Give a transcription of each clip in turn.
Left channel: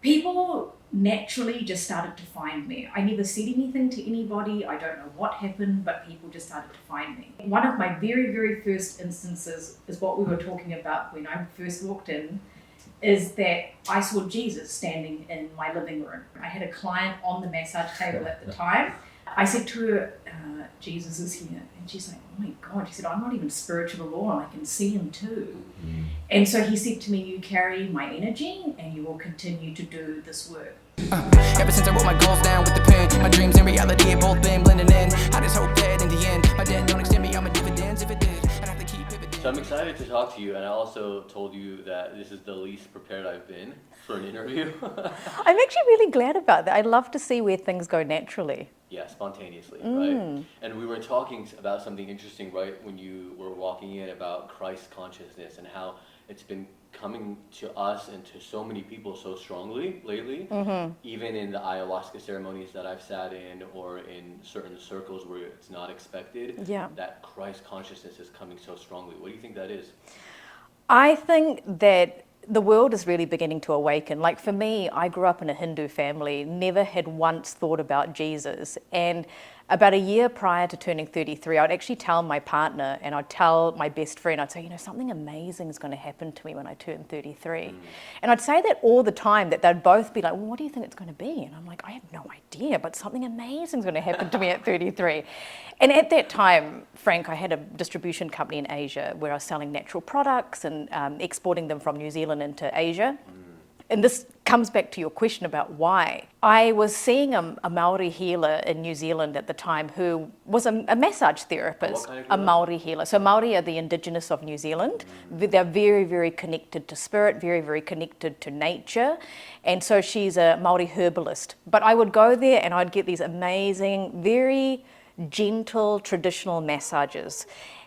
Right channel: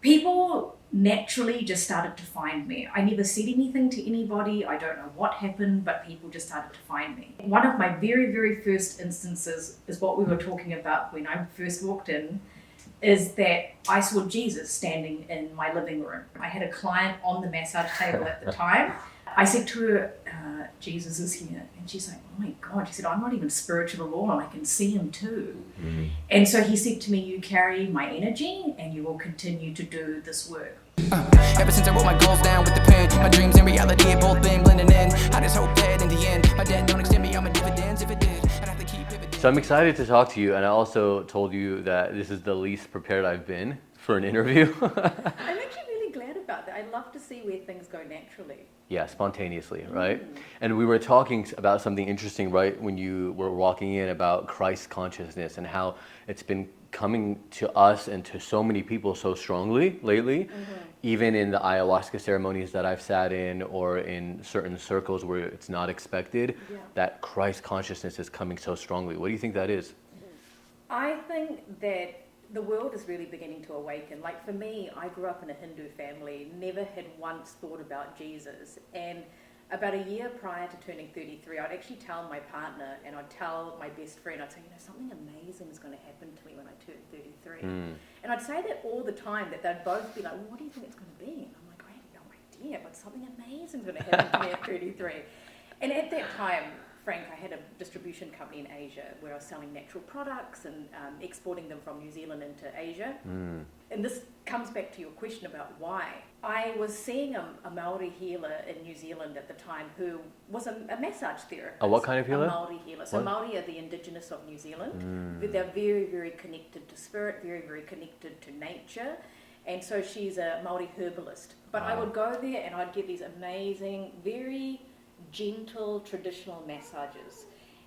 People naturally just started to find me. I never said anything to anybody. I don't know what happened, but people just started to find me. One of my very, very first instances is what we were talking about when I first walked in, is that I saw Jesus standing in my living room. I had a client on the massage table at the time. I said to her, Jesus is here. And she's like, oh my God. She said, I'm not even spiritual at all, and I can see him too. Mm. And so he said to me, you carry my energy and you will continue to do this work. Ever since I wrote my goals down with the pen, my dreams and reality have both been blending in. I just hope that in the end, my debt don't extend me on my dividends. If it did, I'd have to keep pivoting. So I'm excited to talk to you, and I also told you that this is the least prepared I've been for an interview. I'm actually really glad about that. I love to see where things go naturally. Yeah, spontaneously, right? And we were talking about something interesting, right, when you were walking in about Christ consciousness and how it's been coming to us and to so many people so strongly lately, even in the ayahuasca ceremonies that I've sat in or in certain circles where it's not expected, that Christ consciousness is coming so strongly. What do you think that is? I think that the world is really beginning to awaken. Like for me, I grew up in a Hindu family, never had once thought about Jesus. And about a year prior to turning 33, I'd actually tell my partner and I'd tell my best friend, I'd say, you know, something amazing is going to happen to me when I turn 33. And I'd say that all the time, that they'd both be like, well, what do you think it's going to be? And I'm like, I have no idea, but something amazing is going to happen to me at 33. And at that time, Frank, I had a distribution company in Asia where I was selling natural products and exporting them from New Zealand into Asia. And this comes back to your question about why. I was seeing a Maori healer in New Zealand at the time who was a massage therapist. What kind of healer? A Maori healer. So Maori are the indigenous of New Zealand. They're very, very connected to spirit, very, very connected to nature. And so she's a Maori herbalist. But I would go there and I'd get these amazing, very gentle, traditional massages.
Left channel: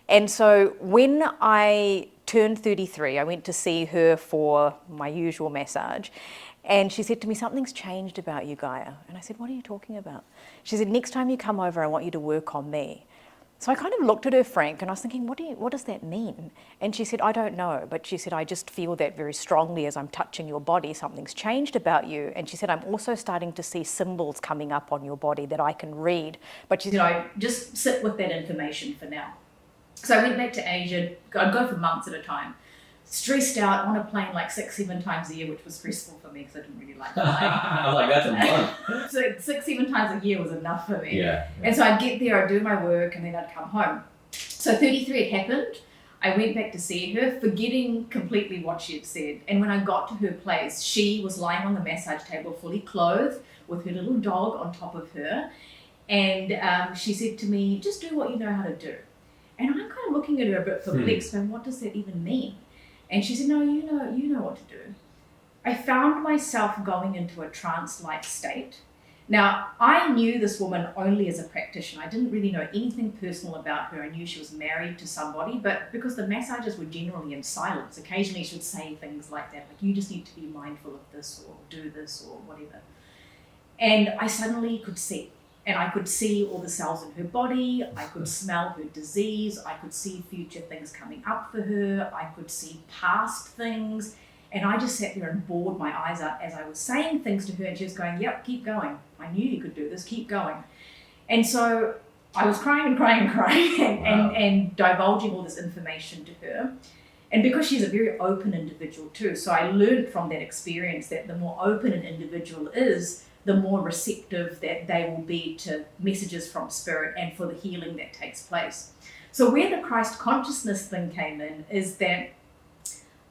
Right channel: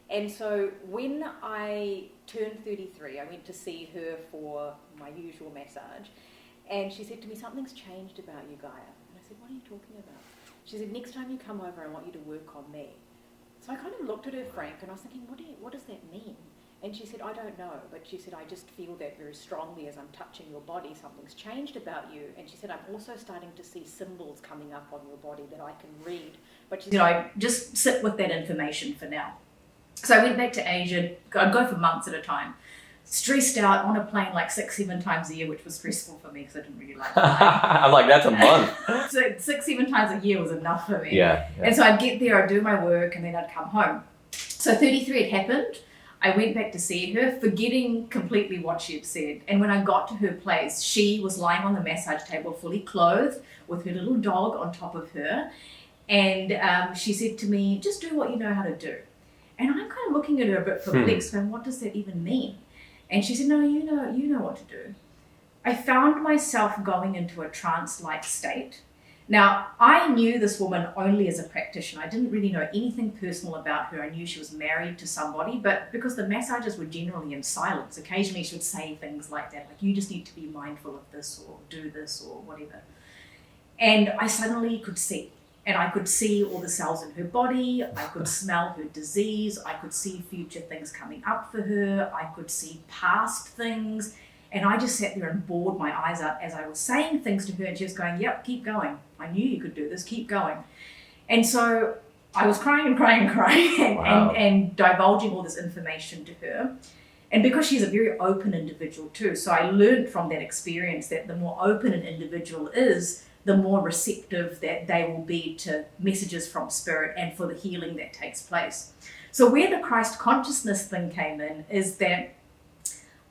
And so when I turned 33, I went to see her for my usual massage. And she said to me, something's changed about you, Gaia. And I said, what are you talking about? She said, next time you come over, I want you to work on me. So I kind of looked at her, Frank, and I was thinking, what does that mean? And she said, I don't know. But she said, I just feel that very strongly as I'm touching your body, something's changed about you. And she said, I'm also starting to see symbols coming up on your body that I can read. But she said, I just sit with that information for now. So I went back to Asia. I'd go for months at a time. Stressed out on a plane like 6-7 times a year, which was stressful for me because I didn't really like flying. I'm like, that's a month. So 6-7 times a year was enough for me. Yeah. And so I'd get there, I'd do my work, and then I'd come home. So 33 had happened. I went back to see her, forgetting completely what she had said. And when I got to her place, she was lying on the massage table, fully clothed, with her little dog on top of her. And she said to me, just do what you know how to do. And I'm kind of looking at her a bit perplexed, going, what does that even mean? And she said, no, you know what to do. I found myself going into a trance-like state. Now, I knew this woman only as a practitioner. I didn't really know anything personal about her. I knew she was married to somebody, but because the massages were generally in silence, occasionally she would say things like that, like, you just need to be mindful of this or do this or whatever. And I suddenly could see. And I could see all the cells in her body, I could smell her disease, I could see future things coming up for her, I could see past things, and I just sat there and bored my eyes out as I was saying things to her, and she was going, yep, keep going. I knew you could do this, keep going. And so I was crying and and divulging all this information to her. And because she's a very open individual too, so I learned from that experience that the more open an individual is, the more receptive that they will be to messages from spirit and for the healing that takes place. So where the Christ consciousness thing came in is that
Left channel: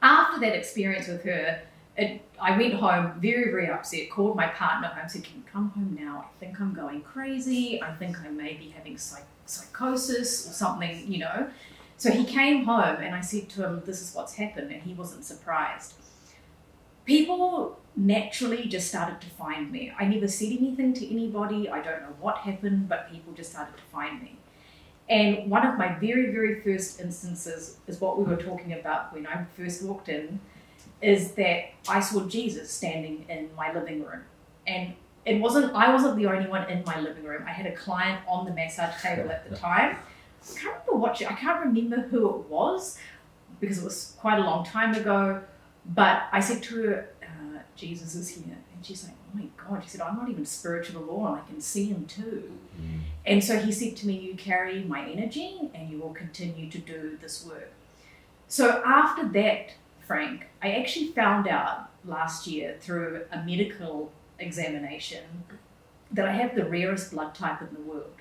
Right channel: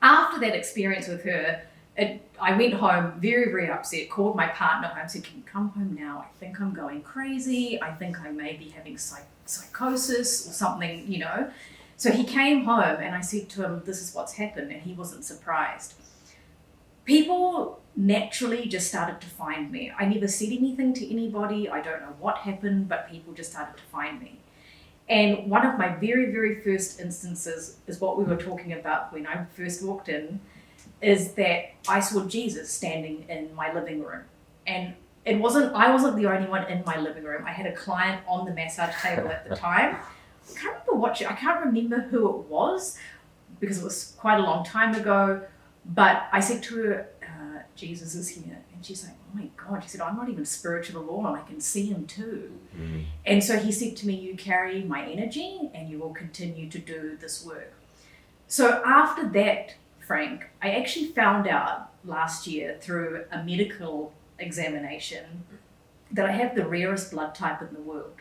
after that experience with her, I went home very, very upset, called my partner home, said, can you come home now? I think I'm going crazy. I think I may be having psychosis or something, you know. So he came home and I said to him, this is what's happened, and he wasn't surprised. People naturally just started to find me. I never said anything to anybody. I don't know what happened, but people just started to find me. And one of my very, very first instances is what we were talking about when I first walked in, is that I saw Jesus standing in my living room. And I wasn't the only one in my living room. I had a client on the massage table at the time. I can't remember who it was because it was quite a long time ago. But I said to her, Jesus is here. And she's like, oh my God. She said, I'm not even spiritual at all, and I can see him too. And so he said to me, you carry my energy and you will continue to do this work. So after that, Frank, I actually found out last year through a medical examination that I have the rarest blood type in the world.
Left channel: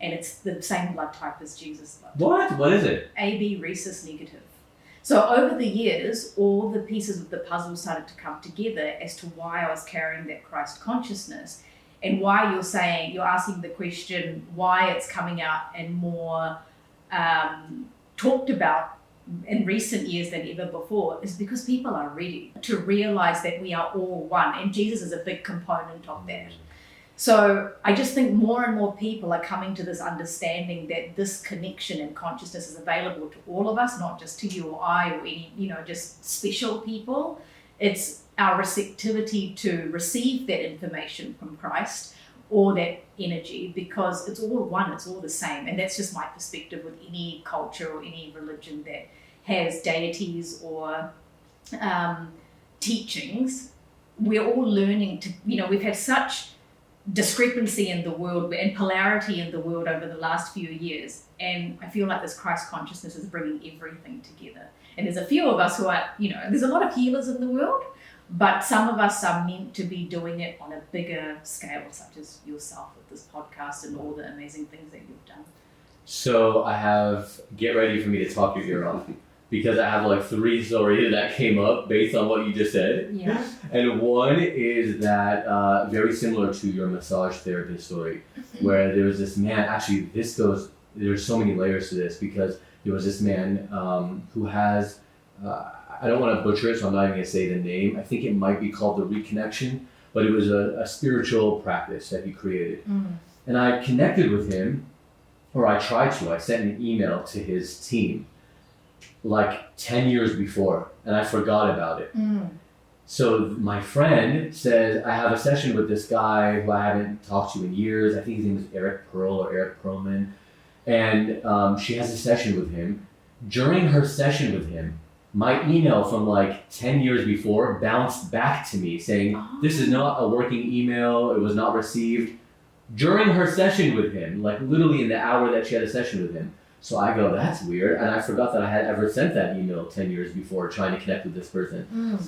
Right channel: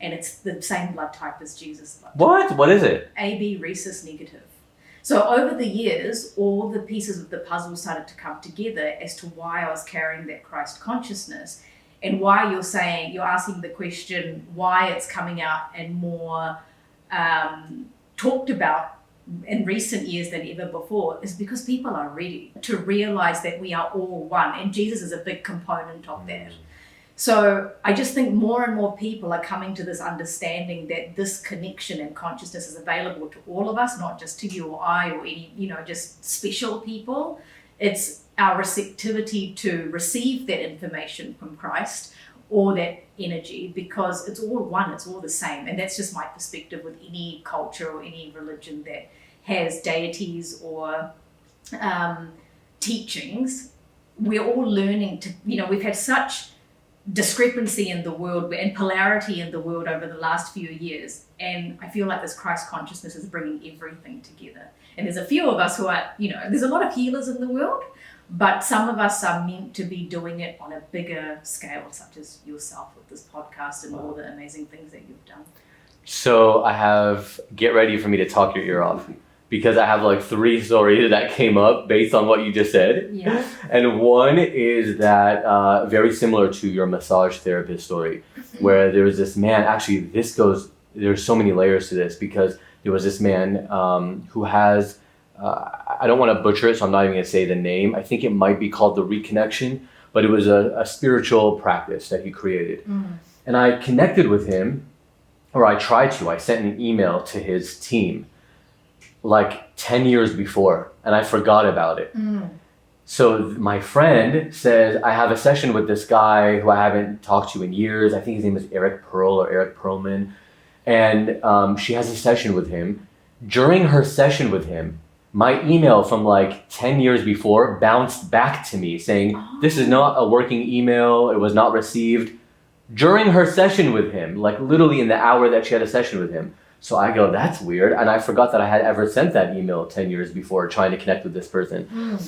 And it's the same blood type as Jesus' blood type. What is it? AB rhesus negative. So over the years, all the pieces of the puzzle started to come together as to why I was carrying that Christ consciousness, and why you're asking the question why it's coming out and more talked about in recent years than ever before, is because people are ready to realize that we are all one, and Jesus is a big component of that. So I just think more and more people are coming to this understanding that this connection and consciousness is available to all of us, not just to you or I or any, just special people. It's our receptivity to receive that information from Christ or that energy, because it's all one, it's all the same. And that's just my perspective with any culture or any religion that has deities or teachings. We're all learning to, we've had such discrepancy in the world and polarity in the world over the last few years, and I feel like this Christ consciousness is bringing everything together. And there's a few of us who are, there's a lot of healers in the world, but some of us are meant to be doing it on a bigger scale, such as yourself with this podcast and all the amazing things that you've done. So get ready for me to talk your ear off, because I have like 3 stories that came up based on what you just said. Yeah. And one is that very similar to your massage therapist story, where there was this man, actually there's so many layers to this, because there was this man who has, I don't want to butcher it, so I'm not even going to say the name. I think it might be called the reconnection, but it was a spiritual practice that he created. And I connected with him, or I tried to. I sent an email to his team like 10 years before, and I forgot about it. So my friend says, I have a session with this guy who I haven't talked to in years. I think his name is Eric Pearl or Eric Perlman. And she has a session with him. During her session with him, my email from like 10 years before bounced back to me saying, this is not a working email. It was not received. During her session with him, like literally in the hour that she had a session with him. So I go, that's weird. And I forgot that I had ever sent that email 10 years before trying to connect with this person.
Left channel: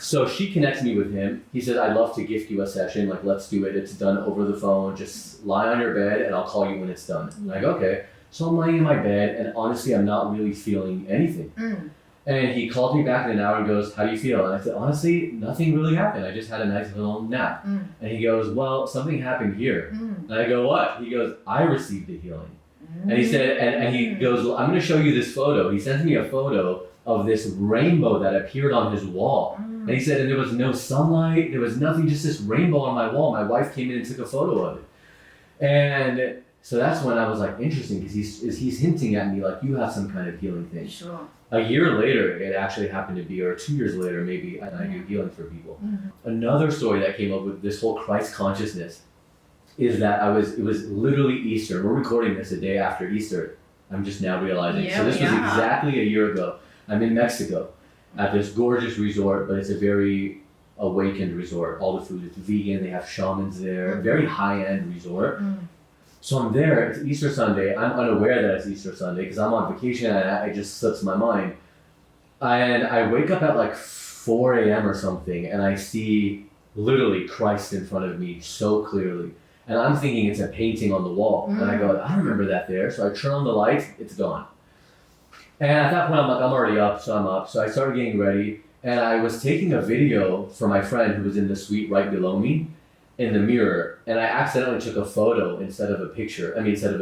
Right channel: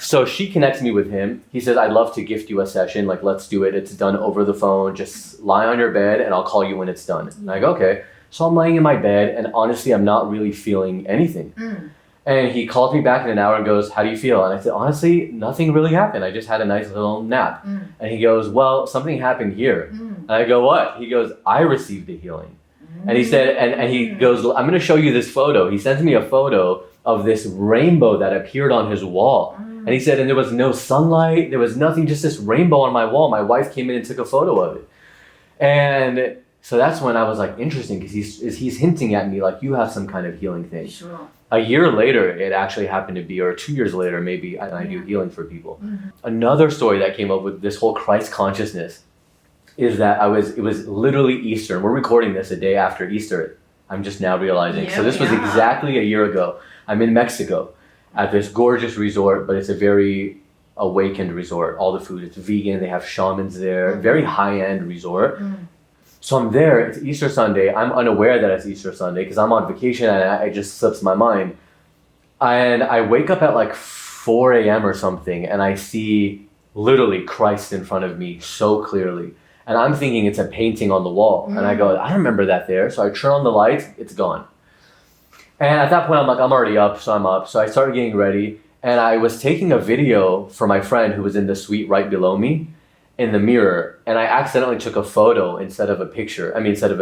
So she connects me with him. He says, I'd love to gift you a session. Like, let's do it. It's done over the phone. Just lie on your bed and I'll call you when it's done. And I go, okay. So I'm lying in my bed, and honestly, I'm not really feeling anything. And he called me back in an hour and goes, how do you feel? And I said, honestly, nothing really happened. I just had a nice little nap. And he goes, well, something happened here. And I go, what? He goes, I received the healing. And he said, and he goes, I'm going to show you this photo. He sends me a photo of this rainbow that appeared on his wall. And he said, and there was no sunlight. There was nothing, just this rainbow on my wall. My wife came in and took a photo of it. And so that's when I was like, interesting, because he's hinting at me like, you have some kind of healing thing. Sure. A year later, it actually happened to be, or 2 years later, maybe, I do healing for people. Another story that came up with this whole Christ consciousness is that it was literally Easter. We're recording this a day after Easter. I'm just now realizing. So this was exactly a year ago. I'm in Mexico at this gorgeous resort, but it's a very awakened resort. All the food is vegan. They have shamans there. Very high-end resort. So I'm there. It's Easter Sunday. I'm unaware that it's Easter Sunday because I'm on vacation and it just slips my mind. And I wake up at like 4 a.m. or something, and I see literally Christ in front of me so clearly. And I'm thinking it's a painting on the wall. And I go, I remember that there. So I turn on the lights, it's gone. And at that point, I'm like, I'm already up, so I'm up. So I started getting ready. And I was taking a video for my friend who was in the suite right below me in the mirror. And I accidentally took a photo instead of a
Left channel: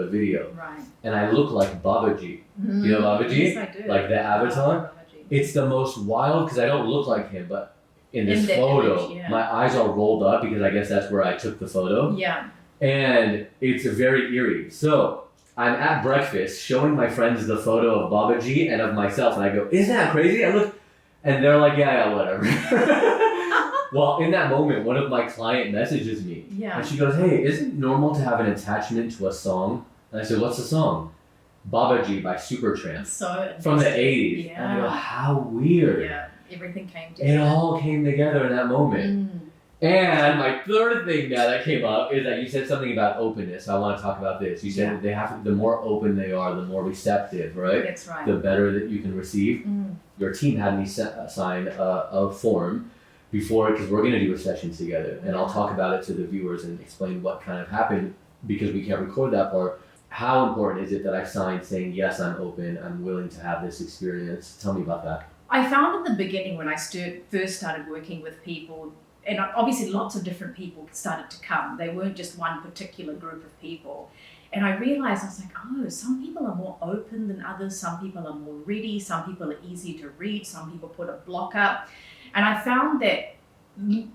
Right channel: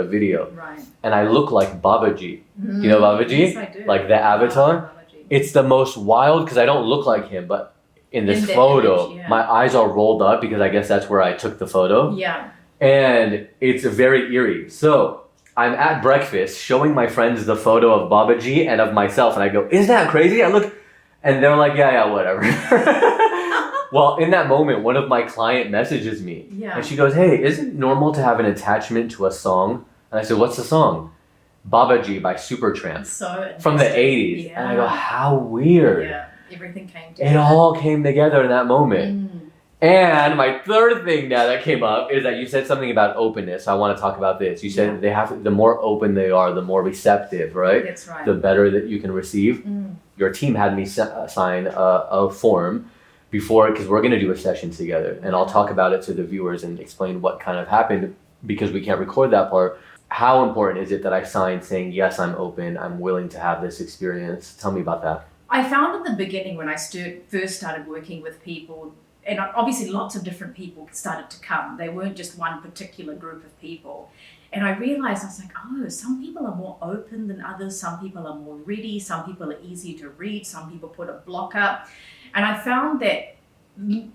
video. Right. And I look like Babaji. You know Babaji? Yes, I do. Like the avatar? It's the most wild, because I don't look like him, but in this photo, image, my eyes are rolled up because I guess that's where I took the photo. Yeah. And it's very eerie. So I'm at breakfast showing my friends the photo of Babaji and of myself. And I go, isn't that crazy? I look, and they're like, yeah, whatever. Well, in that moment, one of my client messages me. Yeah. And she goes, hey, isn't it normal to have an attachment to a song? And I said, what's the song? Babaji by Supertramp. So from the 80s. Yeah. And I go, how weird. Yeah. Everything came It together. all came together in that moment. And my third thing now that came up is that you said something about openness. I want to talk about this. You said they have to, the more open they are, the more receptive, right? That's right. The better that you can receive. Your team had me sign a form before, because we're going to do a session together, and I'll talk about it to the viewers and explain what kind of happened, because we can't record that part. How important is it that I signed saying, yes, I'm open, I'm willing to have this experience? Tell me about that. I found in the beginning when I first started working with people, and obviously lots of different people started to come. They weren't just one particular group of people. And I realized, I was like, oh, some people are more open than others. Some people are more ready. Some people are easier to read. Some people put a block up. And I found that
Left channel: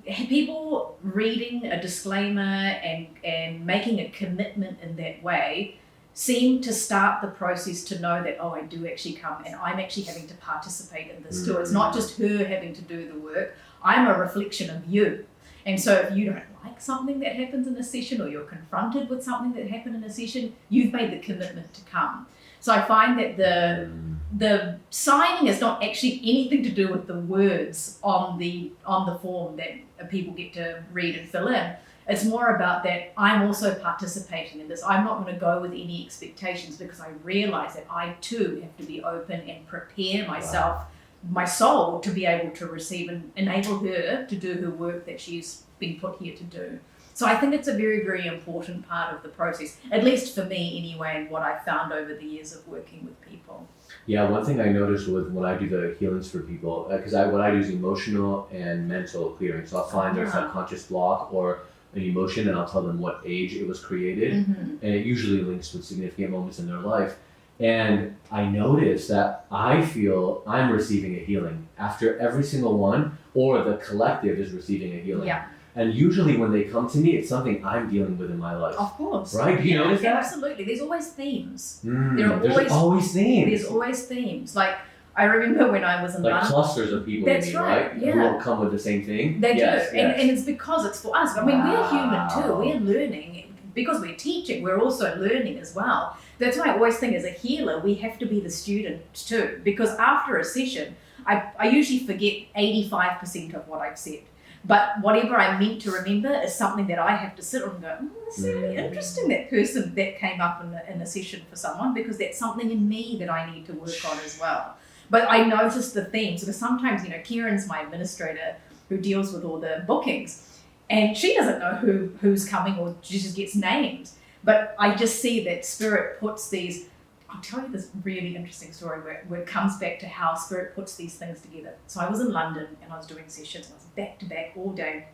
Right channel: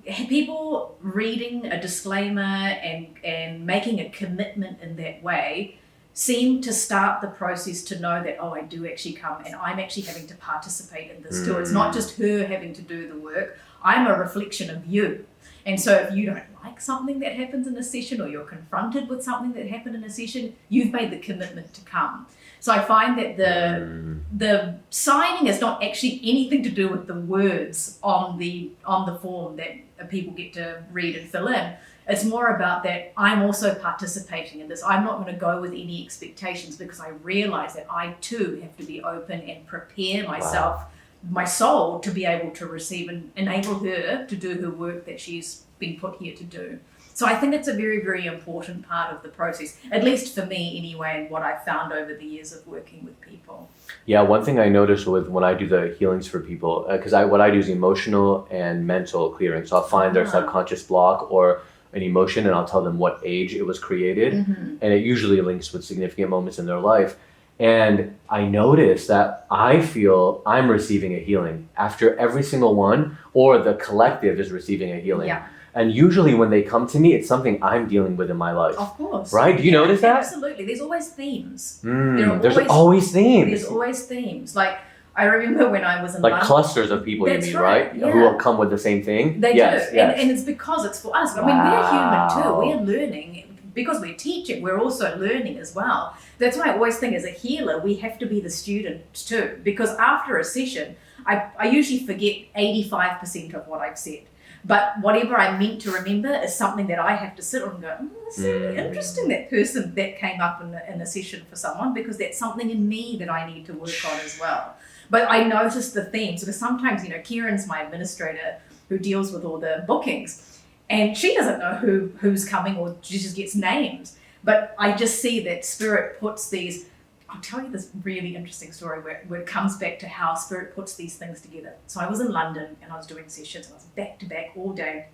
people reading a disclaimer and making a commitment in that way seem to start the process to know that, oh, I do actually come and I'm actually having to participate in this too. It's not just her having to do the work. I'm a reflection of you. And so if you don't like something that happens in a session, or you're confronted with something that happened in a session, you've made the commitment to come. So I find that the signing is not actually anything to do with the words on the form that people get to read and fill in. It's more about that I'm also participating in this. I'm not going to go with any expectations, because I realize that I too have to be open and prepare myself, my soul, to be able to receive and enable her to do her work that she's been put here to do. So I think it's a very, very important part of the process, at least for me anyway, and what I've found over the years of working with people. Yeah, one thing I noticed with when I do the healings for people, because what I do is emotional and mental clearing. So I'll find their subconscious block or an emotion, and I'll tell them what age it was created, and it usually links with significant moments in their life. And I notice that I feel I'm receiving a healing after every single one, or the collective is receiving a healing. Yeah. And usually when they come to me, it's something I'm dealing with in my life. Of course. Right? Do you notice that? Absolutely. There's always themes. There's always themes. There's always themes. Like, I remember when I was in London. Like clusters of people, That's you mean, right? Who will come with the same thing? They do. Yes. And it's because it's for us. I mean, we're human too. We're learning. Because we're teaching, we're also learning as well. That's why I always think, as a healer, we have to be the student too. Because after a session, I usually forget 85% of what I've said. But whatever I meant to remember is something that I have to sit on and go, oh, that's really interesting, that person that came up in a session for someone, because that's something in me that I need to work on as well. But I noticed the themes, because sometimes, Kieran's my administrator who deals with all the bookings, and she doesn't know who's coming, or she just gets names. But I just see that Spirit puts these, I'll tell you this really interesting story where it comes back to how Spirit puts these things together. So I was in London and I was doing sessions, and I was back to back all day.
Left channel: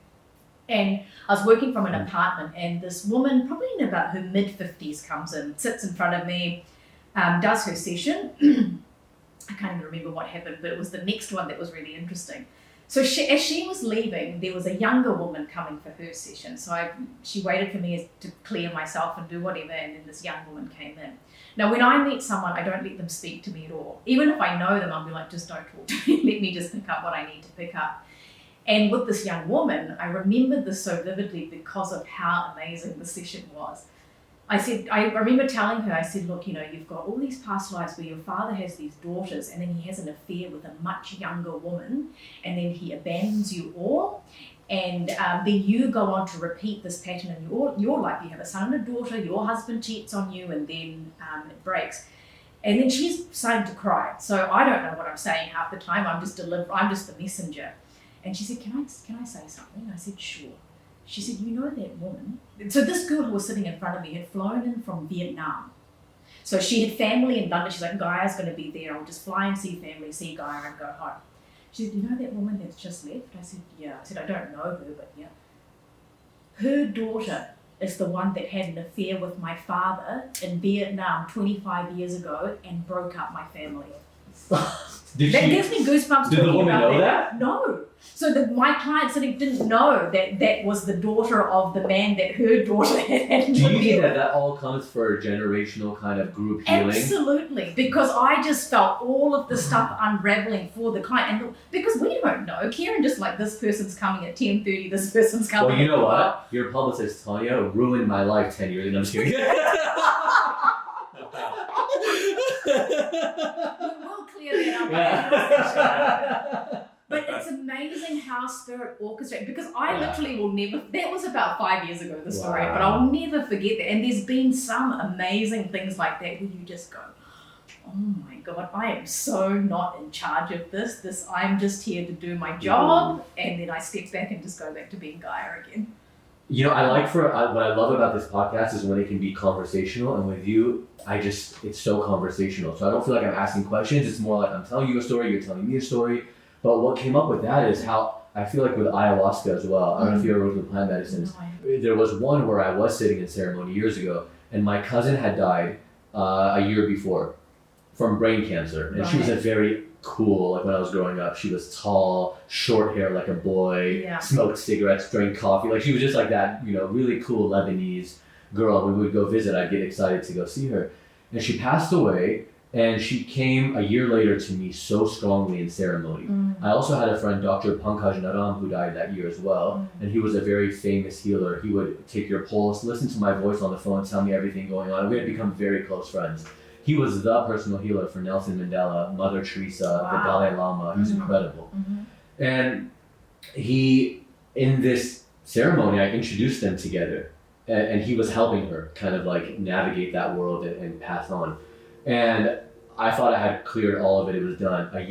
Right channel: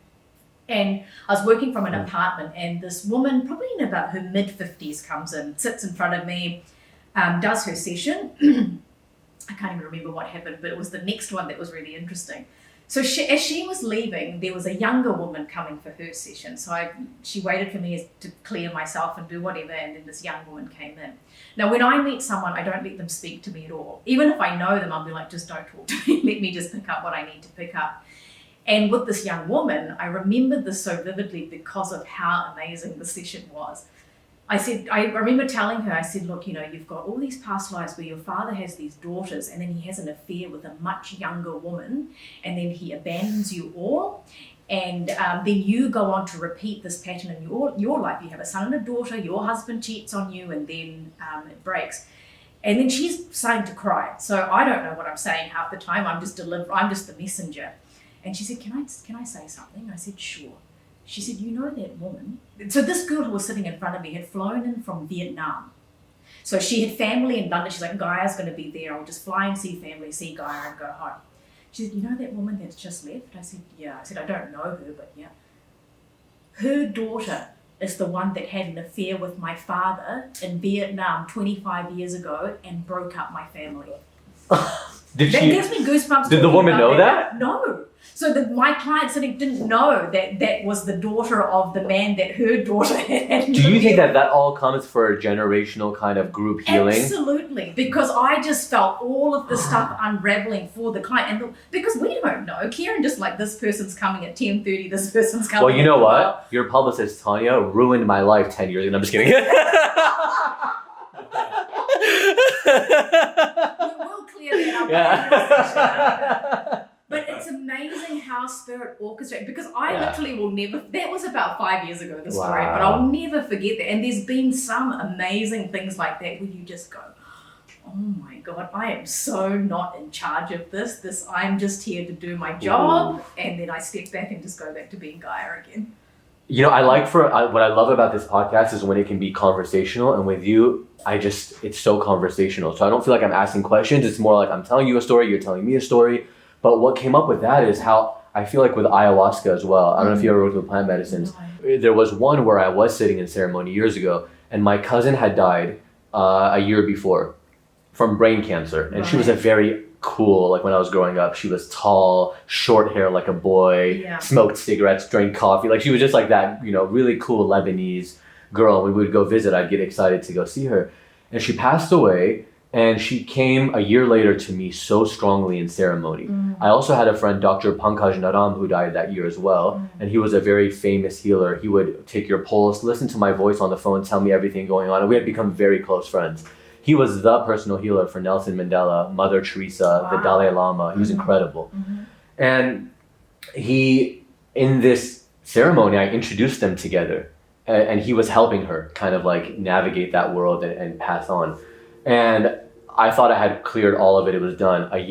And I was working from an apartment, and this woman, probably in about her mid-50s, comes in, sits in front of me, does her session. I can't even remember what happened, but it was the next one that was really interesting. So as she was leaving, there was a younger woman coming for her session. So she waited for me to clear myself and do whatever, and then this young woman came in. Now, when I meet someone, I don't let them speak to me at all. Even if I know them, I'll be like, just don't talk to me. Let me just pick up what I need to pick up. And with this young woman, I remembered this so vividly because of how amazing the session was. I remember telling her, I said, look, you've got all these past lives where your father has these daughters, and then he has an affair with a much younger woman, and then he abandons you all, and then you go on to repeat this pattern in your life. You have a son and a daughter, your husband cheats on you, and then it breaks. And then she's starting to cry. So I don't know what I'm saying half the time. I'm just the messenger. And she said, can I say something? I said, sure. She said, that woman. So this girl who was sitting in front of me had flown in from Vietnam. So she had family in London. She's like, Gaia's going to be there. I'll just fly and see family, see Gaia, and go home. She said, that woman that's just left? I said, yeah. I said, I don't know her, but yeah. Her daughter is the one that had an affair with my father in Vietnam 25 years ago and broke up my family. Gives me goosebumps. Did the woman know that? No. So my client didn't know that was the daughter of the man that her daughter had. Do you think that all comes for a generational kind of group healing? Absolutely, because I just felt all of the stuff unraveling for the client, and because we don't know. Kieran just like, this person's coming at 10:30, this person's coming. Well, you know what? Your publicist Tanya ruined my life 10 years ago. I'm just kidding. We'll clear that up. But it's amazing how spirit orchestrates, because I literally will never, that was about 5 years ago, the story, but I'll never forget that. And there's been some amazing things like that where you just go, oh my God, I am so not in charge of this. I'm just here to do my job. And then I step back and just go back to being Gaia again. You know, what I love about this podcast is when it can be conversational, and with you, it's so conversational. So I don't feel like I'm asking questions. It's more like I'm telling you a story, you're telling me a story. But what came up with that is how I feel like with ayahuasca as well. I don't know if you ever worked with plant medicines. No. There was one where I was sitting in ceremony years ago, and my cousin had died a year before from brain cancer. And she was a very cool, like when I was growing up, she was tall, short hair like a boy, smoked cigarettes, drank coffee. Like she was just like that, you know, really cool Lebanese girl. We would go visit. I'd get excited to go see her. And she passed away, and she came a year later to me so strongly in ceremony. I also had a friend, Dr. Pankaj Naram, who died that year as well. And he was a very famous healer. He would take your pulse, listen to my voice on the phone, tell me everything going on. And we had become very close friends. He was the personal healer for Nelson Mandela, Mother Teresa, the Dalai Lama. He was incredible. And in this ceremony, I introduced them together. And he was helping her kind of like navigate that world and pass on. And I thought I had cleared all of it. It was done. A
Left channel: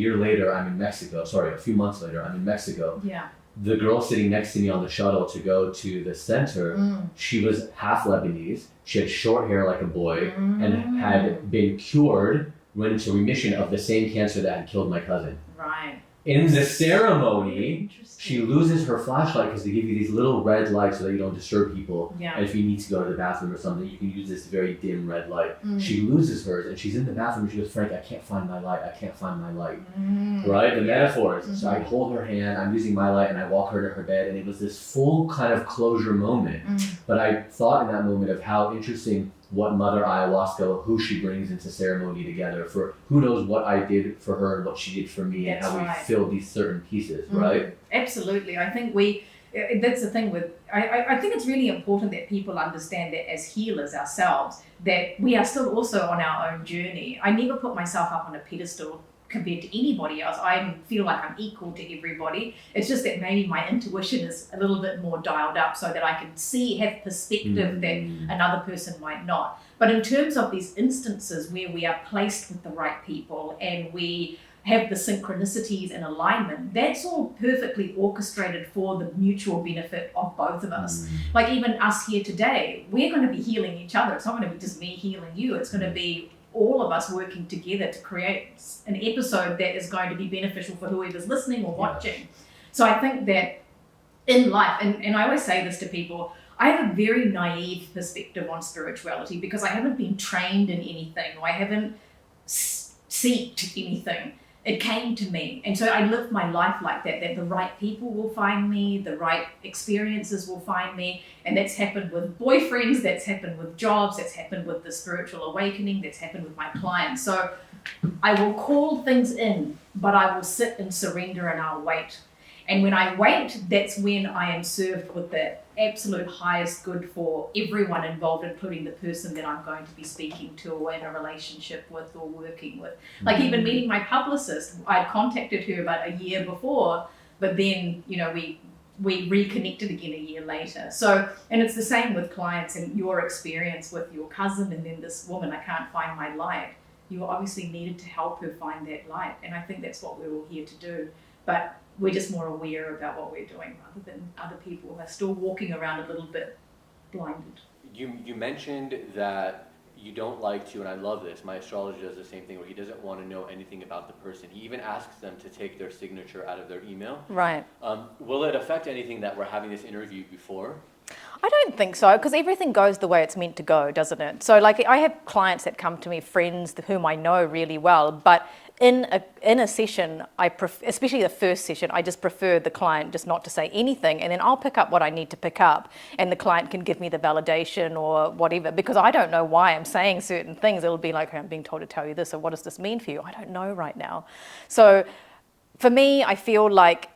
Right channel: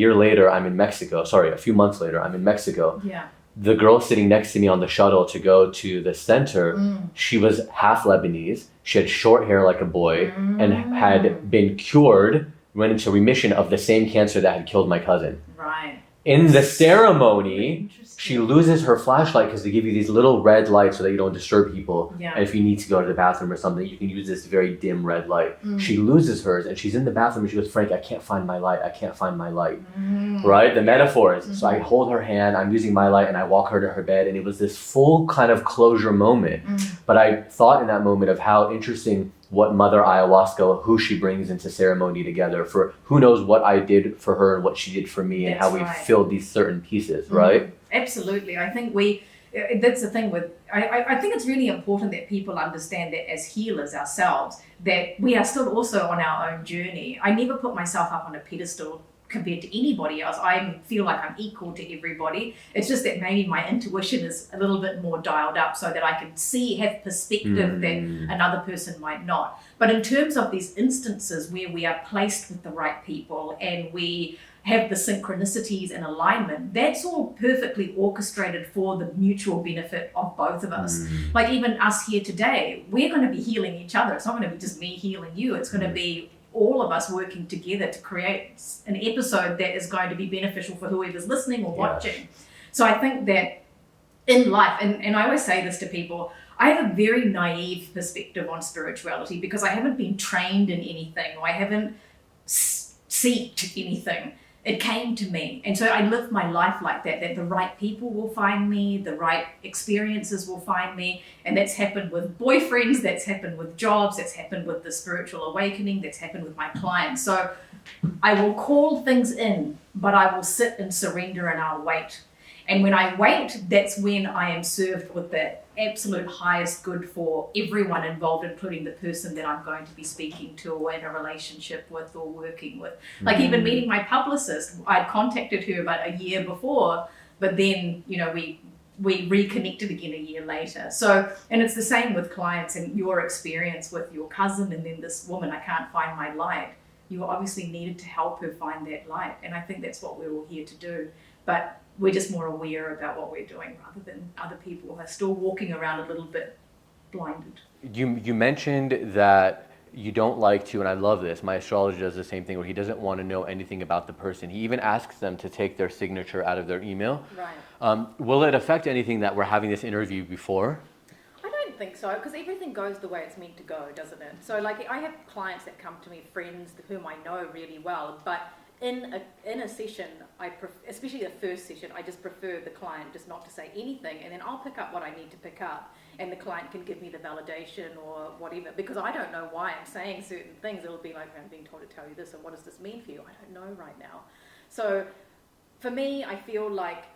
few months later, I'm in Mexico. Yeah. The girl sitting next to me on the shuttle to go to the center, she was half Lebanese. She had short hair like a boy and had been cured, went into remission of the same cancer that had killed my cousin. Right. In the ceremony, she loses her flashlight because they give you these little red lights so that you don't disturb people. Yeah. And if you need to go to the bathroom or something, you can use this very dim red light. She loses hers and she's in the bathroom and she goes, Frank, I can't find my light. I can't find my light. Right? The metaphors. So I hold her hand, I'm using my light, and I walk her to her bed. And it was this full kind of closure moment. But I thought in that moment of how interesting what Mother Ayahuasca, who she brings into ceremony together for who knows what I did for her and what she did for me. That's and how we filled these certain pieces, right? Absolutely. I think that's the thing with, I think it's really important that people understand that as healers ourselves, that we are still also on our own journey. I never put myself up on a pedestal compared to anybody else. I feel like I'm equal to everybody. It's just that maybe my intuition is a little bit more dialed up so that I can have perspective that another person might not. But in terms of these instances where we are placed with the right people and we have the synchronicities and alignment, that's all perfectly orchestrated for the mutual benefit of both of us. Like even us here today, we're going to be healing each other. It's not going to be just me healing you. It's going to be all of us working together to create an episode that is going to be beneficial for whoever's listening or watching. So I think that in life, and I always say this to people, I have a very naive perspective on spirituality because I haven't been trained in anything or I haven't seeked anything. It came to me. And so I live my life like that the right people will find me, the right experiences will find me. And that's happened with boyfriends, that's happened with jobs, that's happened with the spiritual awakening, that's happened with my clients. So I will call things in, but I will sit and surrender and I'll wait. And when I wait, that's when I am served with the absolute highest good for everyone involved, including the person that I'm going to be speaking to or in a relationship with or working with. Like even meeting my publicist, I'd contacted her about a year before, but then, you know, we reconnected again a year later. So, and it's the same with clients and your experience with your cousin and then this woman, I can't find my light. You obviously needed to help her find that light. And I think that's what we're all here to do. But we're just more aware about what we're doing rather than other people who are still walking around a little bit blinded. You mentioned that you don't like to, and I love this, my astrologer does the same thing where he doesn't want to know anything about the person. He even asks them to take their signature out of their email. Right. Will it affect anything that we're having this interview before? I don't think so, because everything goes the way it's meant to go, doesn't it? So like I have clients that come to me, friends whom I know really well, but in a session, especially the first session, I just prefer the client just not to say anything, and then I'll pick up what I need to pick up, and the client can give me the validation or whatever, because I don't know why I'm saying certain things. It'll be like, I'm being told to tell you this, or what does this mean for you? I don't know right now. So for me, I feel like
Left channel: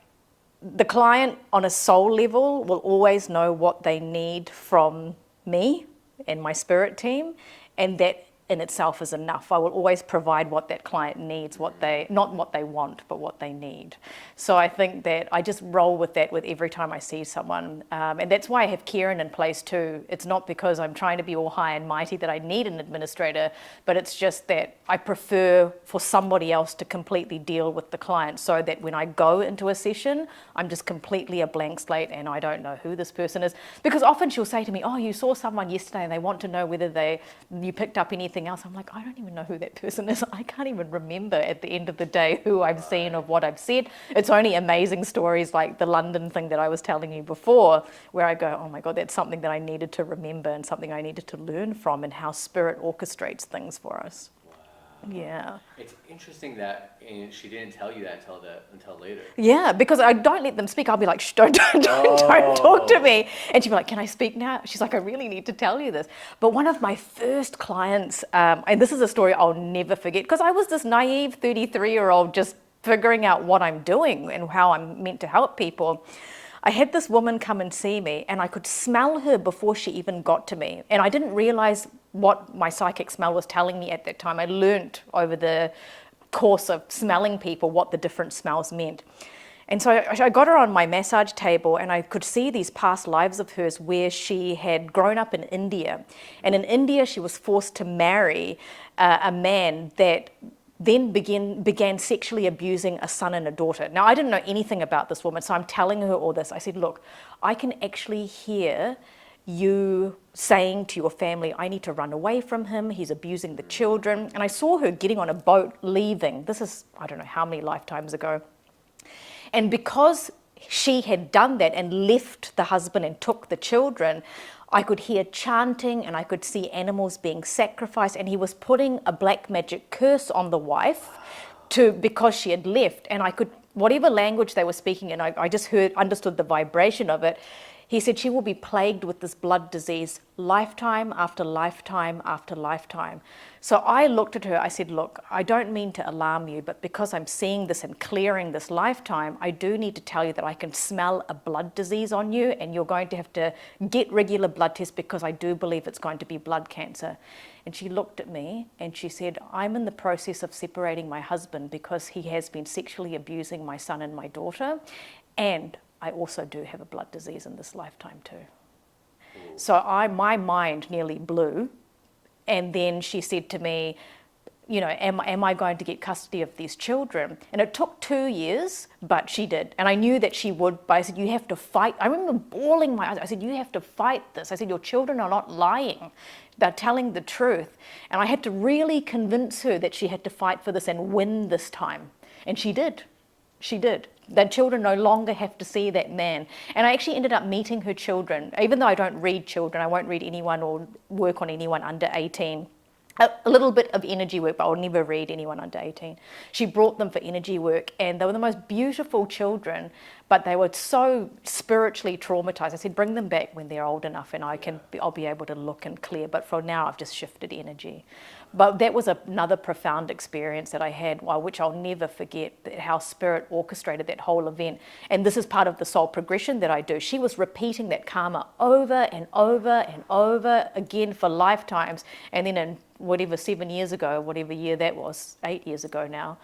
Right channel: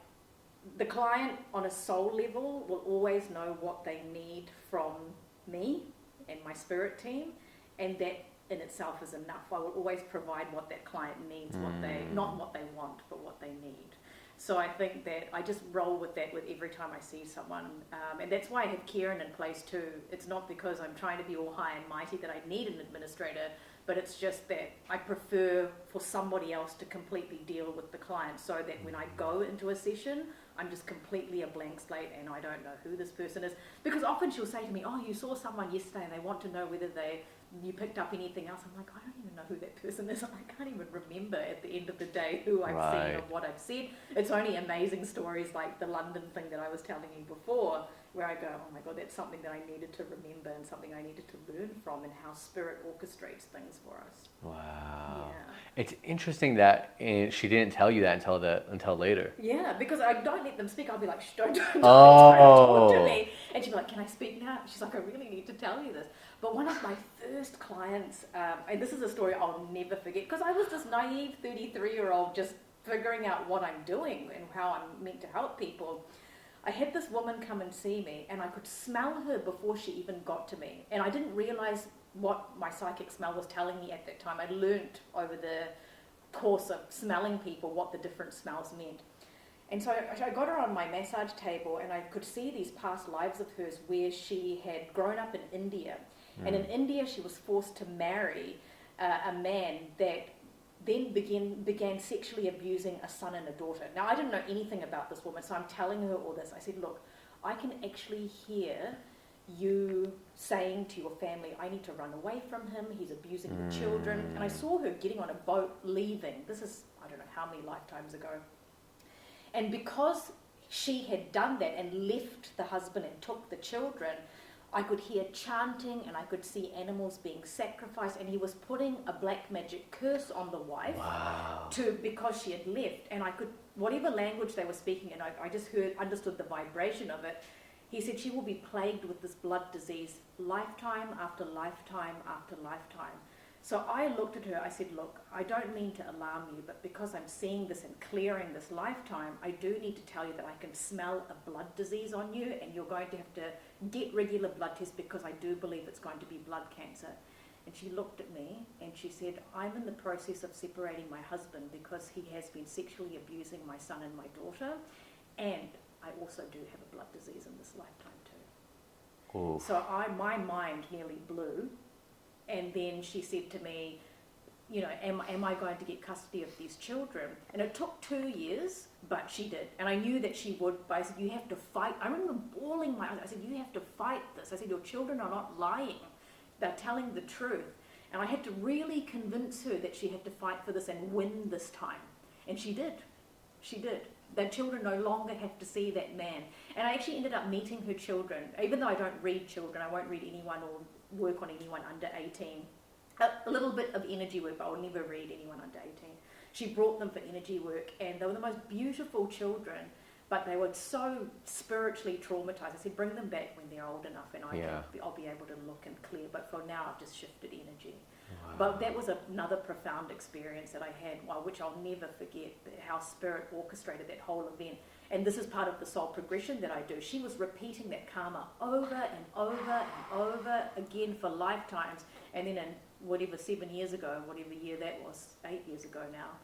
the client on a soul level will always know what they need from me and my spirit team, and that in itself is enough. I will always provide what that client needs, not what they want, but what they need. So I think that I just roll with that with every time I see someone. And that's why I have Kieran in place too. It's not because I'm trying to be all high and mighty that I need an administrator, but it's just that I prefer for somebody else to completely deal with the client, so that when I go into a session, I'm just completely a blank slate and I don't know who this person is. Because often she'll say to me, oh, you saw someone yesterday and they want to know whether you picked up anything else. I'm like, I don't even know who that person is. I can't even remember at the end of the day who I've seen or what I've said. It's only amazing stories like the London thing that I was telling you before, where I go, oh my God, that's something that I needed to remember and something I needed to learn from, and how spirit orchestrates things for us. Wow. Yeah. It's interesting that she didn't tell you that until later. Yeah, because I don't let them speak. I'll be like, shh, don't talk to me. And she'll be like, can I speak now? She's like, I really need to tell you this. But one of my first clients, and this is a story I'll never forget, because I was this naive 33-year-old just figuring out what I'm doing and how I'm meant to help people. I had this woman come and see me, and I could smell her before she even got to me. And I didn't realize what my psychic smell was telling me at that time. I learnt over the course of smelling people what the different smells meant. And so I got her on my massage table, and I could see these past lives of hers where she had grown up in India. And in India, she was forced to marry a man that then began sexually abusing a son and a daughter. Now, I didn't know anything about this woman, so I'm telling her all this. I said, look, I can actually hear you saying to your family, I need to run away from him, he's abusing the children. And I saw her getting on a boat, leaving. This is, I don't know how many lifetimes ago. And because she had done that and left the husband and took the children, I could hear chanting and I could see animals being sacrificed, and he was putting a black magic curse on the wife because she had left. And I could, whatever language they were speaking in, I just understood the vibration of it. He said she will be plagued with this blood disease lifetime after lifetime after lifetime. So I looked at her, I said, look, I don't mean to alarm you, but because I'm seeing this and clearing this lifetime, I do need to tell you that I can smell a blood disease on you, and you're going to have to get regular blood tests, because I do believe it's going to be blood cancer. And she looked at me and she said, I'm in the process of separating my husband because he has been sexually abusing my son and my daughter, and I also do have a blood disease in this lifetime too. Ooh. So my mind nearly blew. And then she said to me, you know, am I going to get custody of these children? And it took 2 years, but she did. And I knew that she would, but I said, you have to fight. I remember bawling my eyes. I said, you have to fight this. I said, your children are not lying. They're telling the truth. And I had to really convince her that she had to fight for this and win this time. And she did. She did. That children no longer have to see that man. And I actually ended up meeting her children. Even though I don't read children, I won't read anyone or work on anyone under 18. A little bit of energy work, but I'll never read anyone under 18. She brought them for energy work, and they were the most beautiful children, but they were so spiritually traumatized. I said, bring them back when they're old enough, and I'll be able to look and clear. But for now, I've just shifted energy. But that was another profound experience that I had, which I'll never forget, how spirit orchestrated that whole event. And this is part of the soul progression that I do. She was repeating that karma over and over and over again for lifetimes. And then in whatever 7 years ago, whatever year that was, 8 years ago now,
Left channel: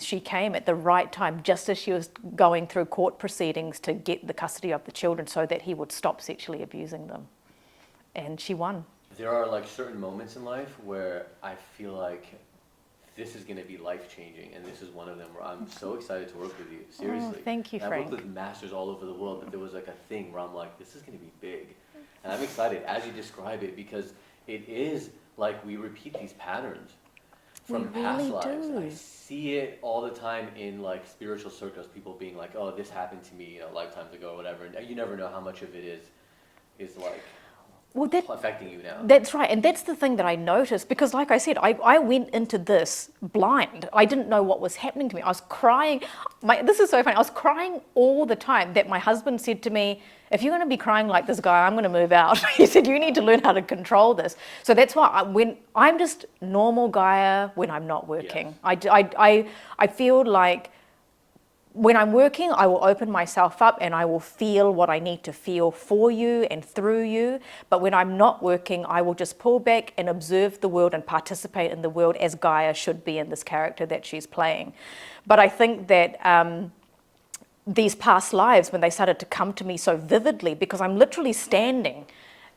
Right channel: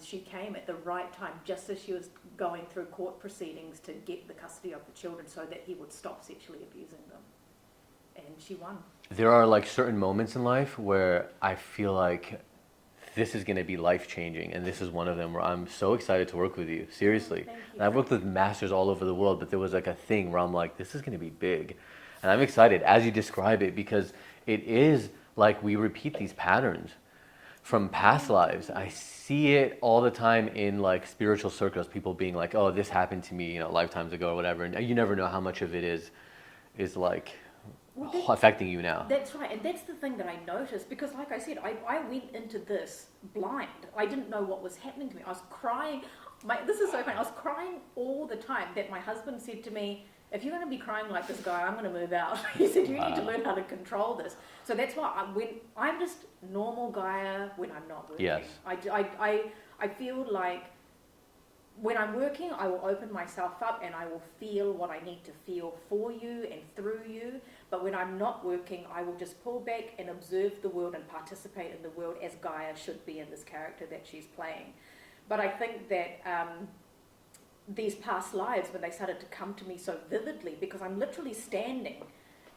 she came at the right time, just as she was going through court proceedings to get the custody of the children so that he would stop sexually abusing them. And she won. There are like certain moments in life where I feel like this is going to be life-changing, and this is one of them where I'm so excited to work with you. Seriously. Oh, thank you, I've worked with masters all over the world, but there was like a thing where I'm like, this is going to be big. And I'm excited as you describe it, because it is like we repeat these patterns from past lives. I see it all the time in like spiritual circles, people being like, oh, this happened to me, you know, lifetimes ago or whatever. And you never know how much of it is like affecting you now. That's right. And that's the thing that I noticed, because like I said, I went into this blind. I didn't know what was happening to me. I was crying. This is so funny. I was crying all the time that my husband said to me, if you're going to be crying like this guy, I'm going to move out. He said, you need to learn how to control this. So that's why when I'm just normal Gaia when I'm not working. Yes. I feel like when I'm working, I will open myself up and I will feel what I need to feel for you and through you. But when I'm not working, I will just pull back and observe the world and participate in the world as Gaia should be in this character that she's playing. But I think that these past lives, when they started to come to me so vividly, because I'm literally standing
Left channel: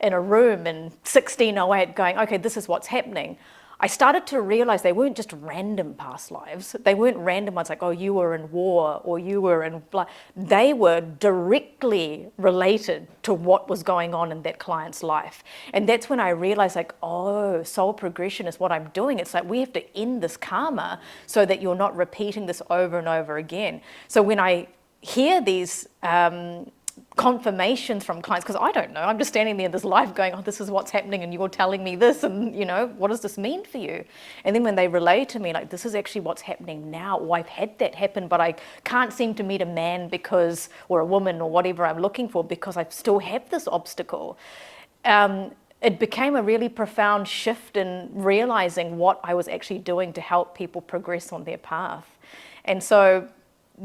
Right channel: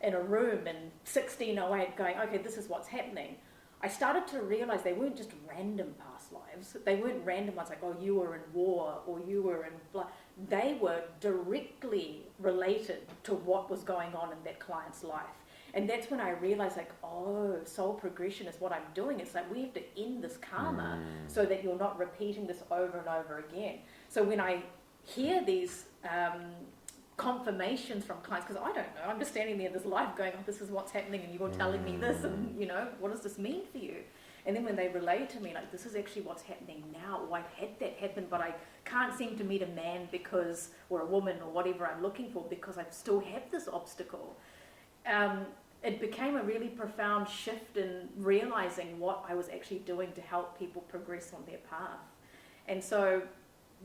in a room in 1608 going, okay, this is what's happening. I started to realize they weren't just random past lives. They weren't random ones like, oh, you were in war or you were in blah. They were directly related to what was going on in that client's life. And that's when I realized like, oh, soul progression is what I'm doing. It's like we have to end this karma so that you're not repeating this over and over again. So when I hear these confirmations from clients, because I don't know, I'm just standing there in this life going, oh, this is what's happening and you're telling me this, and you know, what does this mean for you? And then when they relay to me like, this is actually what's happening now, or I've had that happen but I can't seem to meet a man because, or a woman or whatever I'm looking for because I still have this obstacle. It became a really profound shift in realizing what I was actually doing to help people progress on their path. And so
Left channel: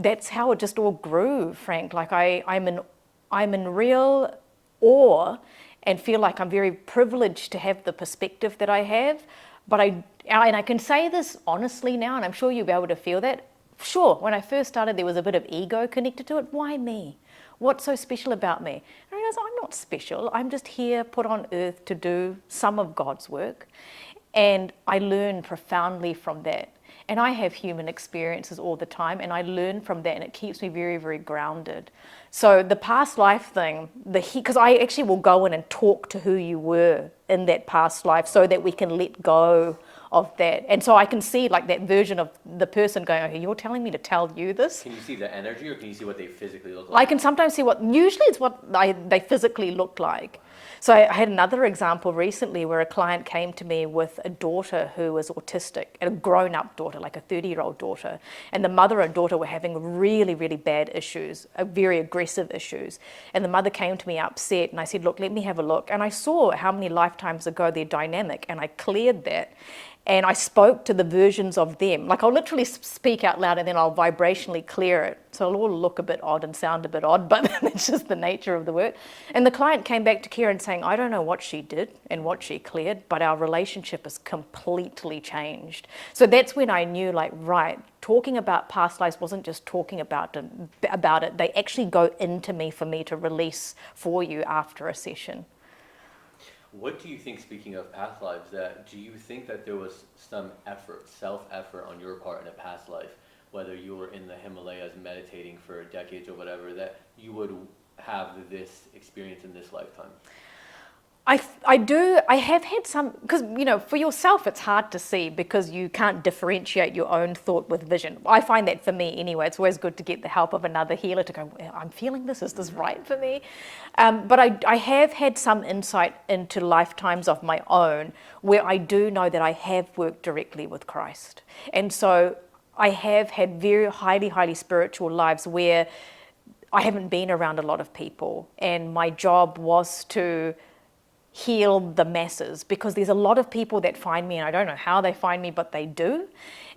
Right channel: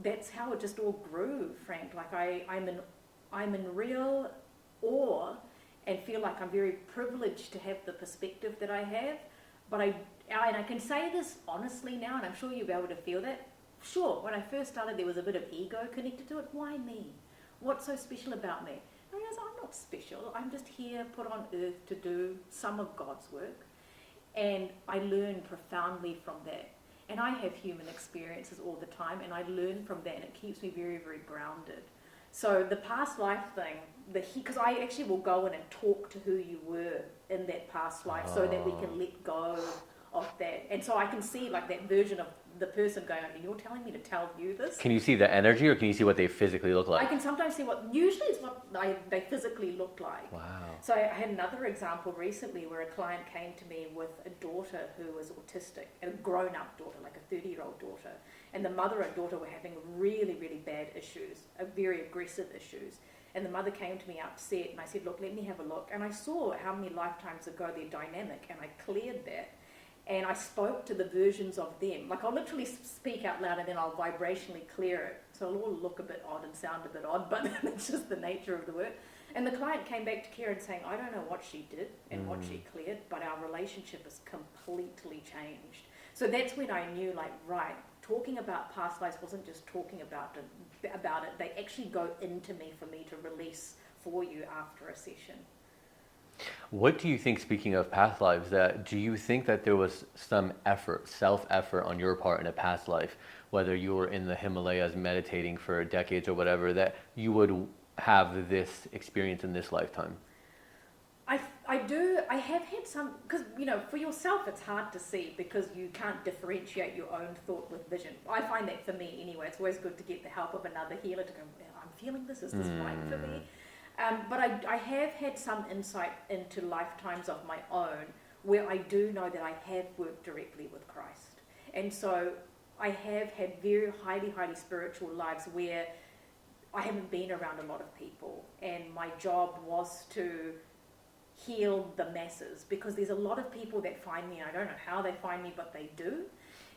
that's how it just all grew, Frank. Like I'm in real awe and feel like I'm very privileged to have the perspective that I have. But I can say this honestly now, and I'm sure you'll be able to feel that. Sure, when I first started, there was a bit of ego connected to it. Why me? What's so special about me? And I realized I'm not special. I'm just here put on earth to do some of God's work. And I learn profoundly from that. And I have human experiences all the time, and I learn from that, and it keeps me very, very grounded. So the past life thing, because I actually will go in and talk to who you were in that past life so that we can let go of that. And so I can see like that version of the person going, okay, you're telling me to tell you this? Can you see the energy, or can you see what they physically look like? I can sometimes see usually it's what they physically look like. Wow. So I had another example recently where a client came to me with a daughter who was autistic, a grown-up daughter, like a 30-year-old daughter. And the mother and daughter were having really, really bad issues, very aggressive issues. And the mother came to me upset, and I said, look, let me have a look. And I saw how many lifetimes ago their dynamic, and I cleared that. And I spoke to the versions of them. Like I'll literally speak out loud and then I'll vibrationally clear it. So it'll all look a bit odd and sound a bit odd, but it's just the nature of the work. And the client came back to Karen saying, I don't know what she did and what she cleared, but our relationship has completely changed. So that's when I knew like, right, talking about past lives wasn't just talking about it. They actually go into me for me to release for you after a session. What do you think, speaking of past lives, do you think that there was some effort, self-effort on your part in a past life, whether you were in the Himalayas meditating for decades or whatever, that you would have this experience in this lifetime? I do. I have had some, because, you know, for yourself, it's hard to see because you can't differentiate your own thought with vision. I find that for me anyway, it's always good to get the help of another healer to go, I'm feeling this, is this right for me? But I have had some insight into lifetimes of my own where I do know that I have worked directly with Christ. And so I have had very highly, highly spiritual lives where I haven't been around a lot of people, and my job was to heal the masses, because there's a lot of people that find me and I don't know how they find me, but they do.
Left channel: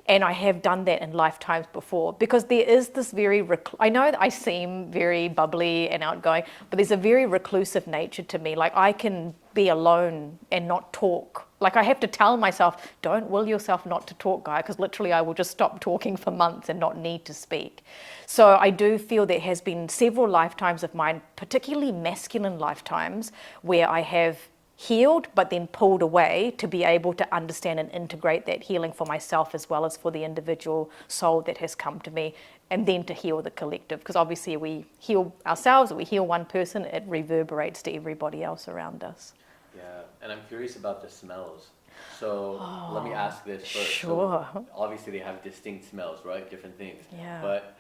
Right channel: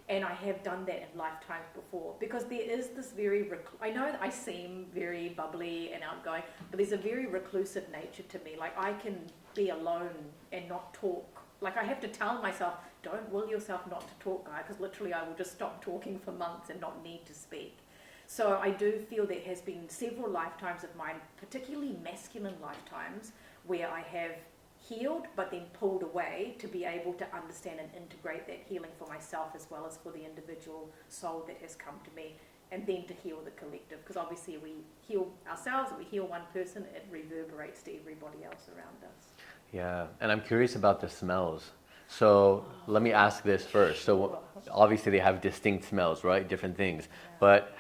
And I have done that in lifetimes before, because there is this very, I know that I seem very bubbly and outgoing, but there's a very reclusive nature to me. Like I can be alone and not talk. Like I have to tell myself, don't will yourself not to talk, Gaia, because literally I will just stop talking for months and not need to speak. So I do feel there has been several lifetimes of mine, particularly masculine lifetimes, where I have healed but then pulled away to be able to understand and integrate that healing for myself as well as for the individual soul that has come to me, and then to heal the collective, because obviously we heal ourselves, we heal one person, it reverberates to everybody else around us. Yeah, and I'm curious about the smells. So let me ask this first. Sure. So obviously they have distinct smells, right? Different things. Yeah. But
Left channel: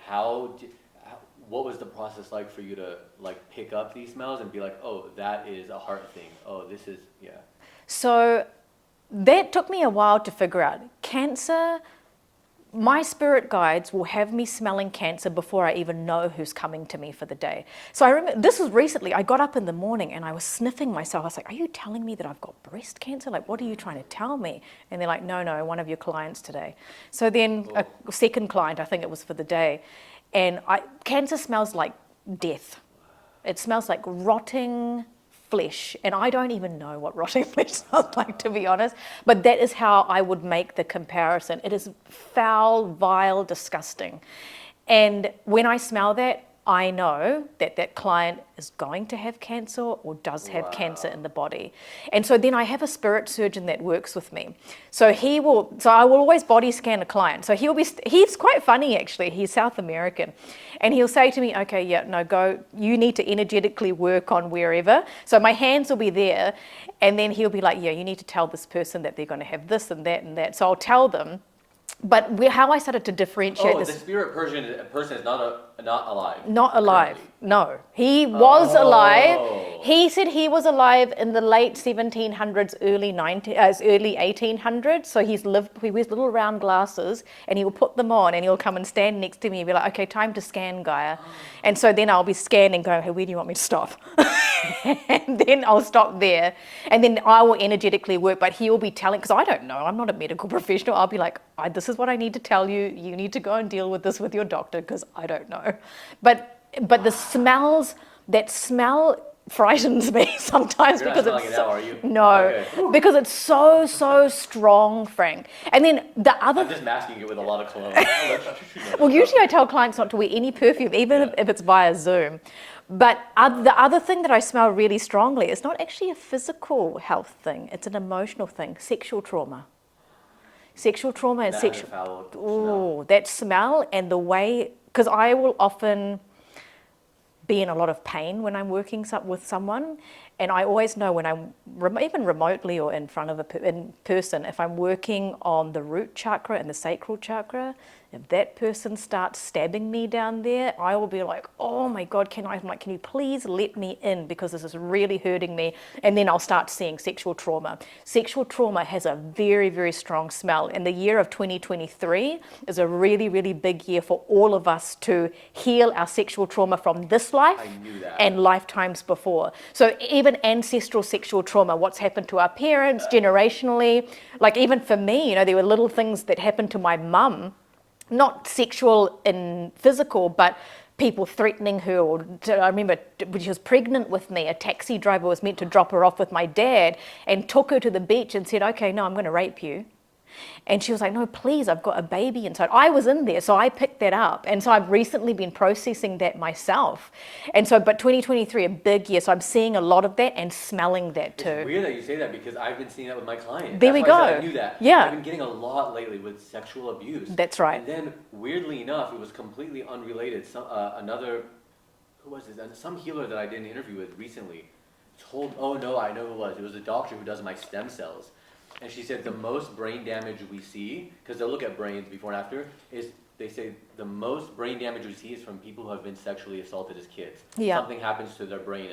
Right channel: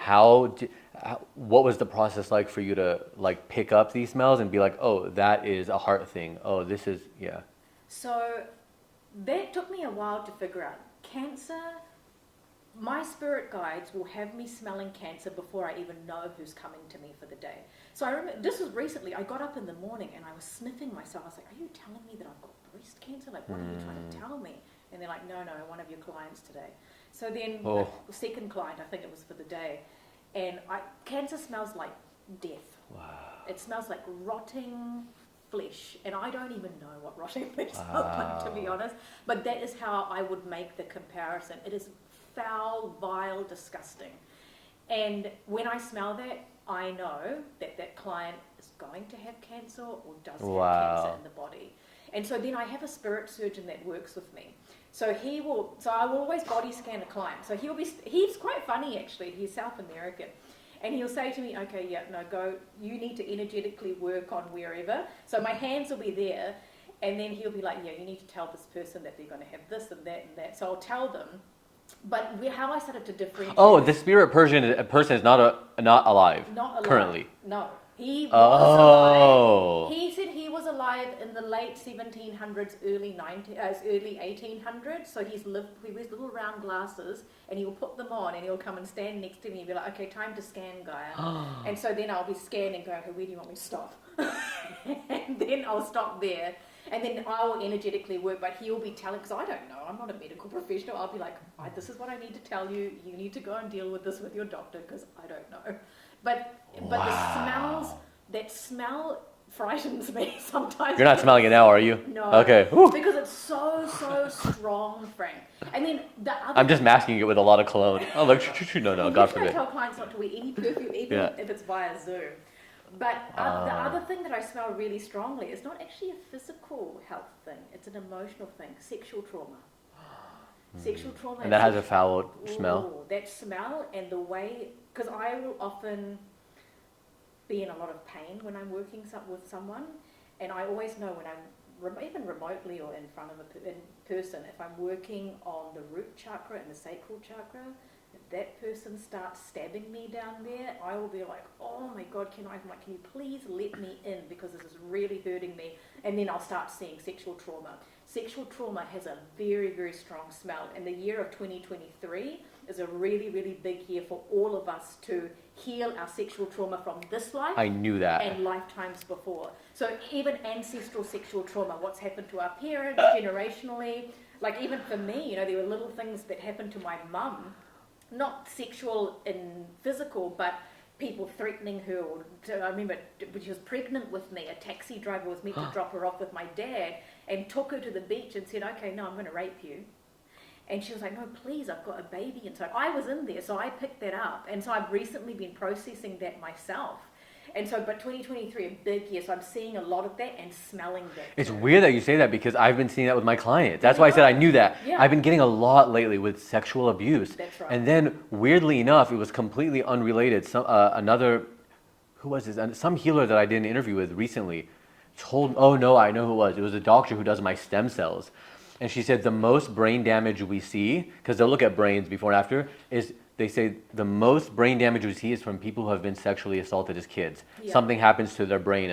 what was the process like for you to like pick up these smells and be like, oh, that is a heart thing. Oh, this is, yeah. So that took me a while to figure out. Cancer, my spirit guides will have me smelling cancer before I even know who's coming to me for the day. So I remember, this was recently, I got up in the morning and I was sniffing myself. I was like, are you telling me that I've got breast cancer? Like, what are you trying to tell me? And they're like, no, one of your clients today. So then a second client, I think it was for the day. And cancer smells like death. Wow. It smells like rotting flesh, and I don't even know what rotting flesh smells like, to be honest, but that is how I would make the comparison. It is foul, vile, disgusting. And when I smell that, I know that that client is going to have cancer or does have cancer in the body. And so then I have a spirit surgeon that works with me. So I will always body scan a client. So he's quite funny actually, he's South American. And he'll say to me, okay, yeah, no, go, you need to energetically work on wherever. So my hands will be there, and then he'll be like, yeah, you need to tell this person that they're going to have this and that and that. So I'll tell them. But how I started to differentiate. Oh, the spirit person is not alive. Not alive. Currently. No, he was alive. He said he was alive in the late 1700s, early 1800s. So he wears little round glasses, and he will put them on, and he'll come and stand next to me and be like, "Okay, time to scan, Gaia." And so then I'll be scanning, going, "Hey, where do you want me to stop?" And then I'll stop there, and then I will energetically work. But he will be telling, because I don't know, I'm not a medical professional. I'll be like, "This is what I need to tell you. You need to go and deal with this with your doctor, because I don't know." But the smells, that smell frightens me sometimes. You're not smelling it now, are you? No. Okay. Because it's so strong, Frank. And then the other... I'm just masking it with a lot of cologne. No, well, usually I tell clients not to wear any perfume, even if it's via Zoom. But the other thing that I smell really strongly is not actually a physical health thing. It's an emotional thing. Sexual trauma. Sexual trauma and that has a foul smell. That smell and the way... Because I will often be in a lot of pain when I'm working with someone, and I always know when I'm even remotely or in front of in person, if I'm working on the root chakra and the sacral chakra, if that person starts stabbing me down there, I will be like, "Oh my God, can you please let me in, because this is really hurting me?" And then I'll start seeing sexual trauma. Sexual trauma has a very, very strong smell. And the year of 2023 is a really, really big year for all of us to heal our sexual trauma from this life. I knew that. And lifetimes before. So even ancestral sexual trauma, what's happened to our parents generationally, like even for me, there were little things that happened to my mum, not sexual and physical, but people threatening her. I remember when she was pregnant with me, a taxi driver was meant to drop her off with my dad and took her to the beach and said, "Okay, no, I'm going to rape you." And she was like, "No, please, I've got a baby inside." I was in there, so I picked that up. And so I've recently been processing that myself. And so, but 2023, a big year, so I'm seeing a lot of that and smelling that too. It's weird that you say that, because I've been seeing that with my client. There That's we why go. I said I knew that. Yeah. I've been getting a lot lately with sexual abuse. That's right. And then, weirdly enough, it was completely unrelated. Who was this? Some healer that I did an interview with recently I know who it was. It was a doctor who does my stem cells. And she said the most brain damage we see, because they'll look at brains before and after, is they say the most brain damage we see is from people who have been sexually assaulted as kids. Yeah. Something happens to their brain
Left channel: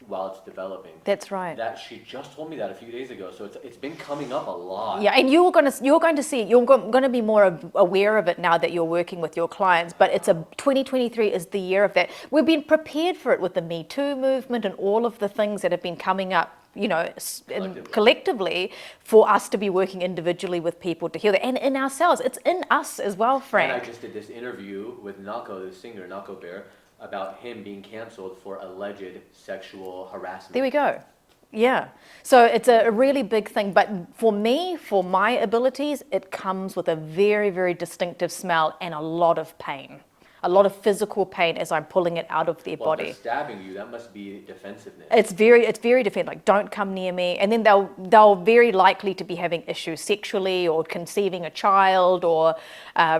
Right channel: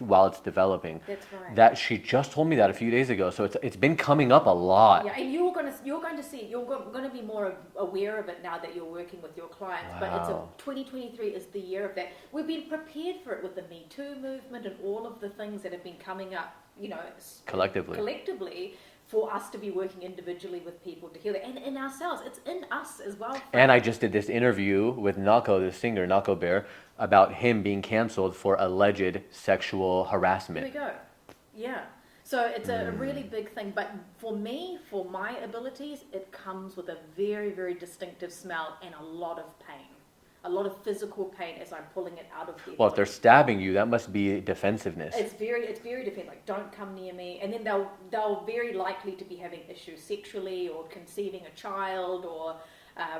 while it's developing. That's right. That she just told me that a few days ago. So it's been coming up a lot. Yeah, and you're going to see it. You're going to be more aware of it now that you're working with your clients. Wow. But 2023 is the year of that. We've been prepared for it with the Me Too movement and all of the things that have been coming up, collectively, for us to be working individually with people to heal that, and in ourselves. It's in us as well, Frank. And I just did this interview with Nako, the singer, Nako Bear, about him being canceled for alleged sexual harassment. There we go. Yeah. So it's a really big thing. But for me, for my abilities, it comes with a very, very distinctive smell and a lot of pain. A lot of physical pain as I'm pulling it out of their body. Well, if they're stabbing you, that must be defensiveness. It's very defensive. Like, don't come near me. And then they'll very likely to be having issues sexually, or conceiving a child, or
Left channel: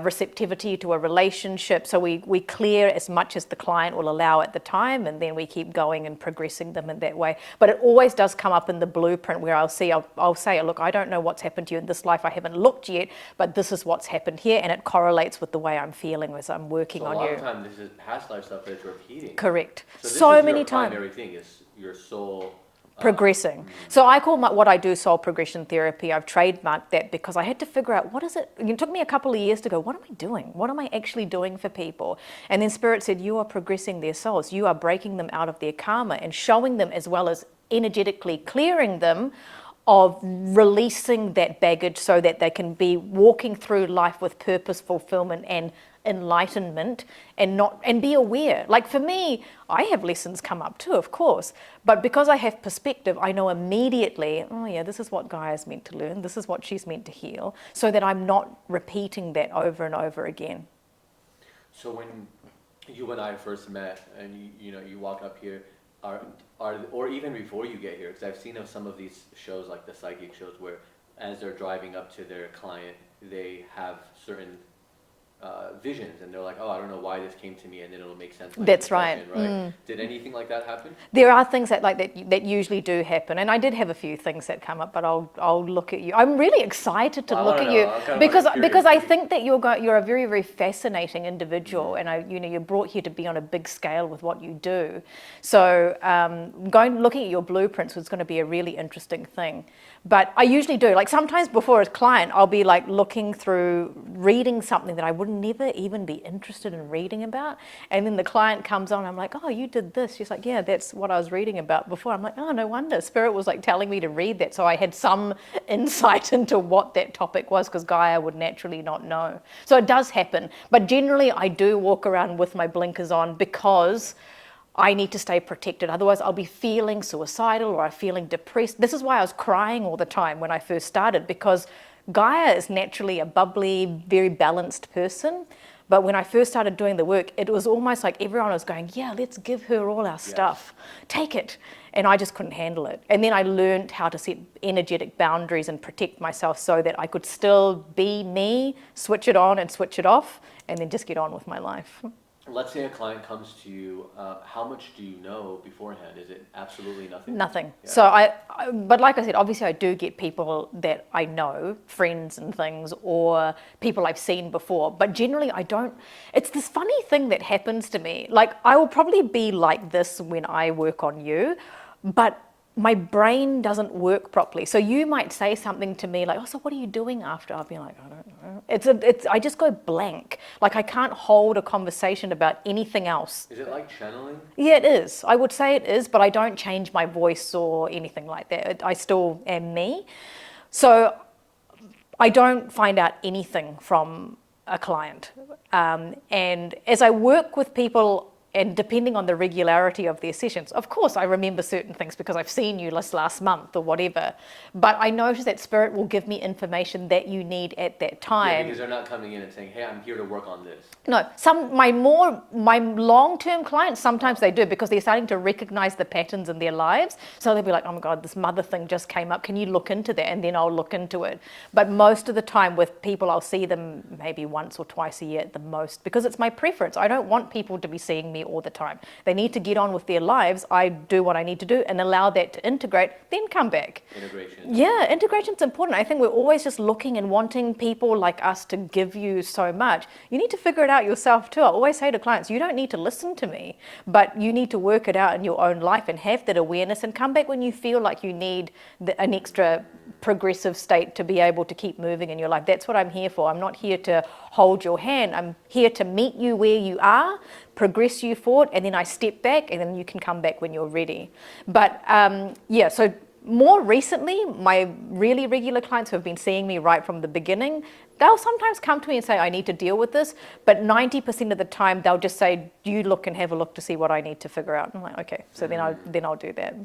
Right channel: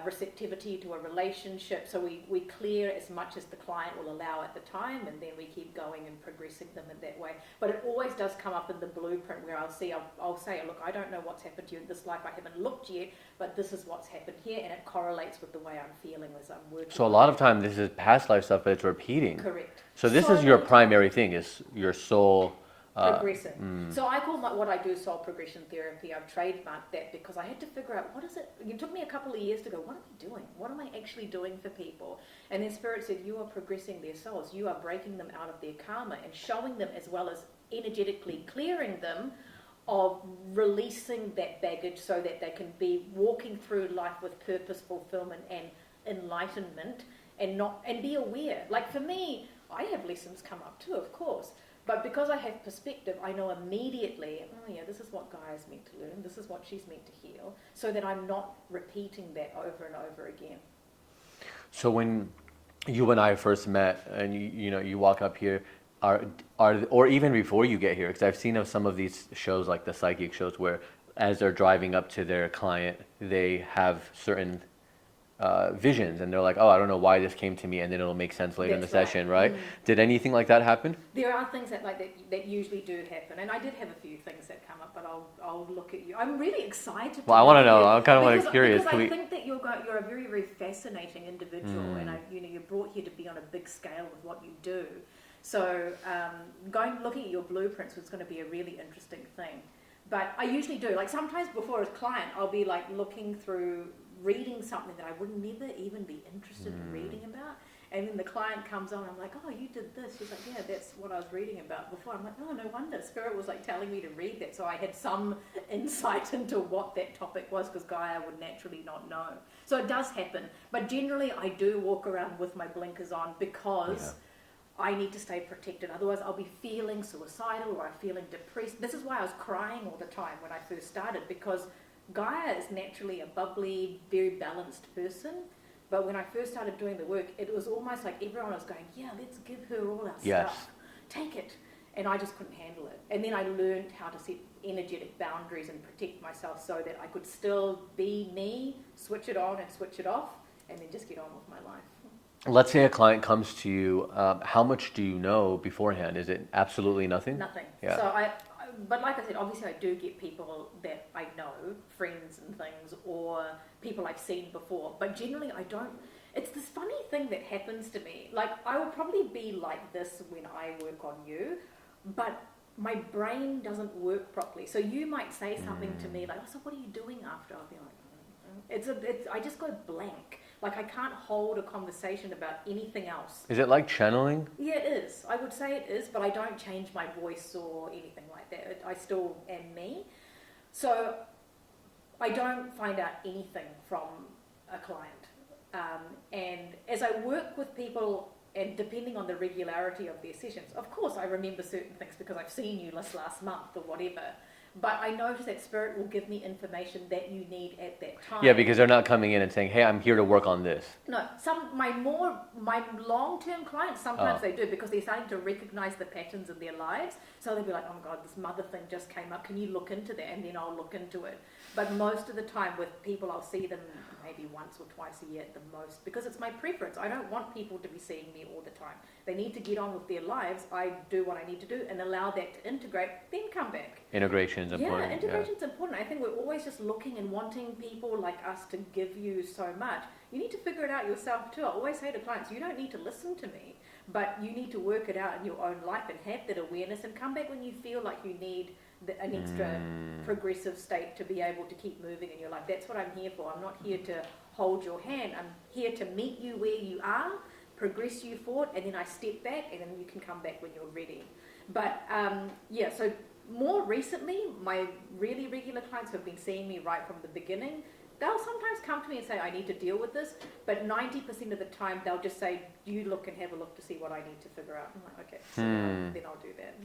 receptivity to a relationship. So we clear as much as the client will allow at the time, and then we keep going and progressing them in that way. But it always does come up in the blueprint where I'll say, "Look, I don't know what's happened to you in this life. I haven't looked yet, but this is what's happened here," and it correlates with the way I'm feeling as I'm working on you. So a lot of time this is past life stuff, but it's repeating. Correct. So this is your primary thing, is your soul progressing. So I call what I do soul progression therapy. I've trademarked that because I had to figure out, what is it? It took me a couple of years to go, what am I doing? What am I actually doing for people? And then Spirit said, you are progressing their souls. You are breaking them out of their karma and showing them, as well as energetically clearing them of releasing that baggage, so that they can be walking through life with purpose, fulfillment, and enlightenment and be aware. Like for me, I have lessons come up too, of course, but because I have perspective, I know immediately, oh yeah, this is what Gaia's meant to learn, this is what she's meant to heal, so that I'm not repeating that over and over again. So when you and I first met, and you walk up here, or even before you get here, because I've seen of some of these shows, like the psychic shows, where as they're driving up to their client, they have certain visions, and they're like, oh, I don't know why this came to me, and then it'll make sense later in the session, right? Did anything like that happen? There are things that usually do happen, and I did have a few things that come up, but I'll look at you. I'm really excited to look at you I'm kind of because I think that you're a very, very fascinating individual, and you're brought here to be on a big scale with what you do. So looking at your blueprints was going to be a really interesting thing. But I usually do, like sometimes before a client, I'll be like looking through, reading something that I would never even be interested in reading about. And then the client comes on, I'm like, oh, you did this. She's like, yeah, that's what I was reading about before. I'm like, oh, no wonder. Spirit was like telling me to read that. So I had some insight into what that topic was, because Gaia would naturally not know. So it does happen. But generally I do walk around with my blinkers on because I need to stay protected. Otherwise, I'll be feeling suicidal or I'm feeling depressed. This is why I was crying all the time when I first started, because Gaia is naturally a bubbly, very balanced person. But when I first started doing the work, it was almost like everyone was going, yeah, let's give her all our stuff. Take it. And I just couldn't handle it. And then I learned how to set energetic boundaries and protect myself so that I could still be me, switch it on and switch it off, and then just get on with my life. Let's say a client comes to you, how much do you know beforehand? Is it absolutely nothing? Nothing. Yeah. So but like I said, obviously I do get people that I know, friends and things, or people I've seen before, but generally I don't. It's this funny thing that happens to me. Like I will probably be like this when I work on you, but my brain doesn't work properly. So you might say something to me like, oh, so what are you doing after? I'll be like, I don't know. I just go blank. Like I can't hold a conversation about anything else. Is it like channeling? Yeah, it is. I would say it is, but I don't change my voice or anything like that. I still am me. So I don't find out anything from a client. And as I work with people, and depending on the regularity of their sessions, of course I remember certain things because I've seen you last month or whatever, but I notice that Spirit will give me information that you need at that time. Yeah, because they're not coming in and saying, hey, I'm here to work on this. No, my long-term clients, sometimes they do, because they're starting to recognize the patterns in their lives. So they'll be like, oh my God, this mother thing just came up. Can you look into that? And then I'll look into it. But most of the time with people, I'll see them maybe once or twice a year at the most, because it's my preference. I don't want people to be seeing me all the time. They need to get on with their lives. I do what I need to do and allow that to integrate, then come back. Integration. Yeah, integration's important. I think we're always just looking and wanting people like us to give you so much. You need to figure it out yourself too. I always say to clients, you don't need to listen to me, but you need to work it out in your own life and have that awareness and come back when you feel like you need an extra progressive state to be able to keep moving in your life. That's what I'm here for. I'm not here to hold your hand. I'm here to meet you where you are, progress you forward, and then I step back, and then you can come back when you're ready. But so more recently, my really regular clients who have been seeing me right from the beginning, they'll sometimes come to me and say, I need to deal with this, but 90% of the time they'll just say, you look and have a look to see what I need to figure out. And I'm like, okay, so then I'll do that.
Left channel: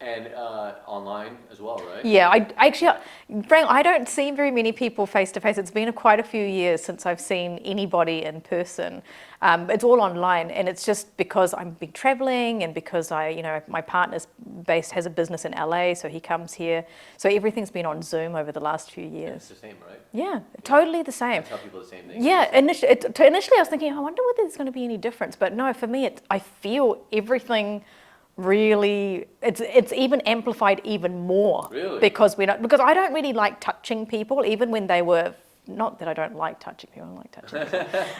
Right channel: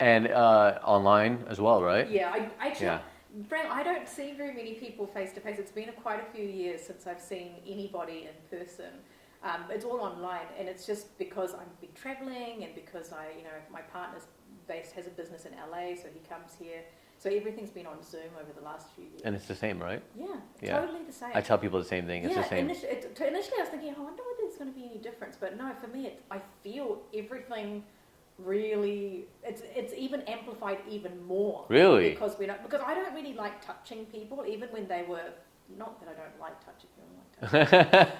And online as well, right? Yeah, Frank, I don't see very many people face to face. It's been quite a few years since I've seen anybody in person. It's all online, and it's just because I've been traveling, and because my partner's has a business in LA, so he comes here. So everything's been on Zoom over the last few years. And it's the same, right? Yeah, totally the same. I tell people the same thing. Yeah, initially I was thinking, I wonder whether there's going to be any difference, but no, for me, I feel everything. Really, it's even amplified even more. Really? Because I don't really like touching people, even when they were, not that I don't like touching people, I like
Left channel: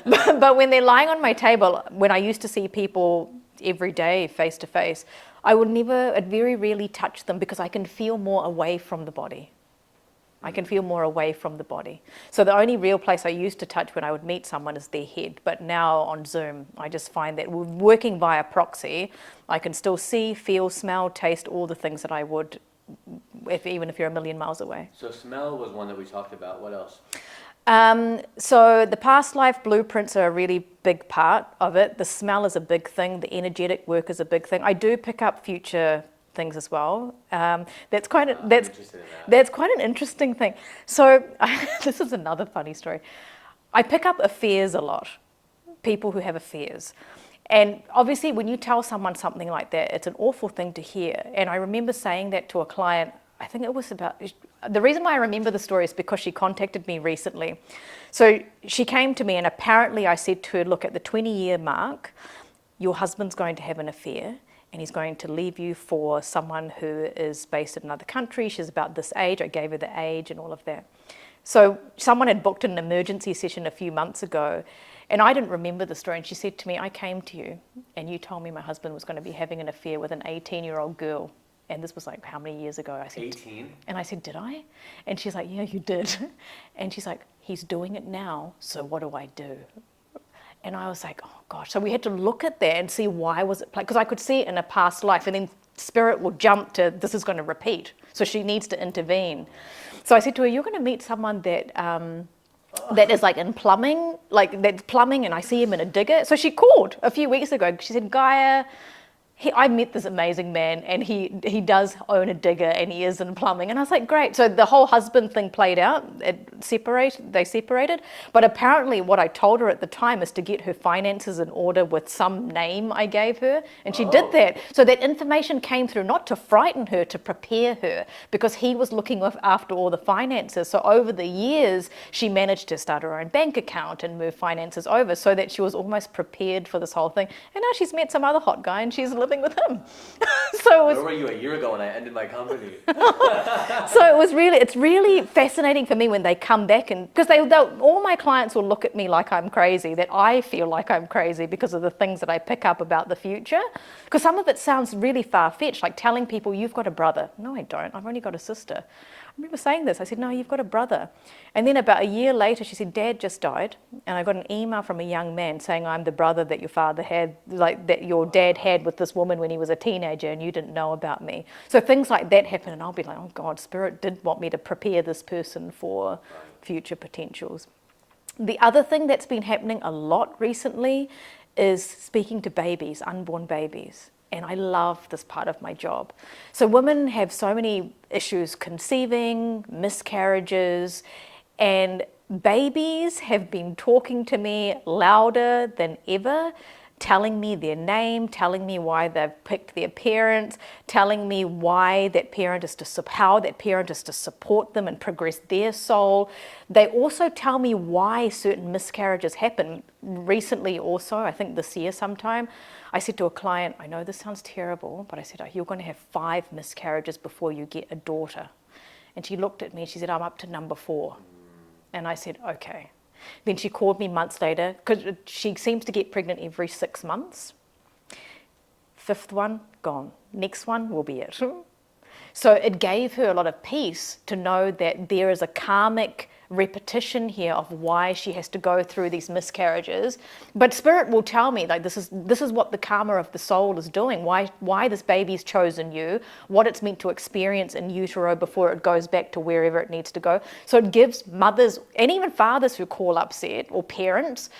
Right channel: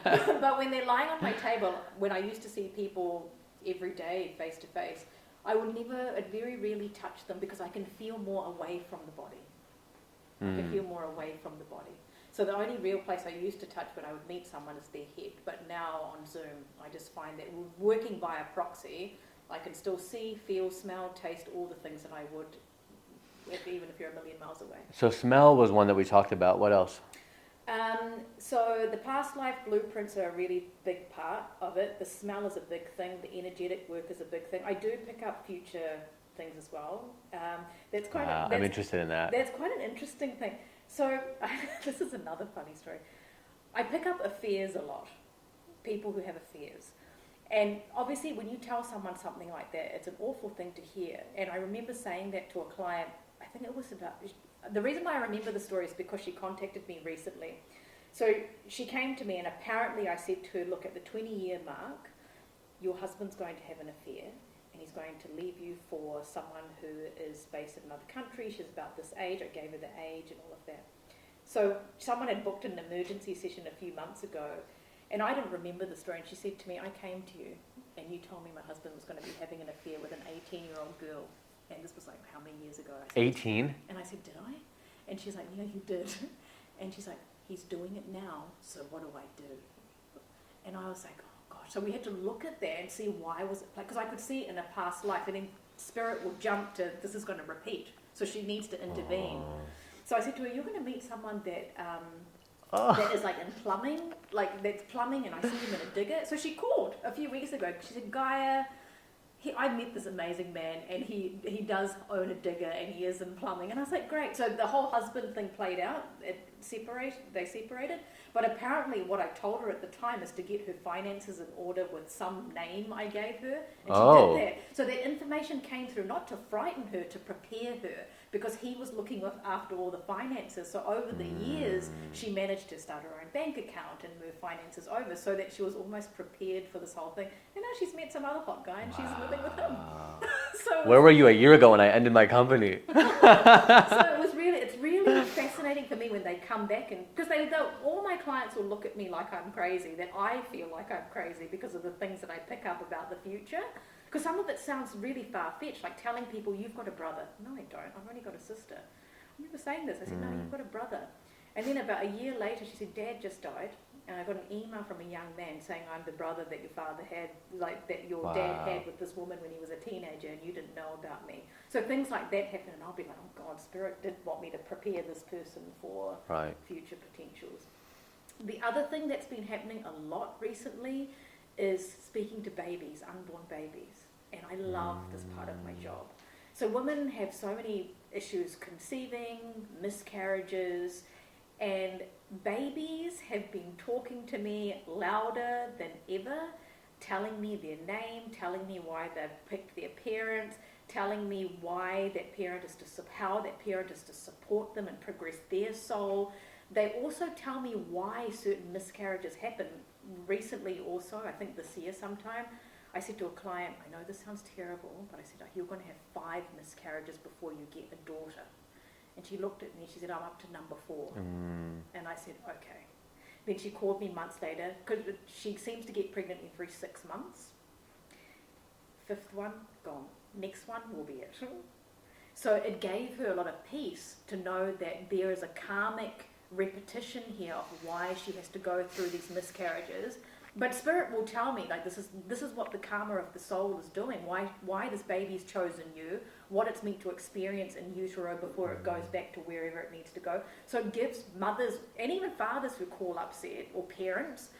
touching but when they're lying on my table, when I used to see people every day face to face, I'd very rarely touch them because I can feel more away from the body. I can feel more away from the body. So the only real place I used to touch when I would meet someone is their head. But now on Zoom, I just find that working via proxy, I can still see, feel, smell, taste all the things that I would, even if you're a million miles away. So smell was one that we talked about. What else? So the past life blueprints are a really big part of it. The smell is a big thing. The energetic work is a big thing. I do pick up future things as well. That's quite. I'm interested in that. That's quite an interesting thing. So this is another funny story. I pick up affairs a lot. People who have affairs. And obviously, when you tell someone something like that, it's an awful thing to hear. And I remember saying that to a client. I think it was about, the reason why I remember the story is because she contacted me recently. So she came to me, and apparently I said to her, look, at the 20-year mark, your husband's going to have an affair, and he's going to leave you for someone who is based in another country. She's about this age. I gave her the age and all of that. So someone had booked an emergency session a few months ago, and I didn't remember the story. And she said to me, I came to you, and you told me my husband was going to be having an affair with an 18-year-old girl. And this was like, how many years ago? I said, 18? And I said, did I? And she's like, yeah, you did. And she's like, he's doing it now, so what do I do? And I was like, oh gosh. So we had to look at that and see why was it, because I could see it in a past life, and then spirit will jump to, this is going to repeat. So she needs to intervene. So I said to her, you're going to meet someone that that is like in plumbing, like that's plumbing, and I see him in a digger. So she called a few weeks ago. She said, Gaia, I met this amazing man, and he does own a digger, and he is in plumbing. And I was like, great. So the whole husband thing played out. They separated. But apparently what I told her at the time is to get her finances in order with some name I gave her. And she did that. So that information came through not to frighten her, to prepare her, because he was looking after all the finances. So over the years, she managed to start her own bank account and move finances over so that she was almost prepared for this whole thing. And now she's met some other hot guy, and she's living with him. So where were you a year ago when I ended my company? So it's really fascinating for me when they come back, and because all my clients will look at me like I'm crazy, that I feel like I'm crazy because of the things that I pick up about the future. Because some of it sounds really far-fetched, like telling people you've got a brother. No, I don't. I've only got a sister. I remember saying this. I said, no, you've got a brother. And then about a year later, she said, Dad just died. And I got an email from a young man saying, I'm the brother that your father had, like that your dad had with this woman when he was a teenager, and you didn't know about me. So things like that happen, and I'll be like, oh God, Spirit did want me to prepare this person for future potentials. The other thing that's been happening a lot recently is speaking to babies, unborn babies. And I love this part of my job. So women have so many issues conceiving, miscarriages, and babies have been talking to me louder than ever, telling me their name, telling me why they've picked their parents, telling me why that parent is how that parent is to support them and progress their soul. They also tell me why certain miscarriages happen. Recently also, I think this year sometime, I said to a client, I know this sounds terrible, but I said, you're going to have 5 miscarriages before you get a daughter. And she looked at me and she said, I'm up to number 4. And I said, okay. Then she called me months later, because she seems to get pregnant every 6 months. 5th one, gone. Next one will be it. So it gave her a lot of peace to know that there is a karmic repetition here of why she has to go through these miscarriages. But Spirit will tell me, like, this is what the karma of the soul is doing, why this baby's chosen you, what it's meant to experience in utero before it goes back to wherever it needs to go. So it gives mothers and even fathers who call upset, or parents,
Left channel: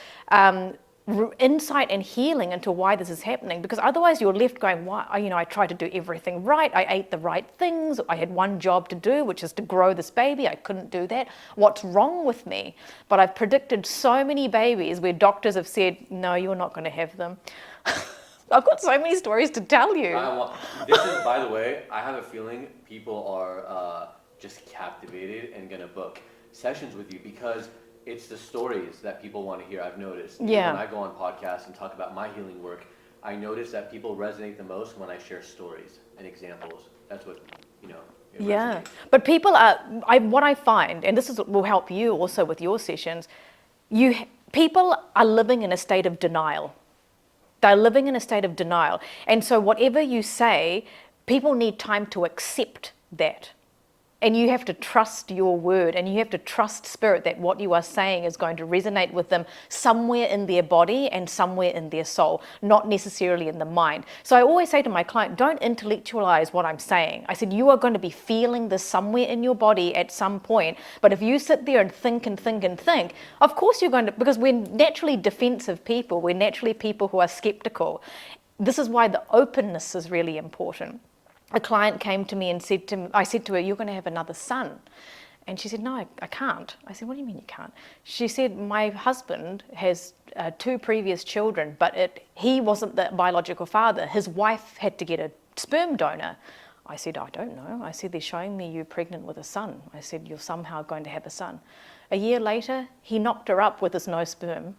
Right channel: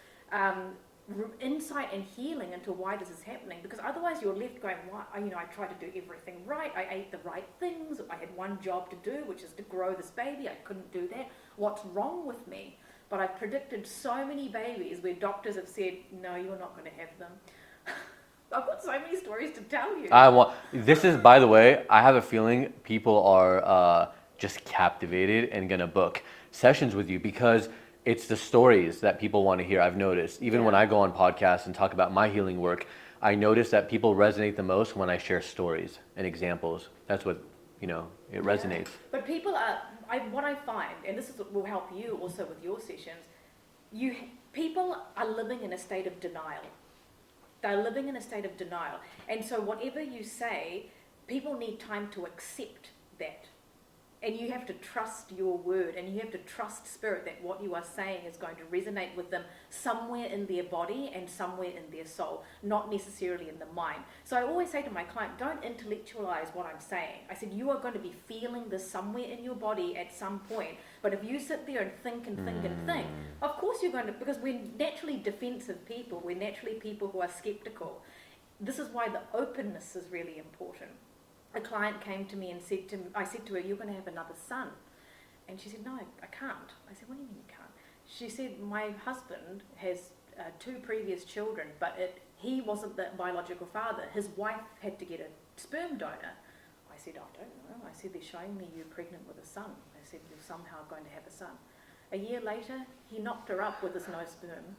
insight and healing into why this is happening, because otherwise you're left going, why? I tried to do everything right, I ate the right things, I had one job to do, which is to grow this baby, I couldn't do that. What's wrong with me? But I've predicted so many babies where doctors have said, no, you're not going to have them. I've got so many stories to tell you. This is, by the way, I have a feeling people are just captivated and gonna book sessions with you, because it's the stories that people want to hear. I've noticed, even when I go on podcasts and talk about my healing work, I notice that people resonate the most when I share stories and examples. That's what, it resonates. But people what I find, and this will help you also with your sessions, people are living in a state of denial. They're living in a state of denial. And so whatever you say, people need time to accept that. And you have to trust your word, and you have to trust spirit that what you are saying is going to resonate with them somewhere in their body and somewhere in their soul, not necessarily in the mind. So I always say to my client, don't intellectualize what I'm saying. I said, you are going to be feeling this somewhere in your body at some point, but if you sit there and think and think and think, of course you're going to, because we're naturally defensive people, we're naturally people who are skeptical. This is why the openness is really important. A client came to me and I said to her, you're going to have another son. And she said, no, I can't. I said, what do you mean you can't? She said, my husband has 2 previous children, but he wasn't the biological father. His wife had to get a sperm donor. I said, I don't know. I said, they're showing me you pregnant with a son. I said, you're somehow going to have a son. A year later, he knocked her up with his no sperm.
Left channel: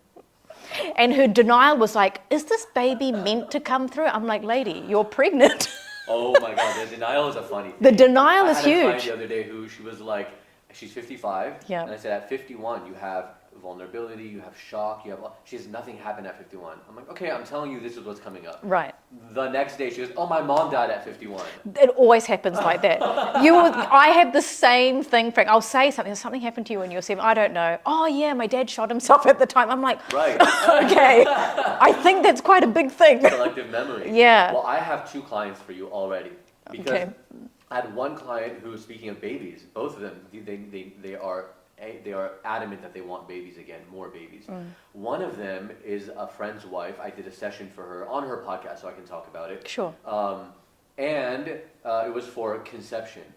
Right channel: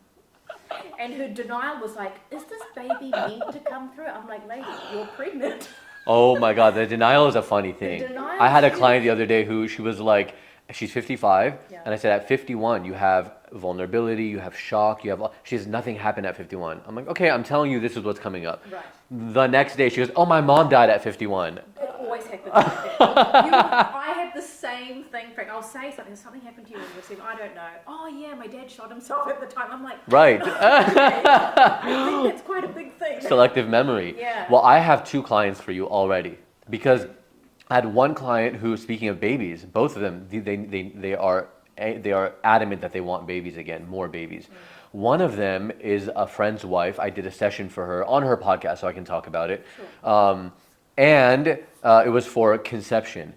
And her denial was like, is this baby meant to come through? I'm like, lady, you're pregnant. Oh my God, the denial is a funny thing. The denial is I had a huge. client the other day who she was like, she's 55, Yeah. and I said at 51 you have vulnerability, you have shock, she has nothing happen at 51. I'm like, okay, I'm telling you this is what's coming up. Right. The next day she goes, oh, my mom died at 51. It always happens like that. I had the same thing, Frank. I'll say something. Has something happened to you when you were 7? I don't know. Oh yeah, my dad shot himself at the time. I'm like, Right. okay. I think that's quite a big thing. Selective memory. Yeah. Well, I have 2 clients for you already because Okay. I had one client who, speaking of babies, both of them, they are adamant that they want babies again, more babies. One of them is a friend's wife. I did a session for her on her podcast, so I can talk about it. Sure. And it was for conception.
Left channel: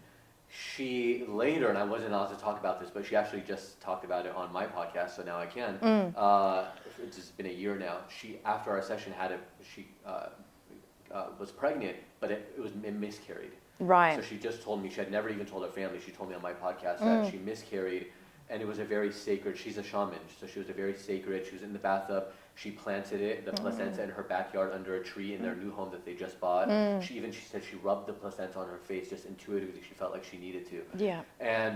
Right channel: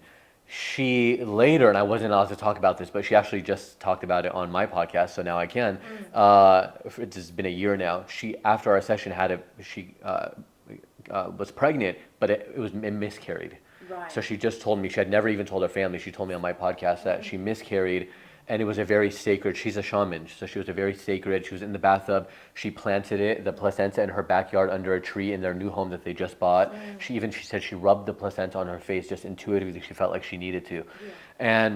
She later, and I wasn't allowed to talk about this, but she actually just talked about it on my podcast, so now I can. It's been a year now. She, after our session, she was pregnant, but it miscarried. Right. So she just told me, she had never even told her family, she told me on my podcast that she miscarried, and it was a very sacred, she's a shaman, so she was a very sacred, she was in the bathtub, she planted the placenta in her backyard under a tree in their new home that they just bought. She said she rubbed the placenta on her face just intuitively, she felt like she needed to. Yeah.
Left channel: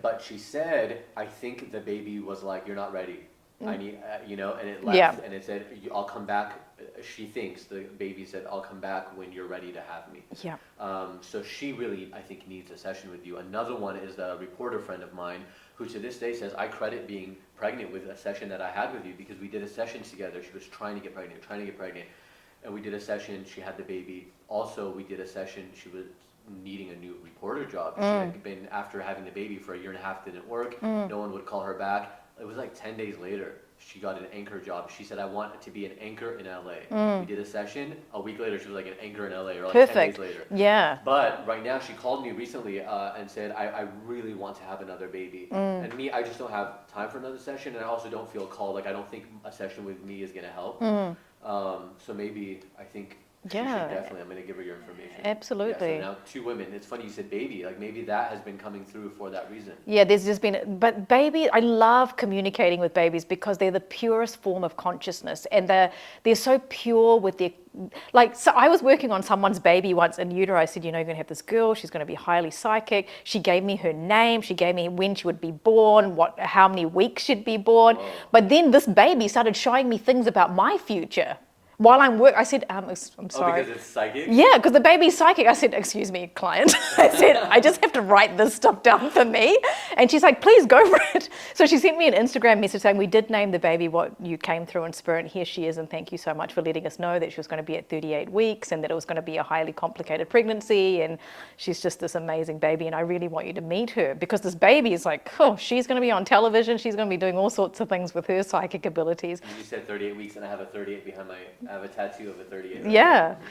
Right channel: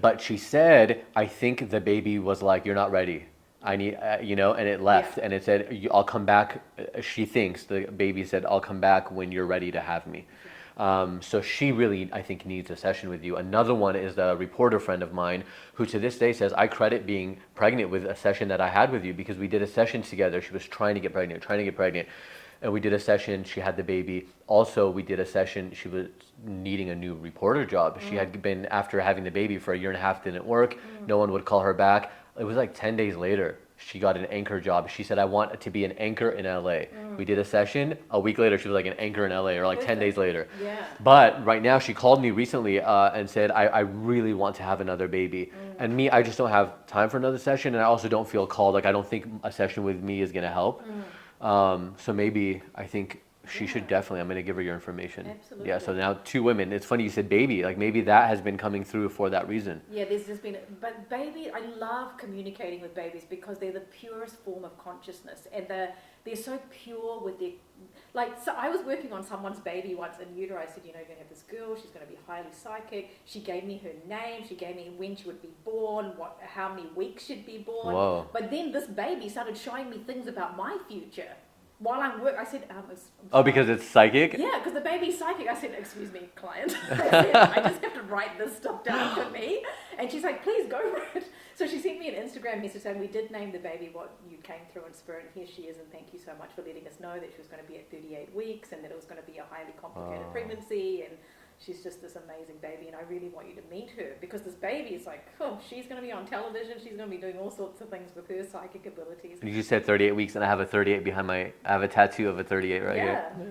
But she said, I think the baby was like, you're not ready. I need, and it left. Yeah. And it said, I'll come back. She thinks, the baby said, I'll come back when you're ready to have me. Yeah. So she really, I think, needs a session with you. Another one is a reporter friend of mine who to this day says, I credit being pregnant with a session that I had with you because we did a session together. She was trying to get pregnant. And we did a session, she had the baby. Also, we did a session, she was needing a new reporter job. She had been, after having the baby for a year and a half, didn't work. No one would call her back. It was like 10 days later, she got an anchor job. She said, I want to be an anchor in LA. We did a session. A week later, she was like an anchor in LA, or like Perfect. 10 days later. Yeah. But right now, she called me recently and said, I really want to have another baby. And me, I just don't have time for another session. And I also don't feel called. Like, I don't think a session with me is going to help. So maybe, I think she should definitely, I'm going to give her your information. Absolutely. Yeah, so now 2 women. It's funny you said baby. Like maybe that has been coming through for that reason. Yeah, there's just been, but baby, I love communicating with babies because they're the purest form of consciousness, and they're so pure with their, like, so I was working on someone's baby once in utero. I said, you're going to have this girl, she's going to be highly psychic. She gave me her name, she gave me when she would be born, how many weeks she'd be born. Whoa. But then this baby started showing me things about my future. While I'm I said, I'm sorry. Oh, because it's psychic? Yeah, because the baby's psychic. I said, excuse me, client. I said, I just have to write this stuff down for me. And she's like, please go for it. So she sent me an Instagram message saying, we did name the baby what you came through in spirit. And here she is. And thank you so much for letting us know that she was going to be at 38 weeks and that it was going to be a highly complicated pregnancy. And she's just this amazing baby. And I really want you to meet her because this baby is like, oh, she's going to be on television. She's going to be doing all sorts of things with her psychic abilities. You said 38 weeks, and I have a 38 behind I have a tattoo of a 38 right Yeah. here.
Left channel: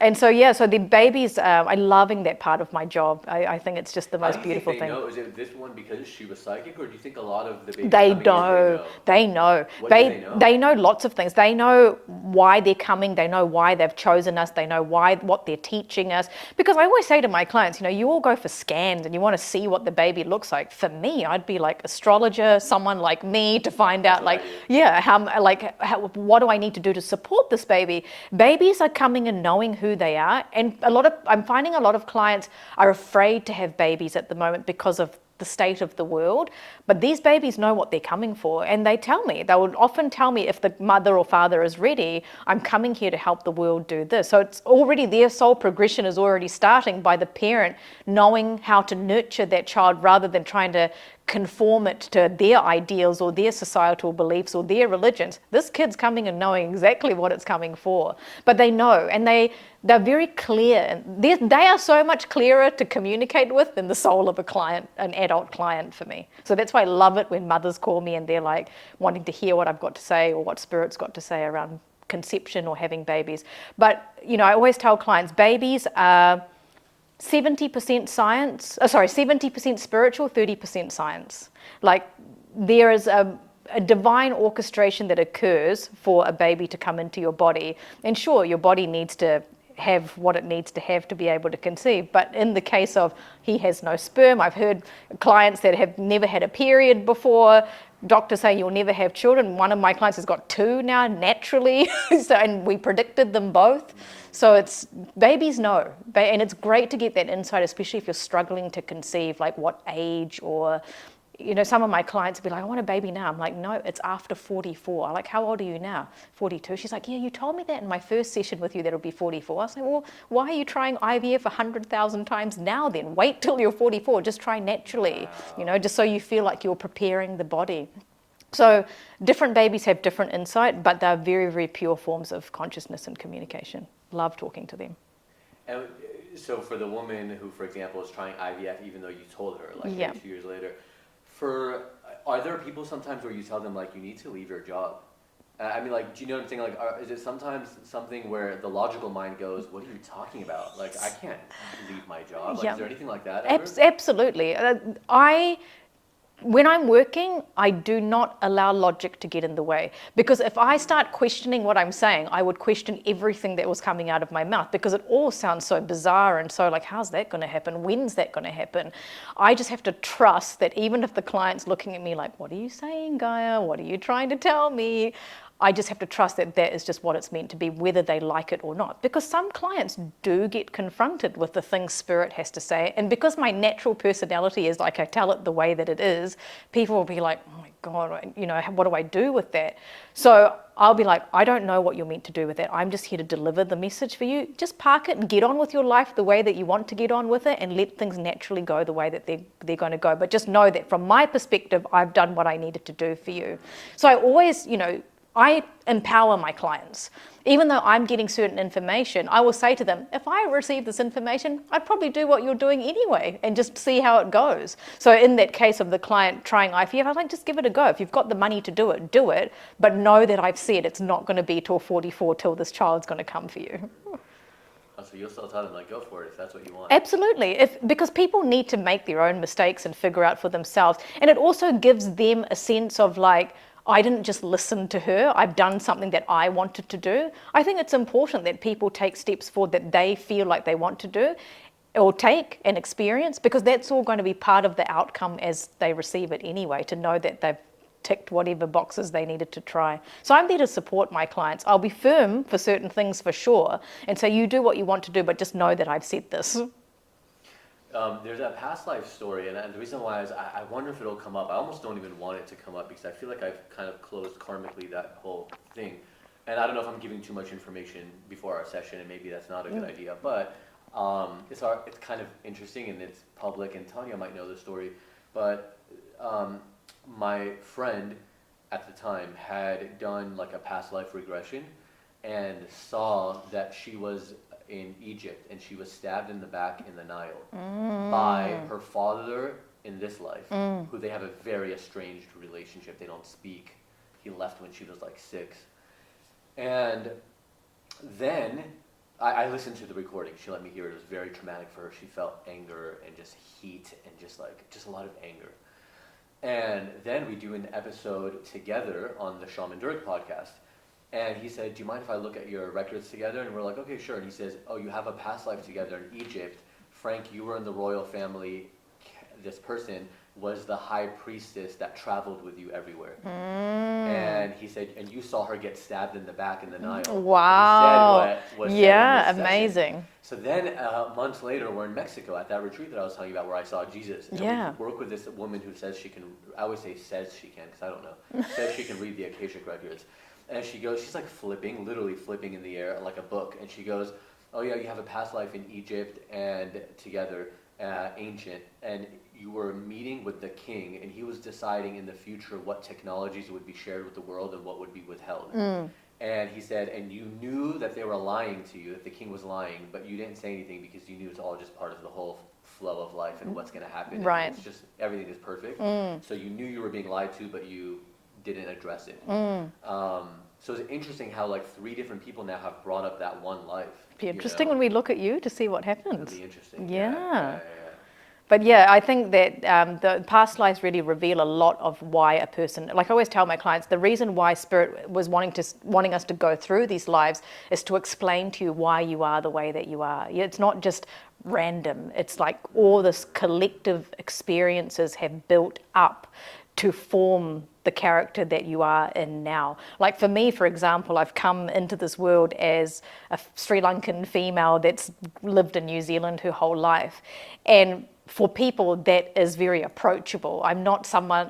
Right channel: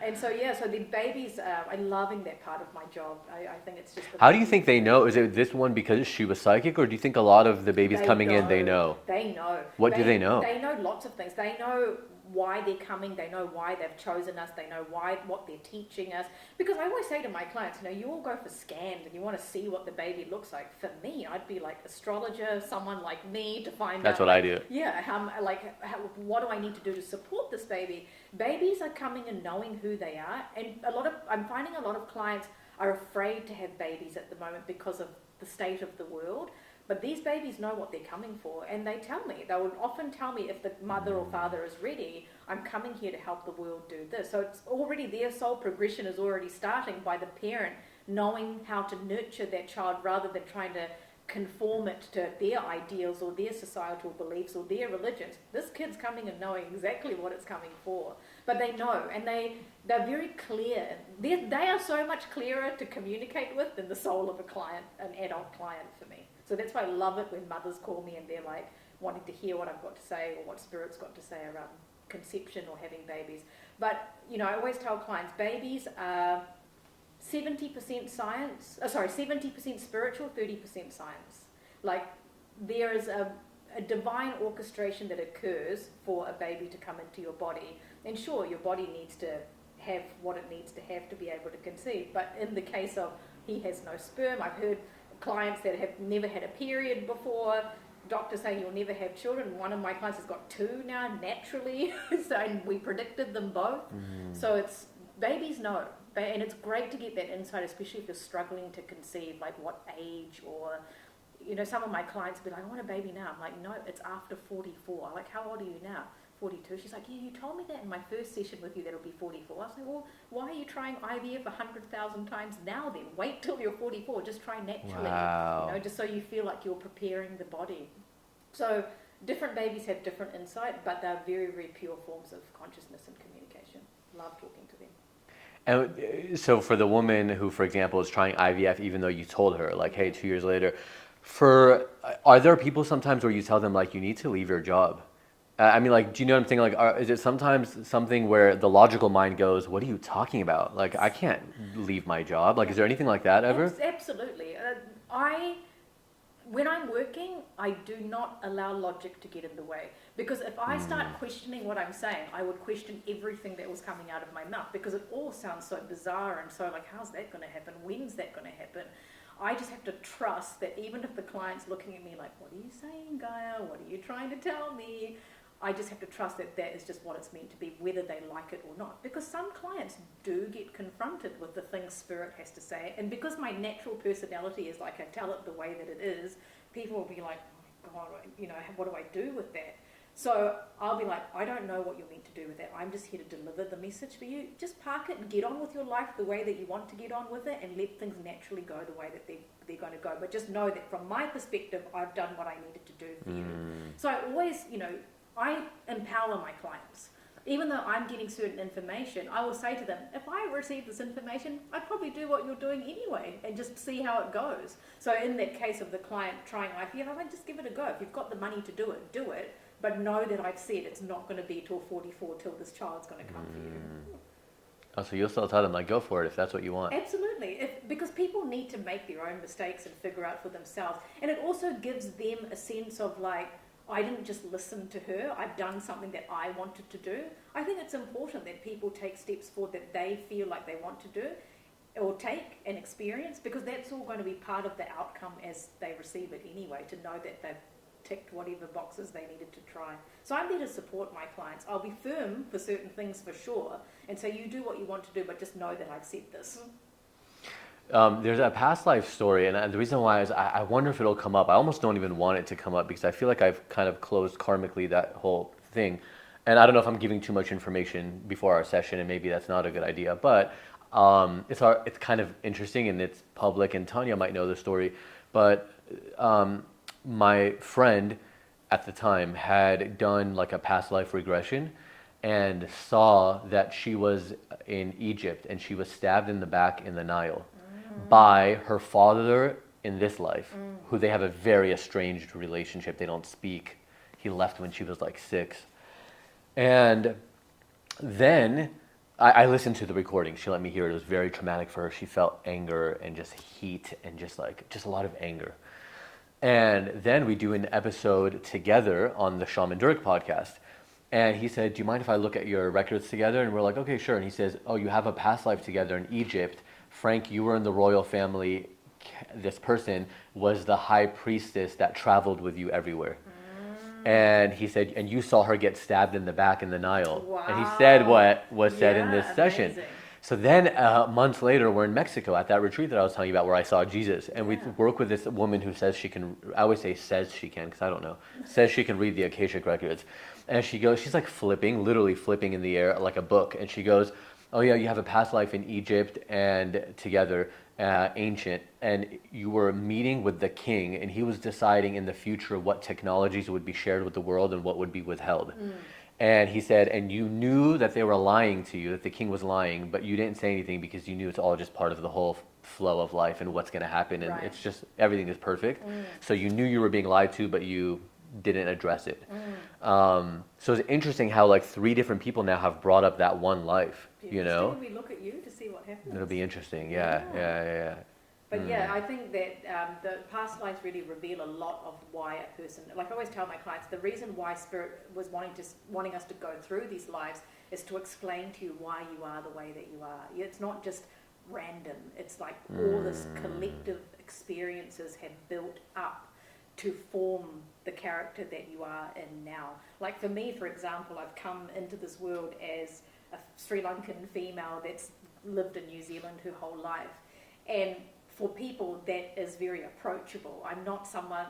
And so, so the babies, I'm loving that part of my job. I think it's just the most How do you think beautiful they thing. know? Is it this one because she was psychic, or do you think a lot of the babies They coming in, they know? They know. What do they know? They know lots of things. They know why they're coming. They know why they've chosen us. They know what they're teaching us. Because I always say to my clients, you all go for scans and you want to see what the baby looks like. For me, I'd be like astrologer, someone like me to find That's out, what like, I do. yeah, what do I need to do to support this baby? Babies are coming and knowing who they are. And I'm finding a lot of clients are afraid to have babies at the moment because of the state of the world. But these babies know what they're coming for, and they tell me. They would often tell me if the mother or father is ready, I'm coming here to help the world do this. So it's already, their soul progression is already starting by the parent knowing how to nurture that child rather than trying to conform it to their ideals or their societal beliefs or their religions. This kid's coming and knowing exactly what it's coming for. But they know, and they're very clear. They are so much clearer to communicate with than the soul of a client, an adult client for me. So that's why I love it when mothers call me and they're like wanting to hear what I've got to say or what Spirit's got to say around conception or having babies. But, you know, I always tell clients, babies are 70% science, 70% spiritual, 30% science. Like, there is a divine orchestration that occurs for a baby to come into your body. And sure, your body needs to have what it needs to have to be able to conceive. But in the case of he has no sperm, I've heard clients that have never had a period before, doctors say you'll never have children. One of my clients has got 2 now naturally, and we predicted them both. So it's, babies know, and it's great to get that insight, especially if you're struggling to conceive, like what age, or, you know, some of my clients will be like, I want a baby now. I'm like, no, it's after 44. I'm like, how old are you now? 42. She's like, yeah, you told me that in my first session with you that it'll be 44. I was like, well, why are you trying IVF 100,000 times now then? Wait till you're 44. Just try naturally, you know, just so you feel like you're preparing the body. So different babies have different insight, but they're very, very pure forms of consciousness and communication. Love talking to them. And so for the woman who, for example, is trying IVF, even though you told her, like, hey, 2 years later, are there people sometimes where you tell them, like, you need to leave your job? I mean, like, do you know what I'm saying? Like, is it sometimes something where the logical mind goes, what are you talking about? Like, I can't leave my job. Like, is there anything like that ever? Absolutely. When I'm working, I do not allow logic to get in the way. Because if I start questioning what I'm saying, I would question everything that was coming out of my mouth, because it all sounds so bizarre and so like, how's that going to happen? When's that going to happen? I just have to trust that even if the client's looking at me like, what are you saying, Gaia? What are you trying to tell me? I just have to trust that that is just what it's meant to be, whether they like it or not. Because some clients do get confronted with the things Spirit has to say. And because my natural personality is like, I tell it the way that it is, people will be like, oh my God, you know, what do I do with that? So I'll be like, I don't know what you're meant to do with that. I'm just here to deliver the message for you. Just park it and get on with your life the way that you want to get on with it, and let things naturally go the way that they're going to go. But just know that from my perspective, I've done what I needed to do for you. So I always, you know, I empower my clients. Even though I'm getting certain information, I will say to them, if I receive this information, I'd probably do what you're doing anyway and just see how it goes. So in that case of the client trying IVF, I'm like, just give it a go. If you've got the money to do it, but know that I've said it's not going to be till 44 till this child's going to come for you. Oh, so you'll still tell them, like, go for it if that's what you want. Absolutely, because people need to make their own mistakes and figure out for themselves. And it also gives them a sense of like, I didn't just listen to her, I've done something that I wanted to do. I think it's important that people take steps forward that they feel like they want to do or take and experience, because that's all going to be part of the outcome as they receive it anyway, to know that they've ticked whatever boxes they needed to try. So I'm there to support my clients. I'll be firm for certain things for sure, and so you do what you want to do, but just know that I've said this. There's a past life story, and the reason why is I wonder if it'll come up. I almost don't even want it to come up because I feel like I've kind of closed karmically that whole thing. And I don't know if I'm giving too much information before our session, and maybe that's not a good idea. But it's kind of interesting, and it's public, and Tanya might know the story. But my friend at the time had done like a past life regression and saw that she was in Egypt and she was stabbed in the back in the Nile by her father in this life, who they have a very estranged relationship. They don't speak. He left when she was like 6. And then I listened to the recording. She let me hear it. It was very traumatic for her. She felt anger and just heat and just a lot of anger. And then we do an episode together on the Shaman Durek podcast. And he said, do you mind if I look at your records together? And we're like, okay, sure. And he says, oh, you have a past life together in Egypt. Frank, you were in the royal family. this person was the high priestess that traveled with you everywhere. And he said, and you saw her get stabbed in the back in the Nile. Wow. And he said what was said in this amazing. session. So then months later, we're in Mexico at that retreat that I was telling you about where I saw Jesus. And we work with this woman who says she can, I always say says she can because I don't know, says she can read the Akashic records. And she goes, she's like flipping, literally flipping in the air like a book. And she goes, oh yeah, you have a past life in Egypt and together, ancient, and you were meeting with the king, and he was deciding in the future what technologies would be shared with the world and what would be withheld. And he said, and you knew that they were lying to you, that the king was lying, but you didn't say anything because you knew it's all just part of the whole flow of life and what's going to happen. Right. And it's just, everything is perfect. So you knew you were being lied to, but you didn't address it. So it's interesting how like 3 different people now have brought up that one life. Be interesting when we look at you to see what happens. It'll be interesting. Yeah. But yeah, I think that the past lives really reveal a lot of why a person, like I always tell my clients, the reason why Spirit was wanting us to go through these lives is to explain to you why you are the way that you are. It's not just random. It's like all this collective experiences have built up to form the character that you are in now. Like for me, for example, I've come into this world as a Sri Lankan female that's lived in New Zealand her whole life. And for people, that is very approachable. I'm not someone,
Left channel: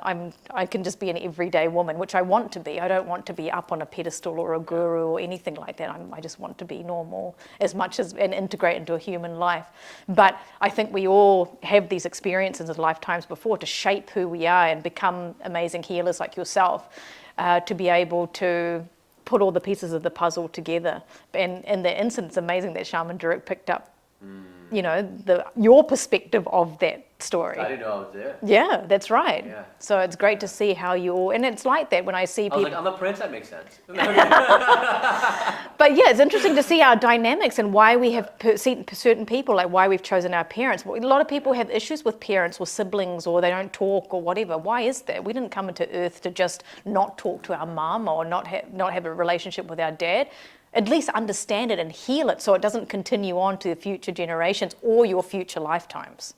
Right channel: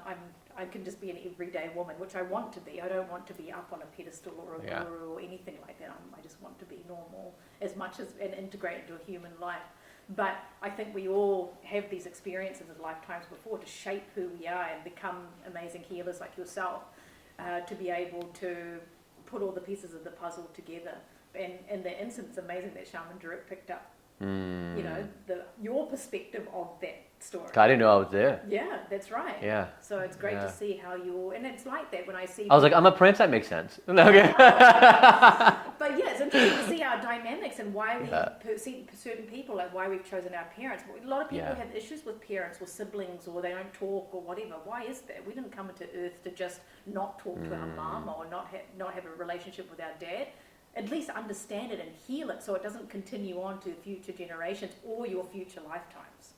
I can just be an everyday woman, which I want to be. I don't want to be up on a pedestal or a guru or anything like that. I just want to be normal as much as and integrate into a human life. But I think we all have these experiences in lifetimes before to shape who we are and become amazing healers like yourself, to be able to put all the pieces of the puzzle together. And in the instance, it's amazing that Shaman Durek picked up you know, your perspective of that story. I didn't know I was there. Yeah, that's right. Yeah. So it's great to see how you all, and it's like that when I see people. I was like, I'm a prince, that makes sense. But yeah, it's interesting to see our dynamics and why we have certain people, like why we've chosen our parents. A lot of people have issues with parents or siblings, or they don't talk or whatever. Why is that? We didn't come into Earth to just not talk to our mum or not have a relationship with our dad. At least understand it and heal it so it doesn't continue on to the future generations or your future lifetimes.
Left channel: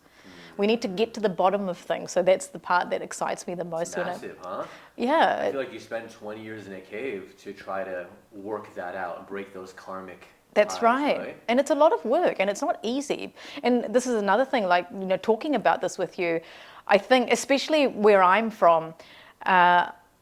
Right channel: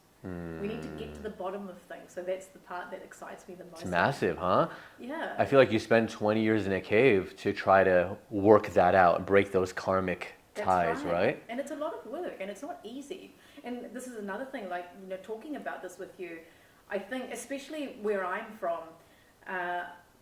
We need to get to the bottom of things. So that's the part that excites me the most. It's massive, huh? Yeah. I feel like you spend 20 years in a cave to try to work that out and break those karmic That's ties, right. And it's a lot of work and it's not easy. And this is another thing, like, you know, talking about this with you, I think, especially where I'm from,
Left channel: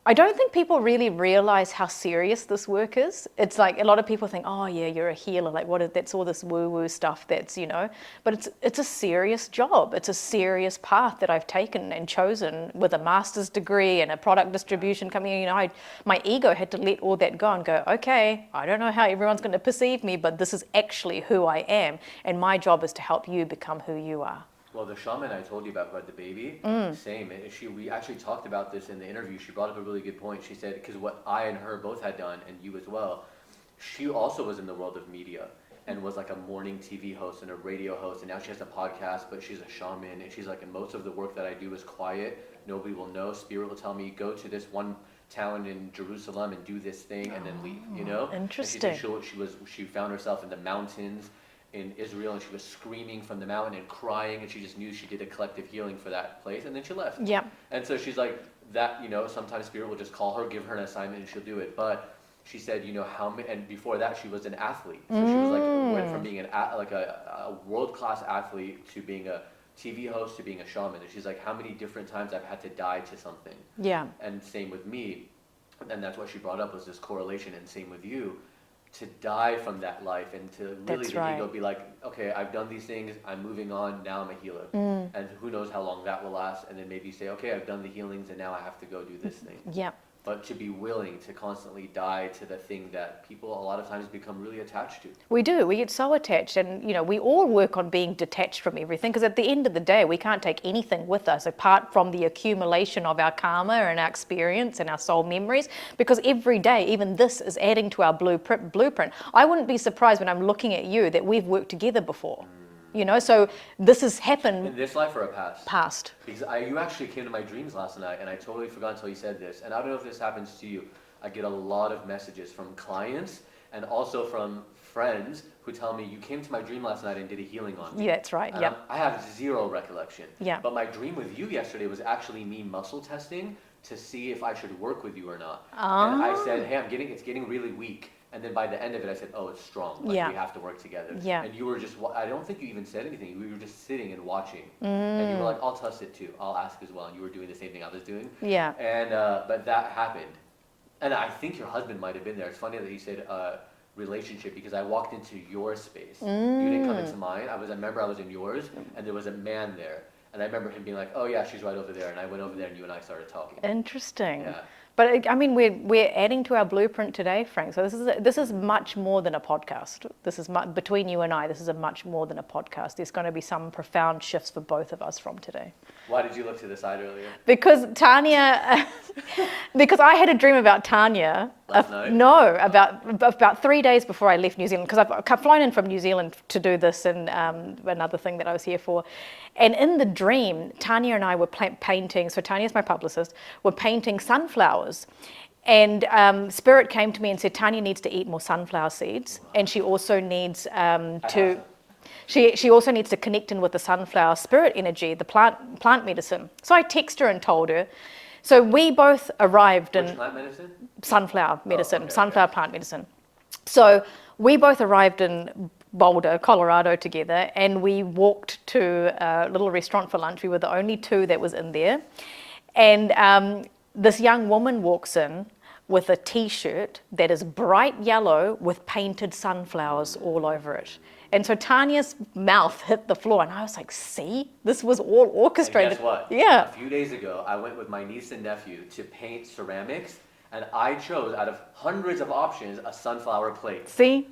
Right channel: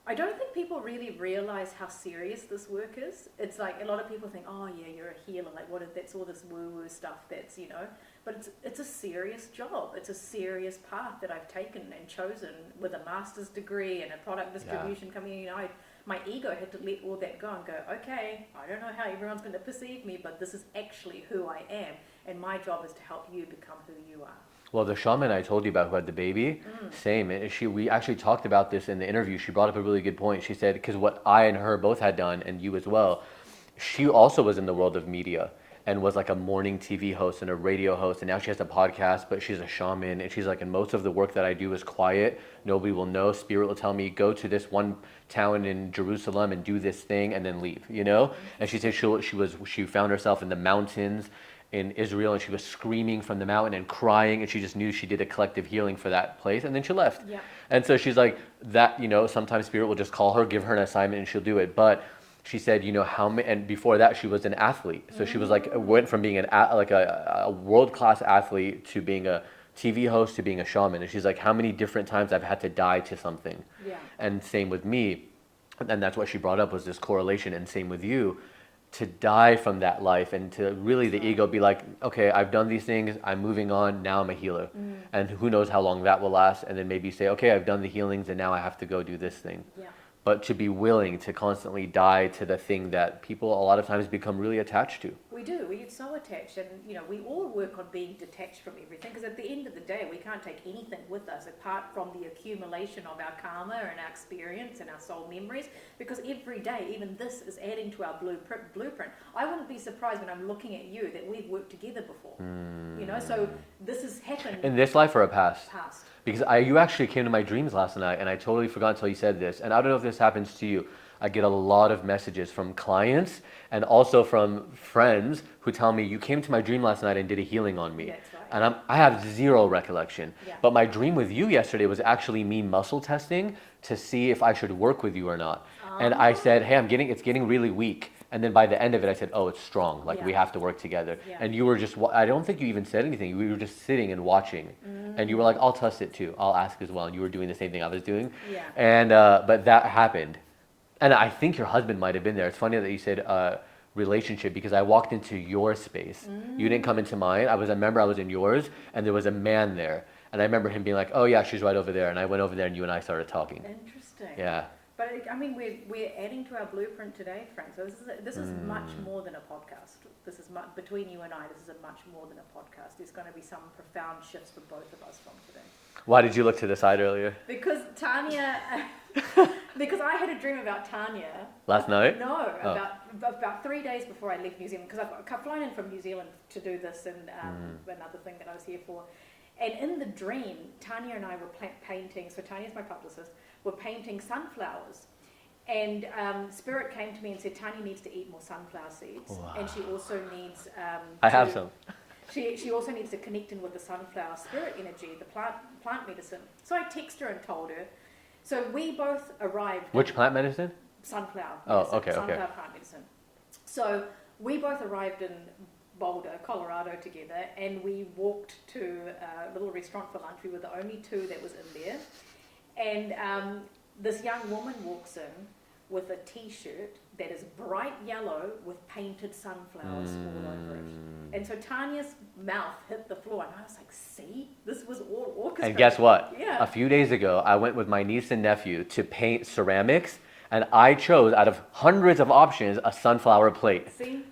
I don't think people really realize how serious this work is. It's like a lot of people think, oh yeah, you're a healer. Like that's all this woo-woo stuff that's, you know, but it's a serious job. It's a serious path that I've taken and chosen with a master's degree and a product distribution company. You know, my ego had to let all that go and go, okay, I don't know how everyone's going to perceive me, but this is actually who I am. And my job is to help you become who you are. Well, the shaman I told you about who had the baby, same. We actually talked about this in the interview. She brought up a really good point. She said, because what I and her both had done, and you as well, she also was in the world of media and was like a morning TV host and a radio host, and now she has a podcast, but she's a shaman, and she's like, and most of the work that I do is quiet. Nobody will know. Spirit will tell me, go to this one town in Jerusalem and do this thing and then leave, you know? And she said she found herself in the mountains in Israel, and she was screaming from the mountain and crying, and she just knew she did a collective healing for that place, and then she left. Yeah. And so she's like, that, you know, sometimes Spirit will just call her, give her an assignment, and she'll do it. But she said, you know, and before that, she was an athlete. So she was like, went from being a world-class athlete to being a TV host to being a shaman. And she's like, how many different times I've had to die to something. Yeah. And same with me. And that's what she brought up was this correlation, and same with you. To die from that life and to really ego be like, okay, I've done these things, I'm moving on, now I'm a healer. And who knows how long that will last, and then maybe say, okay, I've done the healings and now I have to go do this thing. Yeah. But to be willing to constantly die to the thing that people a lot of times become really attached to. We do. We get so attached, and you know, we all work on being detached from everything, because at the end of the day, we can't take anything with us apart from the accumulation of our karma and our experience and our soul memories, because every day, even this is adding to our blueprint. I wouldn't be surprised when I'm looking at you that we've worked together before. You know, so this has happened. In this life or a past? Past. Because you actually came to my dreams last night, and I totally forgot until you said this, and I don't know if this happens to you. I get a lot of messages from clients and also from friends who tell me, you came to my dream last night and did a healing on me. Yeah, that's right. And I have zero recollection. Yeah. But my dream with you yesterday was actually me muscle testing to see if I should work with you or not. And I said, hey, it's getting really weak. And then by the end of it, I said, oh, it's strong. Like, we have to work together. Yeah. And you were just, I don't think you even said anything. We were just sitting and watching. And you were like, I'll test it too. I'll ask as well. And you were doing the same thing I was doing. Yeah. And, but that happened. And I think your husband might have been there. It's funny that you said relationship, because I walked into your space. You didn't come into mine. I remember I was in yours, and there was a man there. And I remember him being like, oh yeah, she's right over there. And I went over there and you and I started talking. Interesting. Yeah. But I mean, we're adding to our blueprint today, Frank. So this is much more than a podcast. This is between you and I. This is a much more than a podcast. There's going to be some profound shifts for both of us from today. Why did you look to the side earlier? Because Tanya, because I had a dream about Tanya. Last night? No, about 3 days before I left New Zealand, because I've flown in from New Zealand to do this and another thing that I was here for. And in the dream, Tanya and I were painting, so Tanya's my publicist, we're painting sunflowers. And Spirit came to me and said, Tanya needs to eat more sunflower seeds. Wow. And she also needs I have some. She also needs to connect in with the sunflower spirit energy, the plant medicine. So I texted her and told her. So we both arrived Which plant medicine? Sunflower medicine, okay, sunflower plant medicine. So we both arrived in Boulder, Colorado together, and we walked to a little restaurant for lunch. We were the only two that was in there. And this young woman walks in with a t-shirt that is bright yellow with painted sunflowers all over it. And so Tanya's mouth hit the floor, and I was like, see, this was all orchestrated. And guess what? Yeah. A few days ago, I went with my niece and nephew to paint ceramics, and I chose, out of hundreds of options, a sunflower plate. See?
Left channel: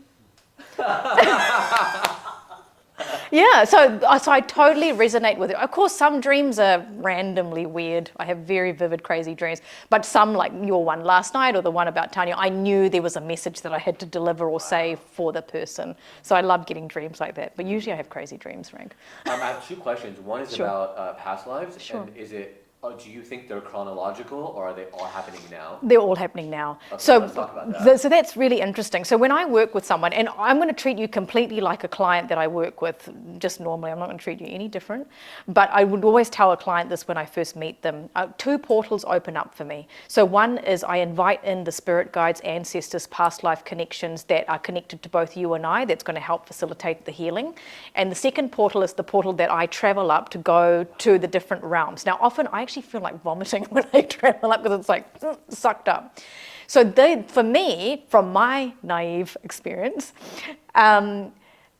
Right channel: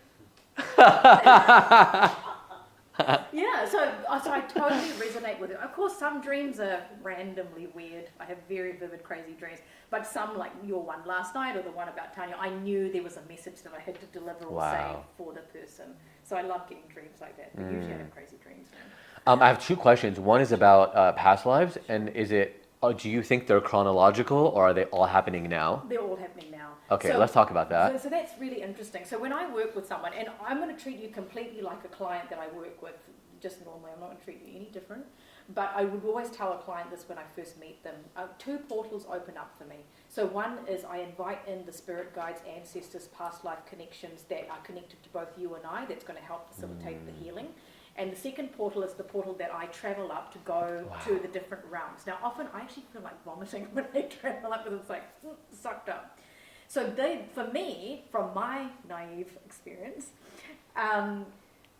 Yeah, so I totally resonate with it. Of course, some dreams are randomly weird. I have very vivid, crazy dreams. But some, like your one last night or the one about Tanya, I knew there was a message that I had to deliver or say for the person. So I love getting dreams like that. But usually I have crazy dreams, Frank. I have two questions. One is about past lives, and is it? Do you think they're chronological, or are they all happening now? They're all happening now. Okay, so, let's talk about that. So that's really interesting. So when I work with someone, and I'm going to treat you completely like a client that I work with, just normally, I'm not going to treat you any different. But I would always tell a client this when I first meet them. Two portals open up for me. So one is I invite in the spirit guides, ancestors, past life connections that are connected to both you and I, that's going to help facilitate the healing. And the second portal is the portal that I travel up to go to the different realms. Now, often I actually feel like vomiting when I travel up because it's like sucked up. So for me, from my naive experience,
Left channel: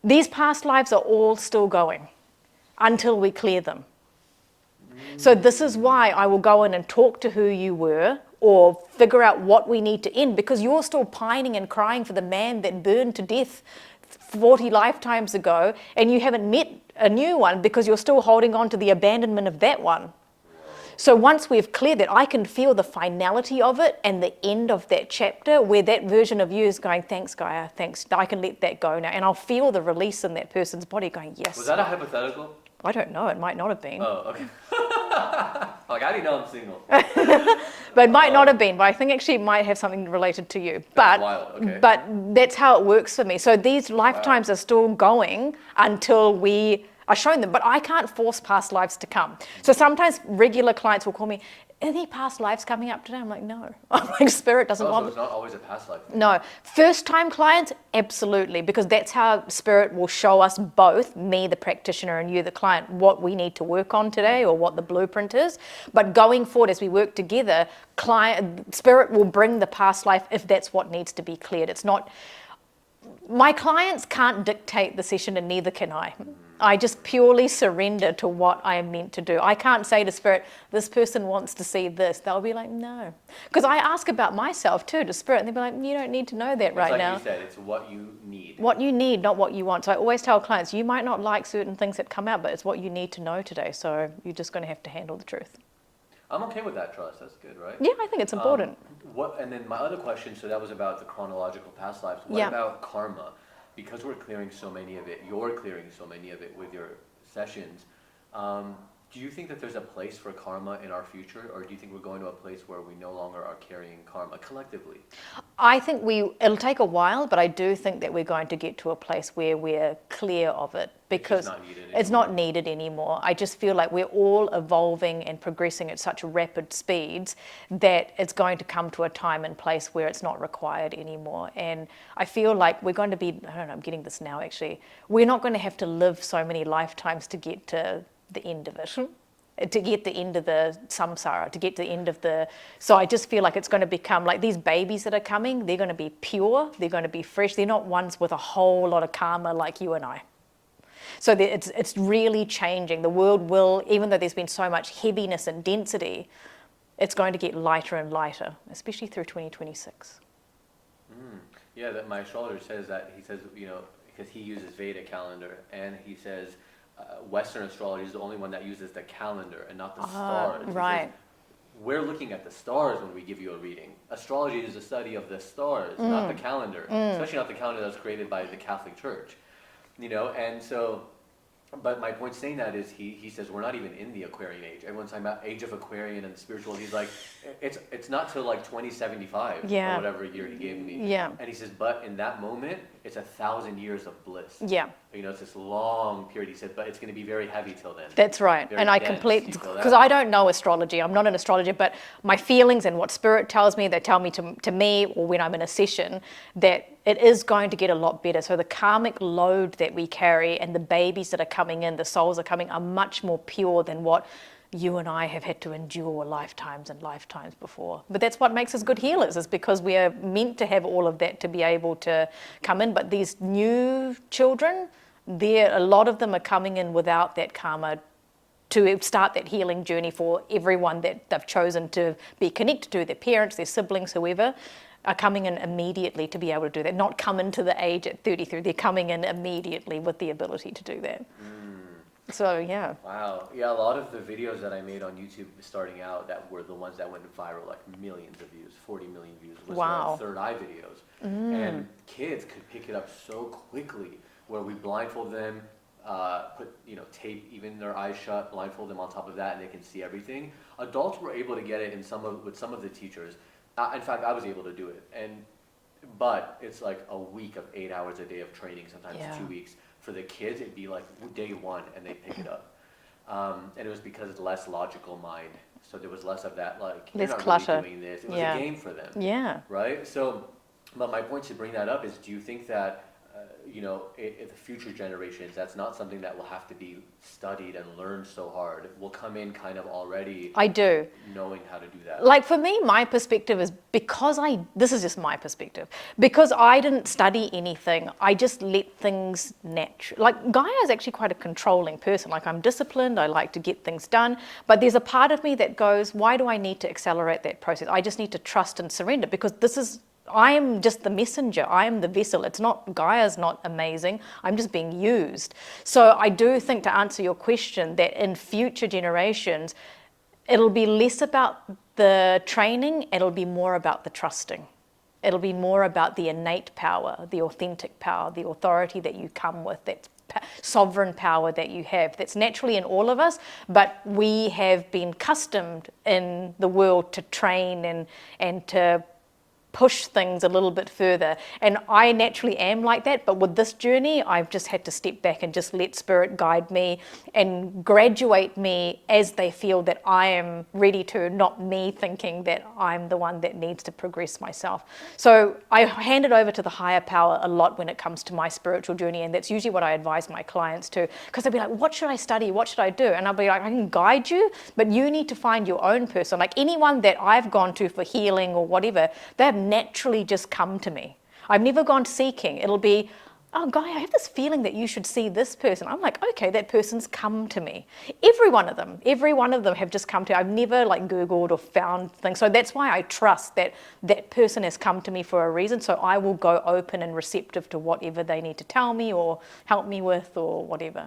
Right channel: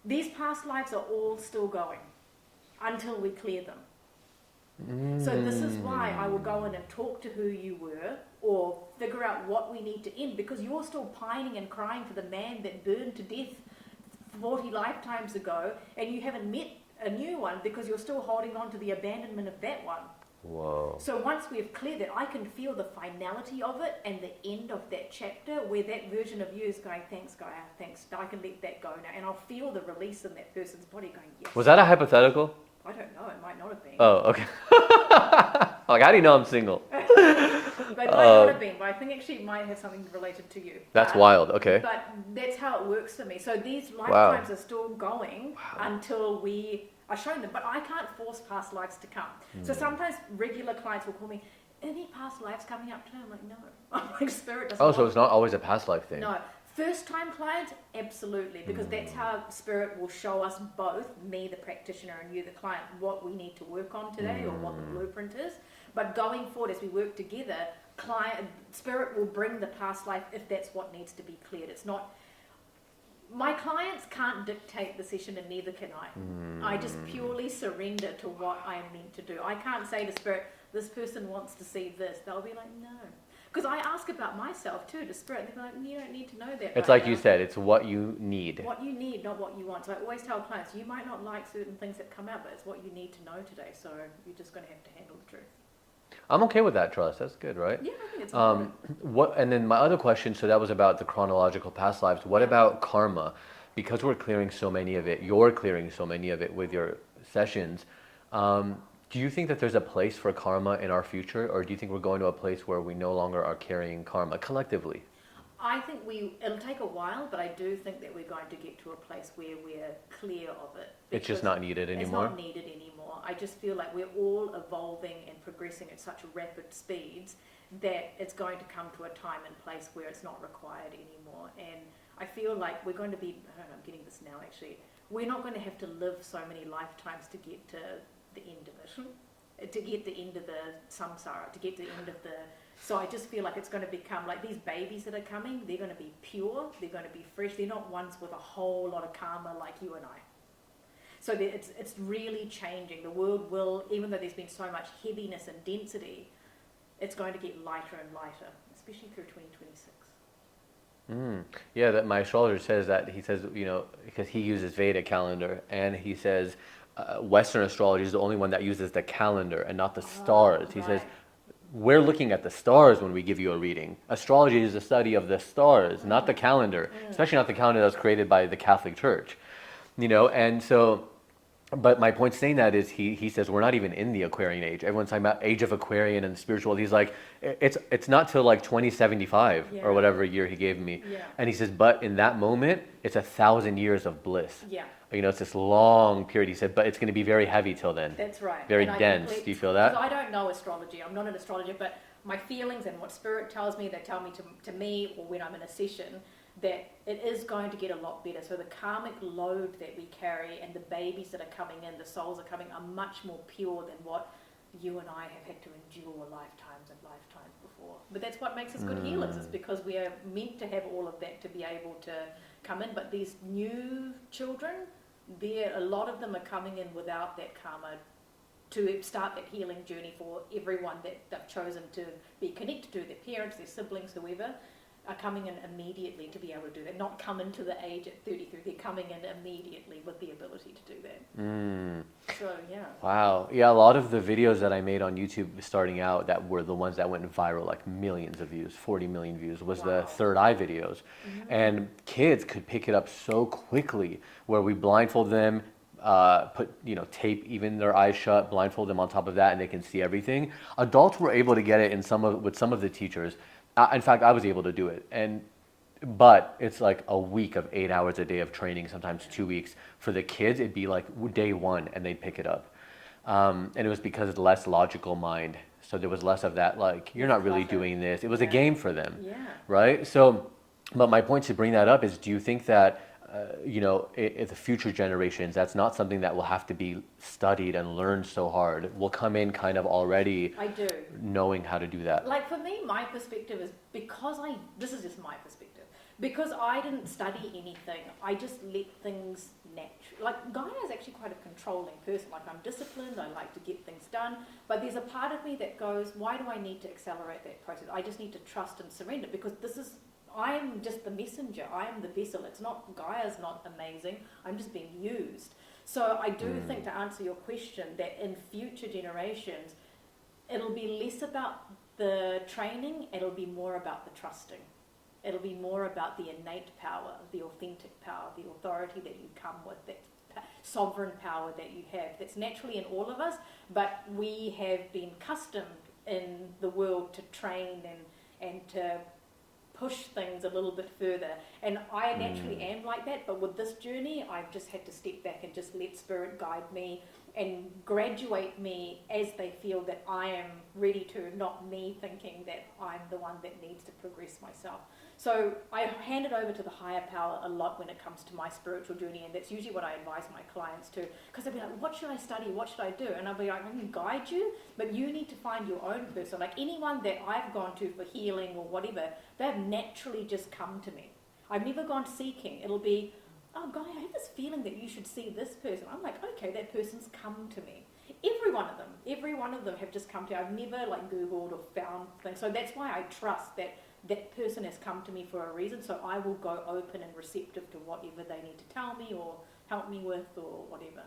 these past lives are all still going until we clear them. So this is why I will go in and talk to who you were or figure out what we need to end, because you're still pining and crying for the man that burned to death 40 lifetimes ago, and you haven't met a new one because you're still holding on to the abandonment of that one. Whoa. So once we've cleared that, I can feel the finality of it and the end of that chapter where that version of you is going, thanks, Gaia, thanks, I can let that go now. And I'll feel the release in that person's body going, yes. Was that a hypothetical? I don't know, it might not have been. Oh, okay. Like, how do you know I'm single? But it might not have been, but I think actually it might have something related to you. That's wild, okay. But that's how it works for me. So these lifetimes are still going until we are shown them, but I can't force past lives to come. So sometimes regular clients will call me, are there past lives coming up today? I'm like, no. I'm like, spirit doesn't want. So it's not always a past life thing. No. First time clients, absolutely, because that's how spirit will show us both, me the practitioner and you the client, what we need to work on today or what the blueprint is. But going forward as we work together, spirit will bring the past life if that's what needs to be cleared. It's not. My clients can't dictate the session, and neither can I. I just purely surrender to what I am meant to do. I can't say to spirit, this person wants to see this. They'll be like, no. Because I ask about myself too to spirit, and they'll be like, you don't need to know that right now. It's like you said, it's what you need. What you need, not what you want. So I always tell clients, you might not like certain things that come out, but it's what you need to know today. So you're just going to have to handle the truth. I'm okay with that trust. That's good, right? Yeah, I think it's important. And then my other question, so that was about the chronological past lives. What about karma? Because we're clearing so many of it, you're clearing so many of it with your sessions. Do you think that there's a place for karma in our future, or do you think we're going to a place where we no longer are carrying karma collectively? I think it'll take a while, but I do think that we're going to get to a place where we're clear of it, because It's just not needed anymore. it's not needed anymore. I just feel like we're all evolving and progressing at such rapid speeds that it's going to come to a time and place where it's not required anymore. And I feel like we're going to be, I don't know, I'm getting this now actually, we're not going to have to live so many lifetimes to get to the end of it, to get the end of the samsara, to get to the end of the... So I just feel like it's going to become like these babies that are coming, they're going to be pure, they're going to be fresh, they're not ones with a whole lot of karma like you and I. So it's really changing. The world will, even though there's been so much heaviness and density, it's going to get lighter and lighter, especially through 2026. Yeah, that my astrologer says that. He says, you know, because he uses Vedic calendar, and he says Western astrology is the only one that uses the calendar and not the stars. He right. says, we're looking at the stars when we give you a reading. Astrology is the study of the stars, not the calendar, especially not the calendar that was created by the Catholic Church. You know, and so, but my point saying that is he says we're not even in the Aquarian age. Everyone's talking about age of Aquarian and spiritual. He's like, it's not till like 2075 Yeah. or whatever year he gave me. Yeah. And he says, but in that moment, it's 1,000 years of bliss. Yeah. You know, it's this long period. He said, but it's going to be very heavy till then. That's right. Very And I dense. completely, Do you feel that? because I don't know astrology. I'm not an astrologer, but my feelings and what spirit tells me, they tell me to me, or when I'm in a session, that it is going to get a lot better. So the karmic load that we carry and the babies that are coming in, the souls are coming, are much more pure than what you and I have had to endure lifetimes and lifetimes before. But that's what makes us good healers, is because we are meant to have all of that to be able to come in. But these new children, a lot of them are coming in without that karma to start that healing journey for everyone that they've chosen to be connected to, their parents, their siblings, whoever, are coming in immediately to be able to do that. Not come into the age at 33, they're coming in immediately with the ability to do that. So, yeah. Wow. Yeah, a lot of the videos that I made on YouTube starting out that were the ones that went viral, like millions of views, 40 million views, was Wow. the third eye videos. And kids could pick it up so quickly, where we blindfold them, put tape even their eyes shut, blindfold them on top of that, and they can see everything. Adults were able to get it with some of the teachers. In fact, I was able to do it, but it's like a week of 8 hours a day of training, sometimes Yeah. 2 weeks. For the kids, it'd be like day one, and they'd pick it up. And it was because it's less logical mind, so there was less of that, like, you're Less not really clutter. doing this. It was Yeah. a game for them, Yeah. right? So, but my point to bring that up is, do you think that if the future generations, that's not something that will have to be studied and learned so hard, will come in kind of already I do. knowing how to do that? Like for me, my perspective is this is just my perspective, because I didn't study anything, I just let things natural. Like Gaia is actually quite a controlling person. Like I'm disciplined, I like to get things done, but there's a part of me that goes, why do I need to accelerate that process? I just need to trust and surrender, because I am just the messenger. I am the vessel. Gaia's not amazing. I'm just being used. So I do think, to answer your question, that in future generations, it'll be less about the training, it'll be more about the trusting. It'll be more about the innate power, the authentic power, the authority that you come with, that sovereign power that you have, that's naturally in all of us, but we have been accustomed in the world to train and to push things a little bit further. And I naturally am like that, but with this journey, I've just had to step back and just let spirit guide me and graduate me as they feel that I am ready to, not me thinking that I'm the one that needs to progress myself. So I hand it over to the higher power a lot when it comes to my spiritual journey, and that's usually what I advise my clients to, because they'll be like, what should I study? What should I do? And I'll be like, I can guide you, but you need to find your own person. Like anyone that I've gone to for healing or whatever, they've naturally just come to me. I've never gone seeking. It'll be, oh, Guy, I have this feeling that you should see this person. I'm like, okay, that person's come to me. Every one of them have just come to me. I've never like Googled or found things. So that's why I trust that that person has come to me for a reason. So I will go open and receptive to whatever they need to tell me or help me with or whatever.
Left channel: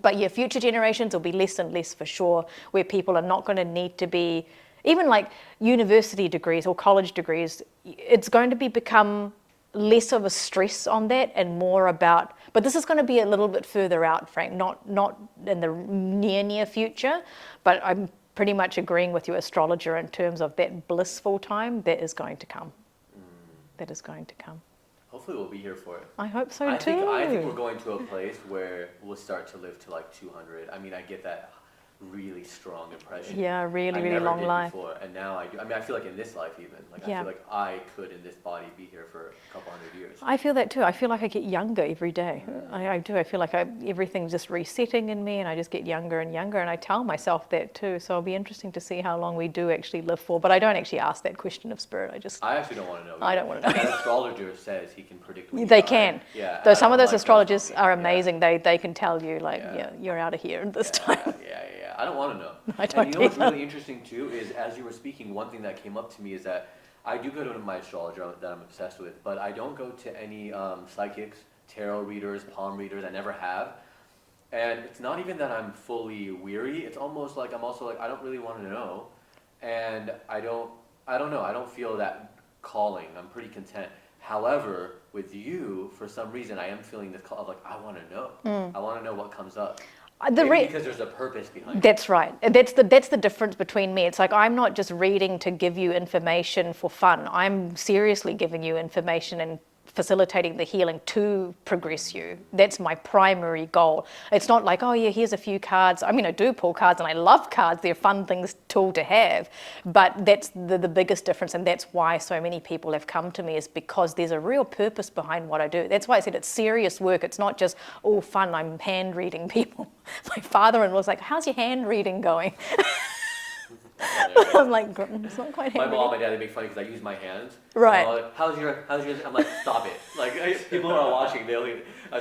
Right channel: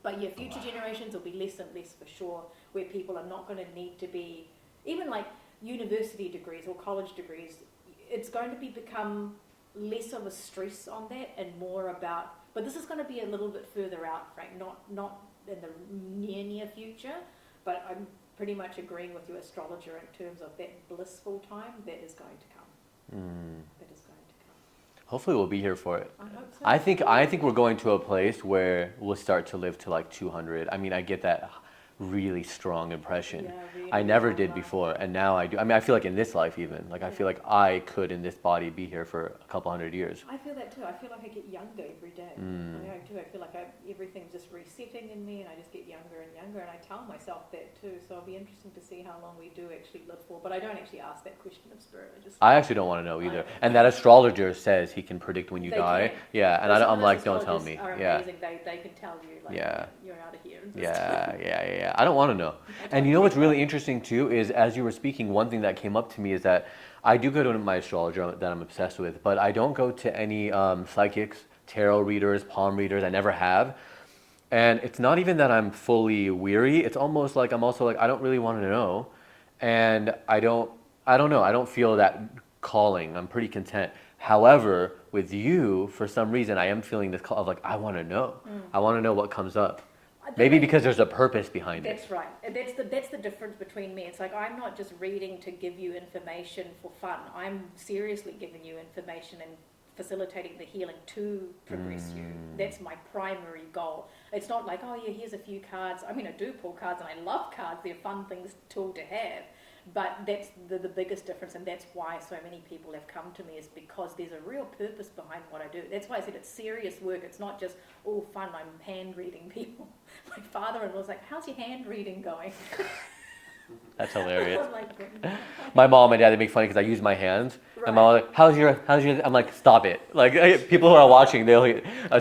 But yeah, future generations will be less and less for sure, where people are not going to need to be, even like university degrees or college degrees, it's going to become less of a stress on that and more about But this is going to be a little bit further out, Frank, not in the near future, but I'm pretty much agreeing with your astrologer in terms of that blissful time that is going to come. That is going to come. Hopefully we'll be here for it. I hope so I too. think we're going to a place where we'll start to live to like 200. I mean, I get that really strong impression. Yeah, really I never long did life. before, and now I do. I mean, I feel like in this life even, like I Yeah. feel like I could in this body be here for a couple hundred years. I feel that too. I feel like I get younger every day. I do. I feel like everything's just resetting in me, and I just get younger and younger. And I tell myself that too. So it'll be interesting to see how long we do actually live for. But I don't actually ask that question of spirit. I actually don't want to know either. I don't wanna and that astrologer says he can predict when you They die. can. Yeah. Though and some of I'm those like, "Don't tell astrologers me." are Yeah. amazing. They can tell you like, Yeah. you're out of here this Yeah, time. yeah. I don't want to know. I don't And you know what's either. really interesting too is as you were speaking, one thing that came up to me is that I do go to my astrologer that I'm obsessed with, but I don't go to any psychics, tarot readers, palm readers. I never have. And it's not even that I'm fully weary. It's almost like I'm also like I don't really want to know, and I don't know. I don't feel that calling. I'm pretty content. However, with you, for some reason, I am feeling this call of like I want to know. I want to know what comes up. Maybe because there's a purpose behind it. That's right. That's the difference between me. It's like I'm not just reading to give you information for fun. I'm seriously giving you information and facilitating the healing to progress you. That's my primary goal. It's not like, oh yeah, here's a few cards. I mean, I do pull cards and I love cards. They're a fun tool to have. But that's the biggest difference, and that's why so many people have come to me, is because there's a real purpose behind what I do. That's why I said it's serious work. It's not just all fun. I'm hand reading people. My father-in-law was like, how's your hand reading going? That's hilarious. I'm like, it's not quite My mom and dad, they make fun because I use my hands. Right. And they're like, how's your, I'm like, stop it. Like, people who are watching,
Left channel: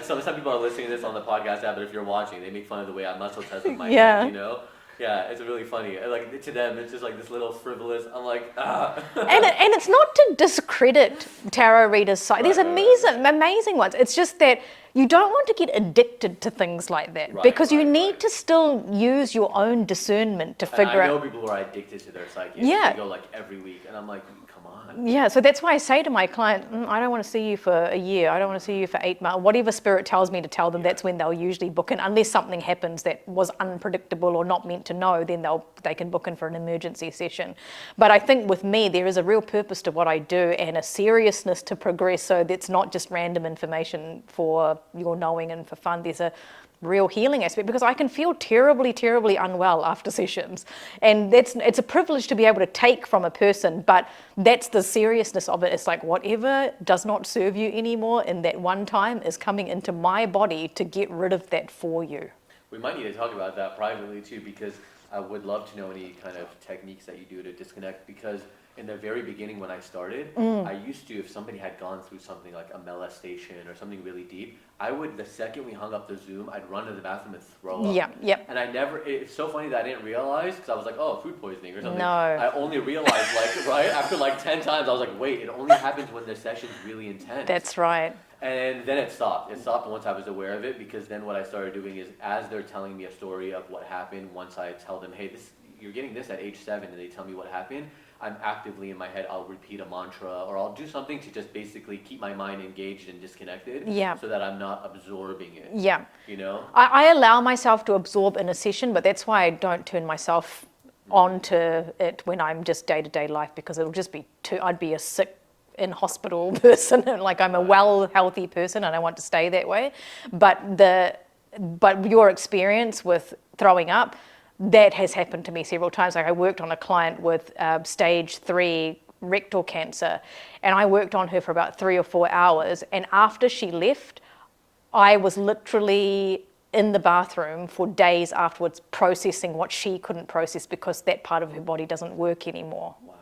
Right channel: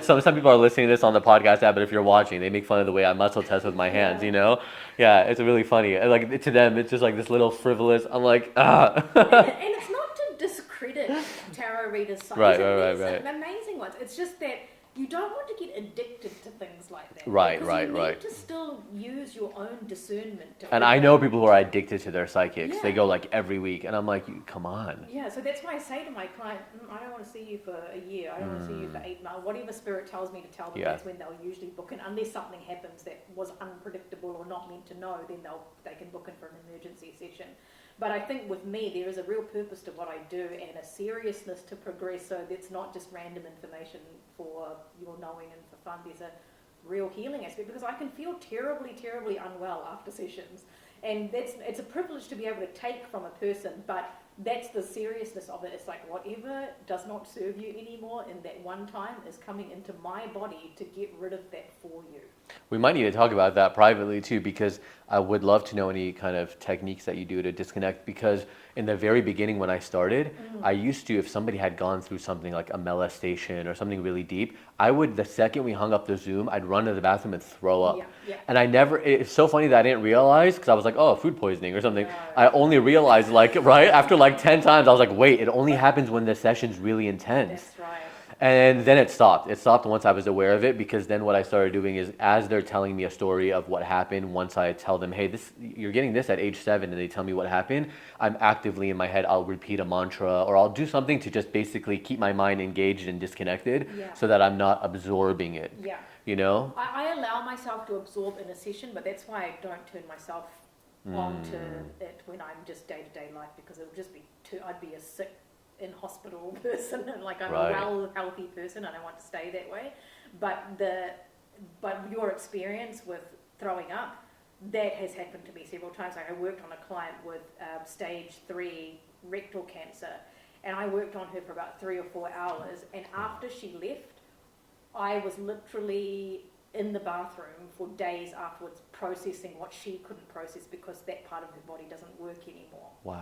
some people are listening to this on the podcast app, but if you're watching, they make fun of the way I muscle test with my Yeah. hands, you know? Yeah, it's really funny. And like, to them, it's just like this little frivolous, I'm like, ah. and it's not to discredit tarot readers' side. There's Right. amazing ones. It's just that you don't want to get addicted to things like that, Right, because you right, need right. to still use your own discernment to figure And out. I know people who are addicted to their psychics. Yeah. They go like every week, and I'm like, come on. Yeah, so that's why I say to my client, I don't want to see you for a year. I don't want to see you for 8 months. Whatever spirit tells me to tell them, Yeah. that's when they'll usually book in. Unless something happens that was unpredictable or not meant to know, then they can book in for an emergency session. But I think with me, there is a real purpose to what I do and a seriousness to progress. So that's not just random information for your knowing and for fun. There's a real healing aspect, because I can feel terribly, terribly unwell after sessions, and it's a privilege to be able to take from a person, but that's the seriousness of it. It's like whatever does not serve you anymore in that one time is coming into my body to get rid of that for you. We might need to talk about that privately too, because I would love to know any kind of techniques that you do to disconnect, because in the very beginning when I started, I used to, if somebody had gone through something like a molestation or something really deep, I would, the second we hung up the Zoom, I'd run to the bathroom and throw up. Yeah, yep. And it's so funny that I didn't realize, because I was like, oh, food poisoning or something. No. I only realized right after like 10 times, I was like, wait, it only happens when the session's really intense. That's right. And then it stopped. It stopped once I was aware of it, because then what I started doing is, as they're telling me a story of what happened, once I tell them, hey, you're getting this at age 7, and they tell me what happened, I'm actively in my head, I'll repeat a mantra, or I'll do something to just basically keep my mind engaged and disconnected, Yeah. so that I'm not absorbing it. Yeah. You know? I allow myself to absorb in a session, but that's why I don't turn myself onto it when I'm just day-to-day life, because it'll just be I'd be a sick in hospital person. Like I'm a Right. well, healthy person, and I want to stay that way. But your experience with throwing up, that has happened to me several times. Like I worked on a client with stage 3 rectal cancer, and I worked on her for about 3 or 4 hours. And after she left, I was literally in the bathroom for days afterwards, processing what she couldn't process, because that part of her body doesn't work anymore. Wow.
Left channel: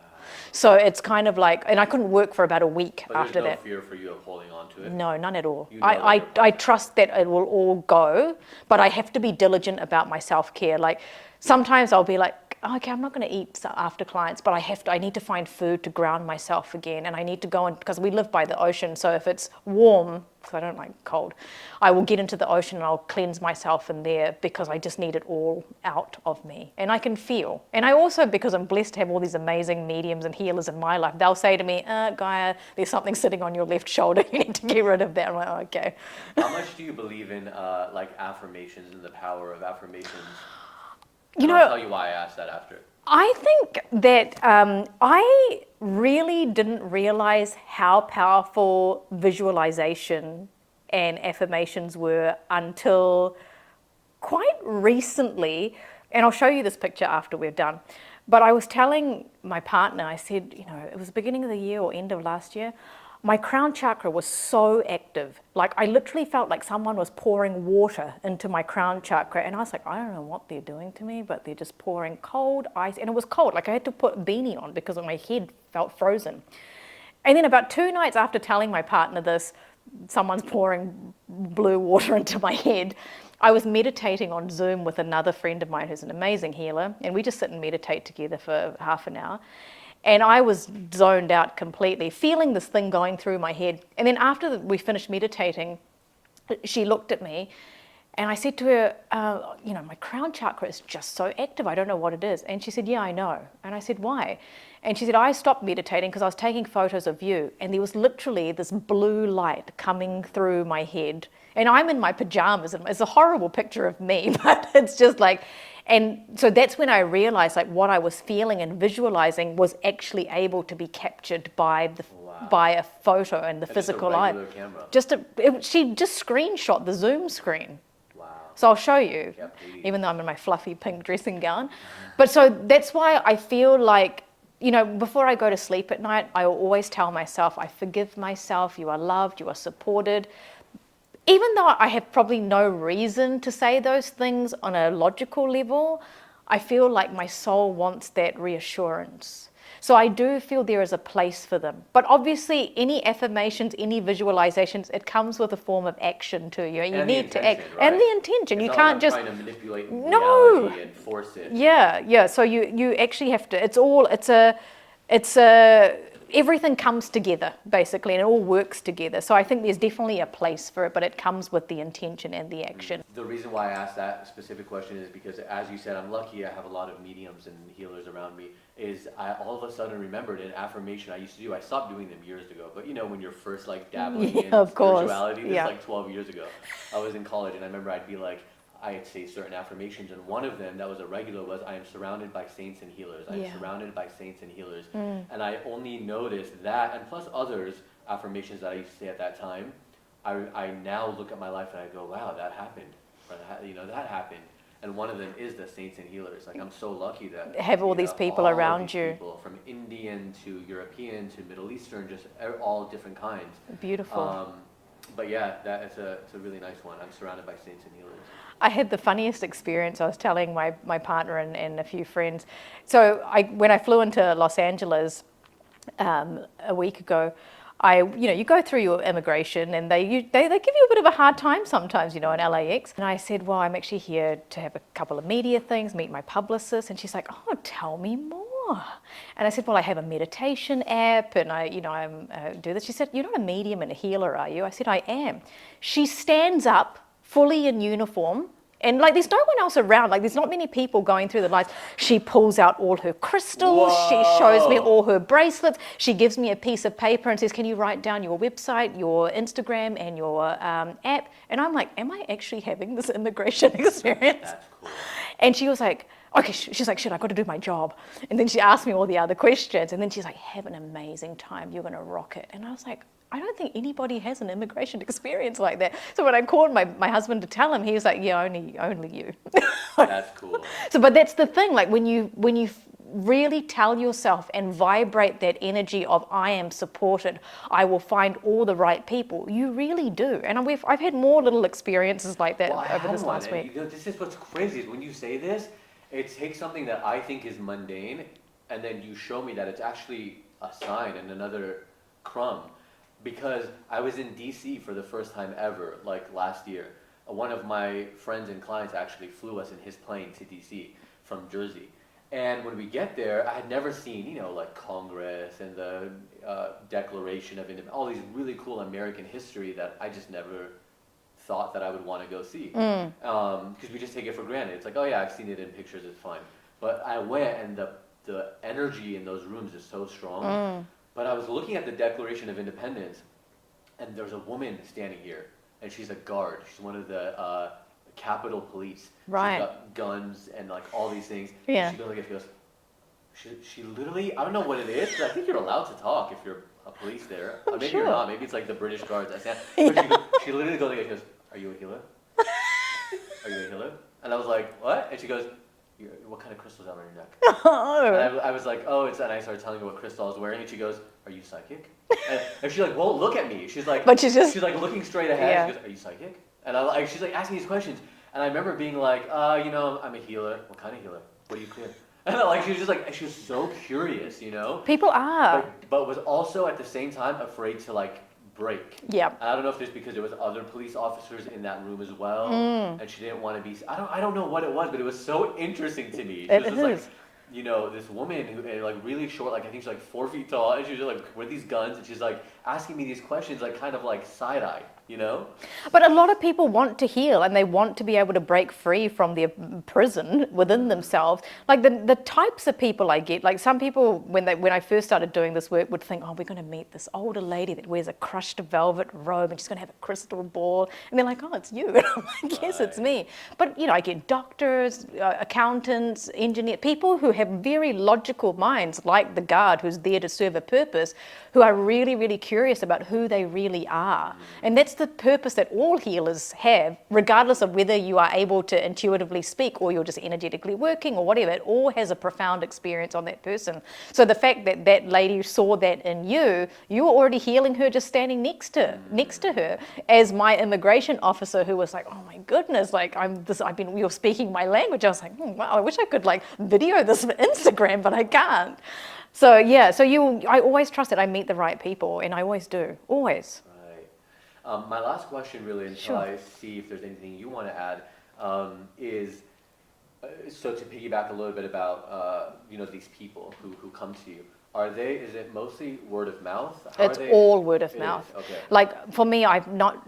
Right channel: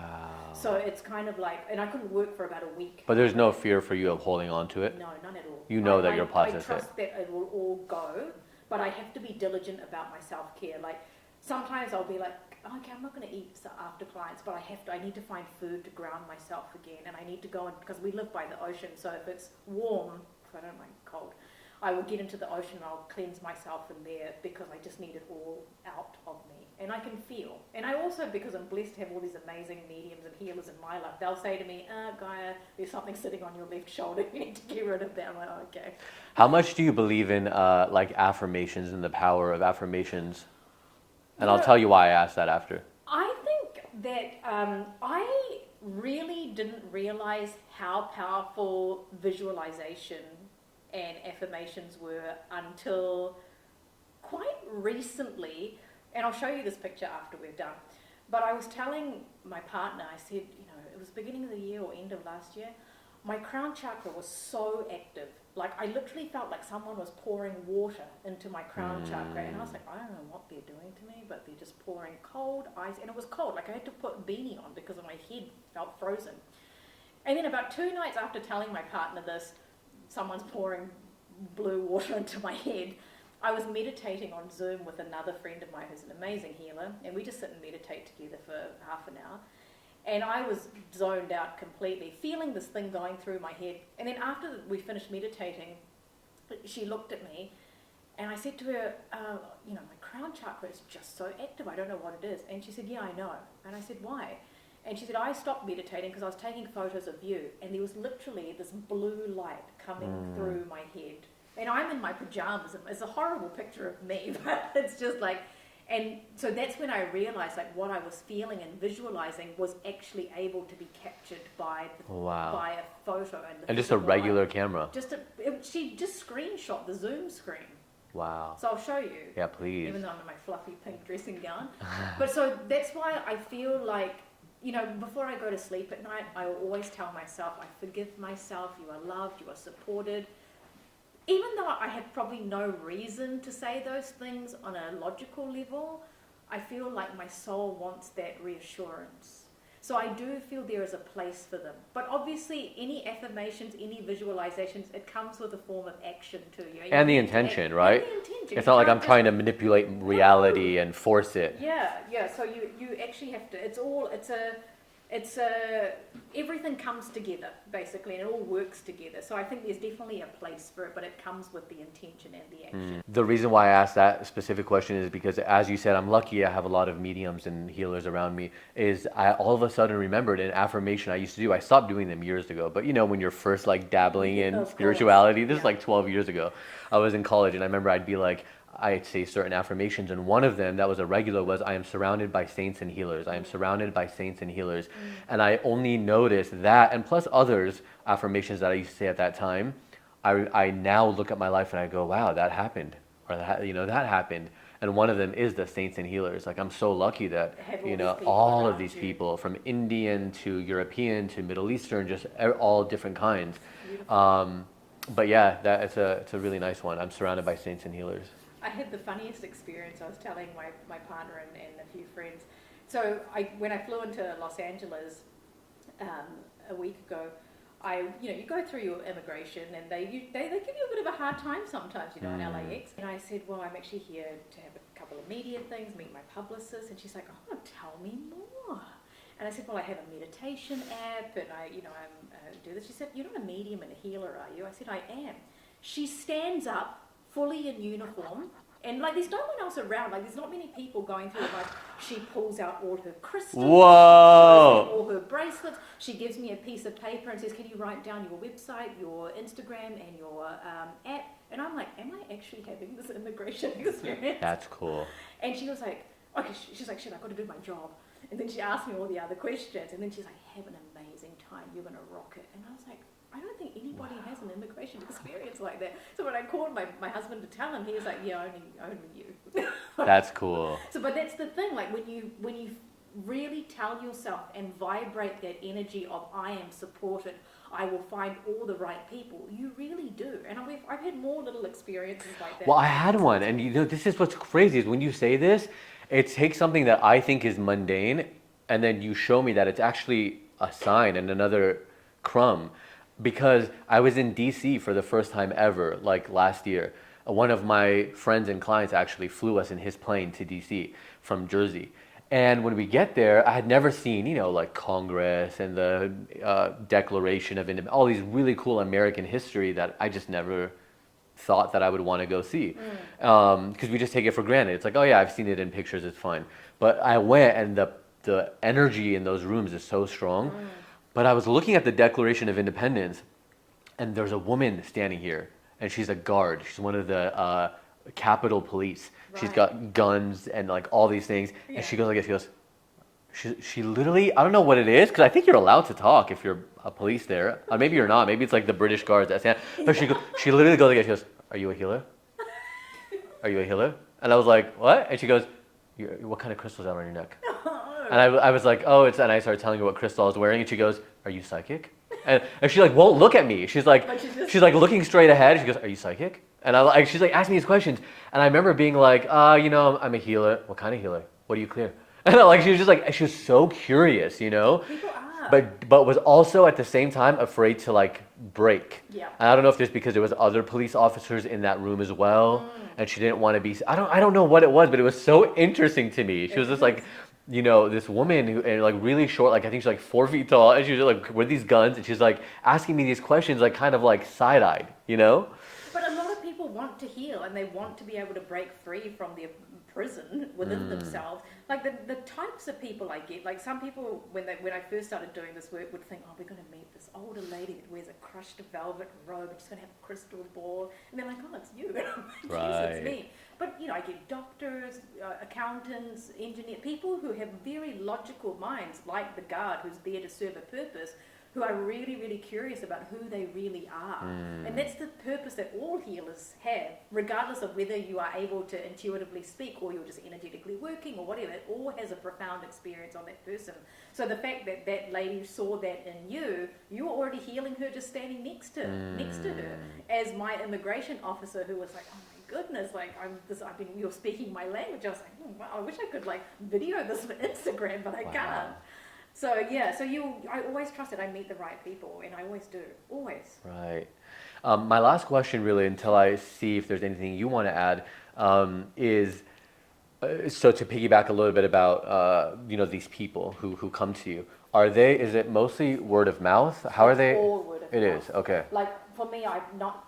So it's kind of like, and I couldn't work for about a week But there's after no that. fear for you of holding on to it? No, none at all. You know that you're I positive. trust that it will all go, but I have to be diligent about my self-care. Like sometimes I'll be like, oh, okay, I'm not going to eat after clients, but I need to find food to ground myself again, and I need to go in, because we live by the ocean, so if it's warm, because I don't like cold, I will get into the ocean and I'll cleanse myself in there, because I just need it all out of me, and I can feel. And I also, because I'm blessed to have all these amazing mediums and healers in my life, they'll say to me, Gaia, there's something sitting on your left shoulder, you need to get rid of that. I'm like, oh, okay. How much do you believe in like affirmations and the power of affirmations? And I'll tell you why I asked that after. I think that I really didn't realize how powerful visualization and affirmations were until quite recently. And I'll show you this picture after we're done. But I was telling my partner, I said, it was the beginning of the year or end of last year, my crown chakra was so active. Like, I literally felt like someone was pouring water into my crown chakra. And I was like, I don't know what they're doing to me, but they're just pouring cold ice. And it was cold. Like, I had to put a beanie on because my head felt frozen. And then about 2 nights after telling my partner this, someone's pouring blue water into my head, I was meditating on Zoom with another friend of mine who's an amazing healer. And we just sit and meditate together for half an hour. And I was zoned out completely, feeling this thing going through my head. And then after we finished meditating, she looked at me and I said to her, my crown chakra is just so active. I don't know what it is. And she said, yeah, I know. And I said, why? And she said, I stopped meditating because I was taking photos of you. And there was literally this blue light coming through my head. And I'm in my pajamas. And it's a horrible picture of me, but it's just like... And so that's when I realized like what I was feeling and visualizing was actually able to be captured by a photo and the physical just a regular camera. She just screenshot the Zoom screen. Wow. So I'll show you. Yeah, please. Even though I'm in my fluffy pink dressing gown. But so that's why I feel like, before I go to sleep at night, I will always tell myself, I forgive myself, you are loved, you are supported. Even though I have probably no reason to say those things on a logical level, I feel like my soul wants that reassurance. So I do feel there is a place for them. But obviously, any affirmations, any visualizations, it comes with a form of action to you. And the intention, right? And the intention. It's not like I'm trying to manipulate reality and force it. Yeah. So you actually have to, everything comes together, basically, and it all works together. So I think there's definitely a place for it, but it comes with the intention and the action. The reason why I asked that specific question is because, as you said, I'm lucky I have a lot of mediums and healers around me, is I all of a sudden remembered an affirmation I used to do. I stopped doing them years ago, but when you're first like dabbling in spirituality, this is like 12 years ago. I was in college and I remember I'd say certain affirmations, and one of them that was a regular was, I am surrounded by saints and healers. I am surrounded by saints and healers. And I only noticed that, and plus others affirmations that I used to say at that time, I now look at my life and I go, wow, that happened. Or that happened. And one of them is the saints and healers. Like, I'm so lucky that have all these people all around of these you. People, from Indian to European to Middle Eastern, just all different kinds. Beautiful. But yeah, it's a really nice one. I'm surrounded by saints and healers. I had the funniest experience. I was telling my partner and a few friends. So when I flew into Los Angeles a week ago, you go through your immigration and they give you a bit of a hard time sometimes, in LAX. And I said, well, I'm actually here to have a couple of media things, meet my publicist. And she's like, oh, tell me more. And I said, well, I have a meditation app and I do this. She said, you're not a medium and a healer, are you? I said, I am. She stands up fully in uniform, and like there's no one else around, like there's not many people going through the lines. She pulls out all her crystals. Whoa. She shows me all her bracelets. She gives me a piece of paper and says, can you write down your website, your Instagram, and your app? And I'm like, am I actually having this immigration experience? That's cool. And she was like, okay, she's like, shit, I got to do my job. And then she asked me all the other questions, and then she's like, have an amazing time, you're going to rock it. And I was like, I don't think anybody has an immigration experience like that. So when I called my husband to tell him, he was like, yeah, only you. That's cool. So, but that's the thing, like when you really tell yourself and vibrate that energy of I am supported, I will find all the right people, you really do. And I've had more little experiences like that. Well, I had one, and this is what's crazy is when you say this, it takes something that I think is mundane, and then you show me that it's actually a sign and another crumb. Because I was in DC for the first time ever, like last year. One of my friends and clients actually flew us in his plane to DC from Jersey. And when we get there, I had never seen, you know, like Congress and the Declaration of Independence, all these really cool American history that I just never thought that I would want to go see. Because we just take it for granted. It's like, oh yeah, I've seen it in pictures, it's fine. But I went, and the energy in those rooms is so strong. But I was looking at the Declaration of Independence, and there's a woman standing here, and she's a guard. She's one of the Capitol Police. Right. She's got guns and like all these things. Yeah. And she goes like this. She goes, she literally, I don't know what it is, because I think you're allowed to talk if you're a police there. Maybe you're not. Maybe it's like the British guards that stand. But she literally goes like this. She goes, "Are you a healer? Are you a healer?" And I was like, "What?" And she goes, "What kind of crystals are on your neck?" And I was like, "Oh, it's," and I started telling her what crystal I was wearing, and she goes, "Are you psychic?" And she like won't look at me. She's like, But she's like looking straight ahead. Yeah. She goes, "Are you psychic?" And she's like asking these questions, and I remember being like, you know, I'm a healer. What kind of healer? What do you clear? And like she was just like, she was so curious, you know. People are. But was also at the same time afraid to like break. Yeah. And I don't know if there's because there was other police officers in that room as well, and she didn't want to be. I don't know what it was, but it was so interesting to me. She was just like, you know, this woman who, and like really short, like I think she's like 4 feet tall, and she was just like with these guns, and she's like asking me these questions, like kind of like side-eyed, you know. But a lot of people want to heal, and they want to be able to break free from their prison within themselves. Like the types of people I get, like some people when I first started doing this work would think, oh, we're going to meet this older lady that wears a crushed velvet robe, and she's going to have a crystal ball, and they're like, oh, it's you. And I'm like, yes, it's me. But you know, I get doctors, accountants, engineers, people who have very logical minds, like the guard who's there to serve a purpose, who are really, really curious about who they really are. And that's the purpose that all healers have, regardless of whether you are able to intuitively speak or you're just energetically working or whatever. It all has a profound experience on that person. So the fact that that lady saw that in you, you were already healing her just standing next to her. As my immigration officer, who was like, oh my goodness, like you're speaking my language. I was like, wow, I wish I could like video this for Instagram, but I can't. So yeah, I always trust that I meet the right people, and I always do, always. Right. My last question, really, until I see if there's anything you want to add, is so to piggyback a little bit about you know, these people who come to you. Is it mostly word of mouth? It's all word of mouth. It is, okay. Like for me,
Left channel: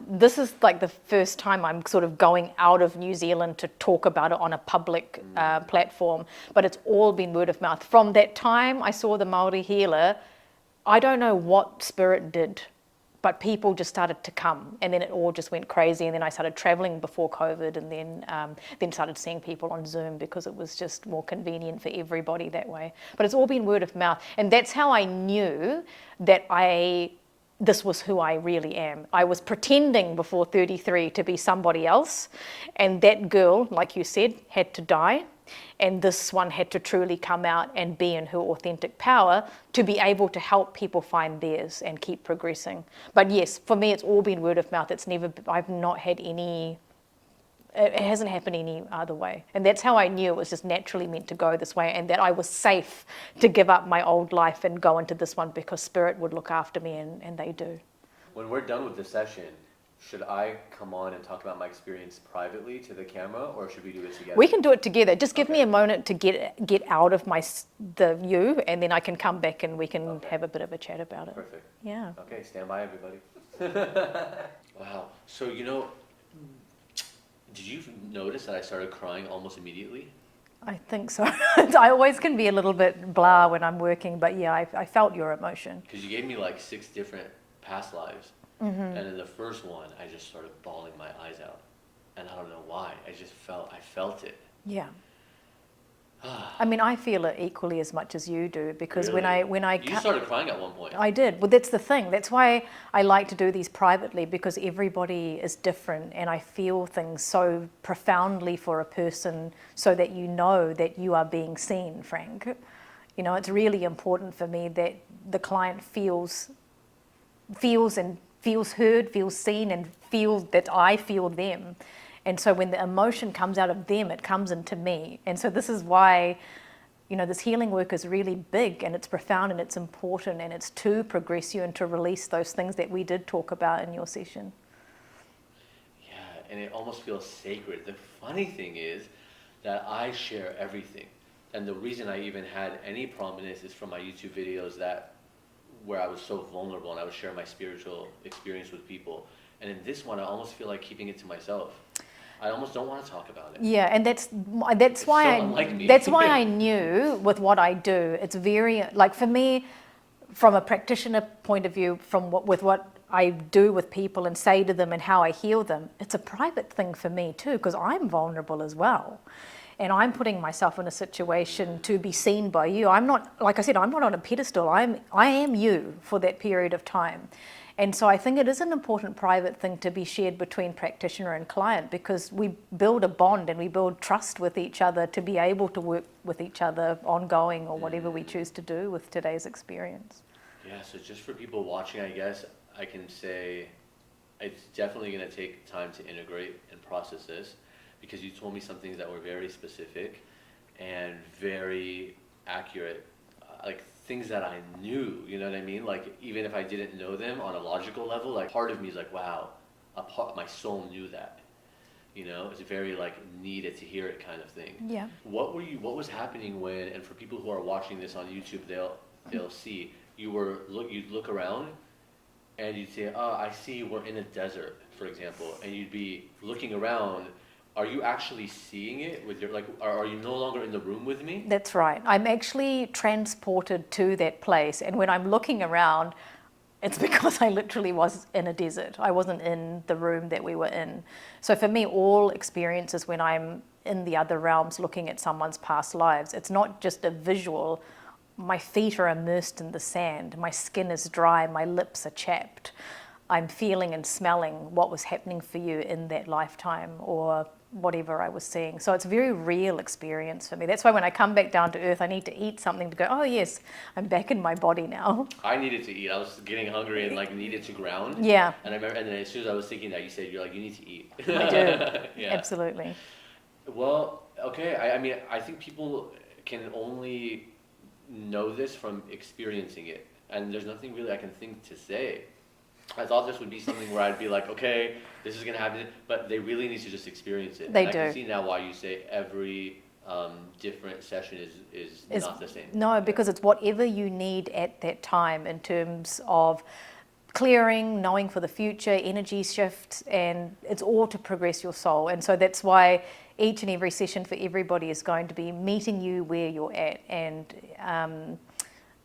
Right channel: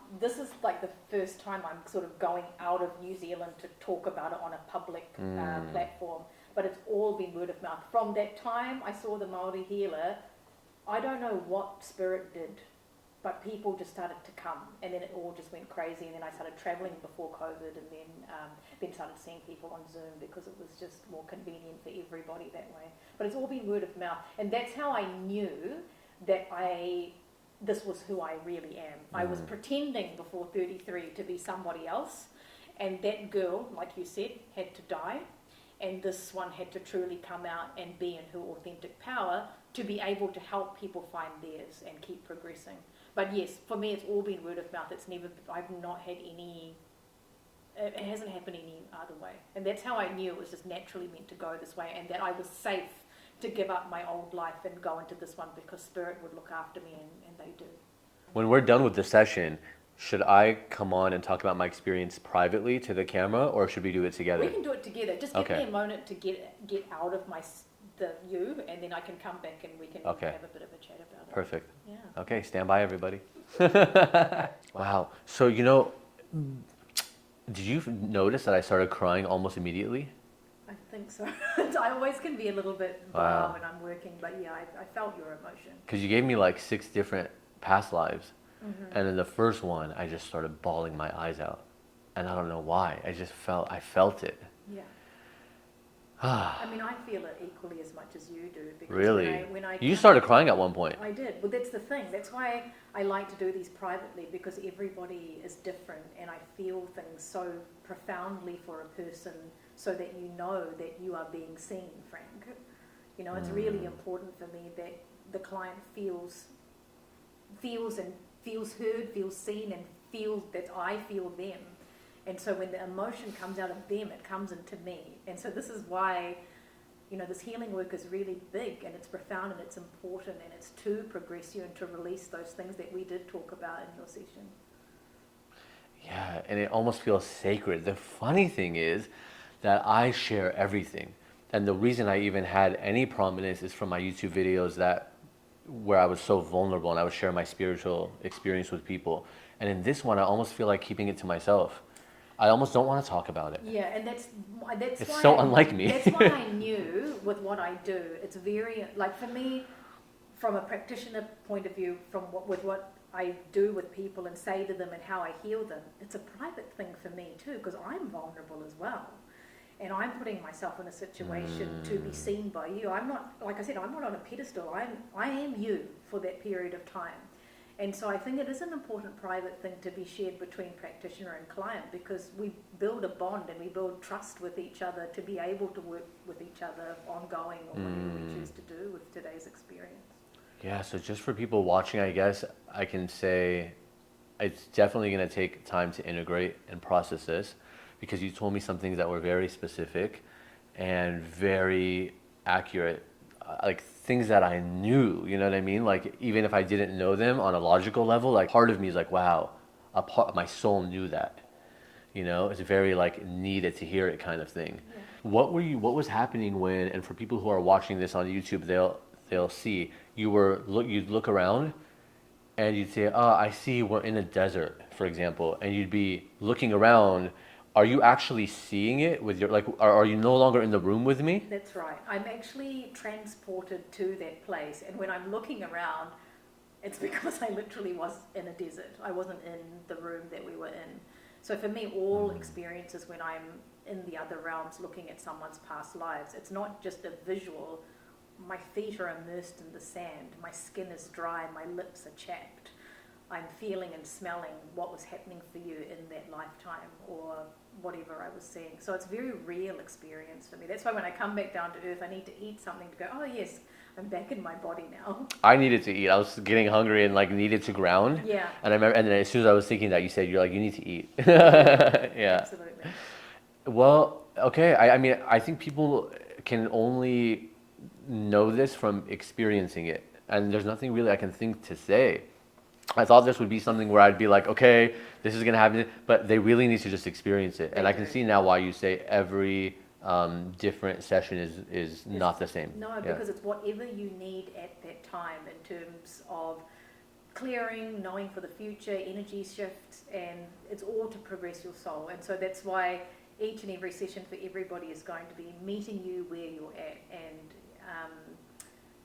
this is like the first time I'm sort of going out of New Zealand to talk about it on a public platform, but it's all been word of mouth. From that time I saw the Māori healer, I don't know what spirit did, but people just started to come, and then it all just went crazy. And then I started traveling before COVID, and then started seeing people on Zoom because it was just more convenient for everybody that way. But it's all been word of mouth, and that's how I knew that this was who I really am. I was pretending before 33 to be somebody else, and that girl, like you said, had to die. And this one had to truly come out and be in her authentic power to be able to help people find theirs and keep progressing. But yes, for me, it's all been word of mouth. I've not had any, it hasn't happened any other way. And that's how I knew it was just naturally meant to go this way, and that I was safe to give up my old life and go into this one because Spirit would look after me, and they do. When we're done with the session, should I come on and talk about my experience privately to the camera, or should we do it together? We can do it together. Just give Okay. me a moment to get out of the view, and then I can come back and we can have a bit of a chat about it. Perfect. Yeah. Okay, stand by, everybody. Wow. So, you know, did you notice that I started crying almost immediately? I think so. I always can be a little bit blah when I'm working, but yeah, I felt your emotion. Because you gave me like 6 different past lives. And in the first one, I just started bawling my eyes out. And I don't know why. I felt it. Yeah. I mean, I feel it equally as much as you do, because Really? when I You started crying at one point. I did. Well, that's the thing. That's why I like to do these privately, because everybody is different, and I feel things so profoundly for a person, so that you know that you are being seen, Frank. You know, it's really important for me that the client feels heard, feels seen, and feels that I feel them. And so when the emotion comes out of them, it comes into me. And so this is why, you know, this healing work is really big, and it's profound, and it's important, and it's to progress you and to release those things that we did talk about in your session. Yeah, and it almost feels sacred. The funny thing is that I share everything. And the reason I even had any prominence is from my YouTube videos where I was so vulnerable and I would share my spiritual experience with people. And in this one, I almost feel like keeping it to myself. I almost don't want to talk about it. Yeah, and that's It's why so unlike me. That's why I knew with what I do, it's very, like for me, from a practitioner point of view, with what I do with people and say to them and how I heal them, it's a private thing for me too, because I'm vulnerable as well. And I'm putting myself in a situation to be seen by you. I'm not, like I said, I'm not on a pedestal. I am you for that period of time. And so I think it is an important private thing to be shared between practitioner and client, because we build a bond and we build trust with each other to be able to work with each other ongoing or whatever we choose to do with today's experience. Yeah, so just for people watching, I guess I can say it's definitely going to take time to integrate and process this, because you told me some things that were very specific and very accurate, like things that I knew, you know what I mean? Like even if I didn't know them on a logical level, like part of me is like, wow, my soul knew that. You know, it's very like needed to hear it kind of thing. Yeah. What was happening when, and for people who are watching this on YouTube, they'll see you'd look around and you'd say, oh, I see we're in a desert, for example, and you'd be looking around. Are you actually seeing it with your, like, are you no longer in the room with me? That's right. I'm actually transported to that place. And when I'm looking around, it's because I literally was in a desert. I wasn't in the room that we were in. So for me, all experiences when I'm in the other realms looking at someone's past lives, it's not just a visual. My feet are immersed in the sand. My skin is dry. My lips are chapped. I'm feeling and smelling what was happening for you in that lifetime or whatever I was seeing. So it's a very real experience for me. That's why when I come back down to earth, I need to eat something to go, oh yes, I'm back in my body now. I needed to eat. I was getting hungry and like needed to ground. Yeah. And I remember, and then as soon as I was thinking that, you said, you're like, you need to eat. Yeah. Absolutely. Well, okay. I mean, I think people can only know this from experiencing it. And there's nothing really I can think to say. I thought this would be something where I'd be like, okay, this is going to happen, but they really need to just experience it. And I can see now why you say every different session is not the same. No, because it's whatever you need at that time in terms of clearing, knowing for the future, energy shifts, and it's all to progress your soul. And so that's why each and every session for everybody is going to be meeting you where you're at. And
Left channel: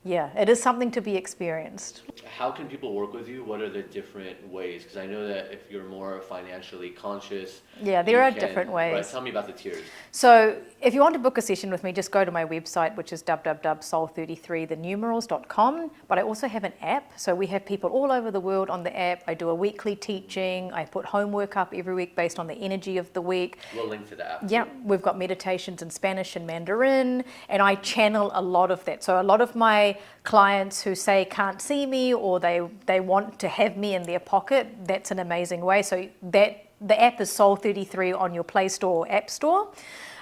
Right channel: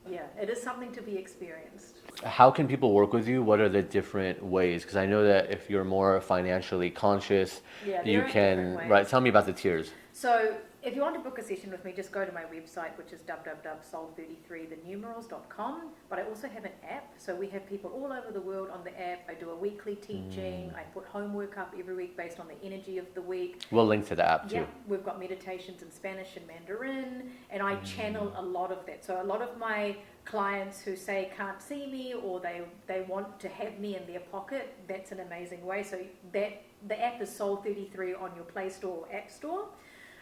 yeah, it is something to be experienced. How can people work with you? What are the different ways? Because I know that if you're more financially conscious, yeah, there are different ways. Right, tell me about the tiers. So if you want to book a session with me, just go to my website, which is www.soul33thenumerals.com. But I also have an app. So we have people all over the world on the app. I do a weekly teaching. I put homework up every week based on the energy of the week. We'll link to the app. Yeah, too. we've got meditations in Spanish and Mandarin, and I channel a lot of that. So a lot of my clients who say can't see me or they want to have me in their pocket, that's an amazing way. So that the app is Soul33 on your Play Store or App Store.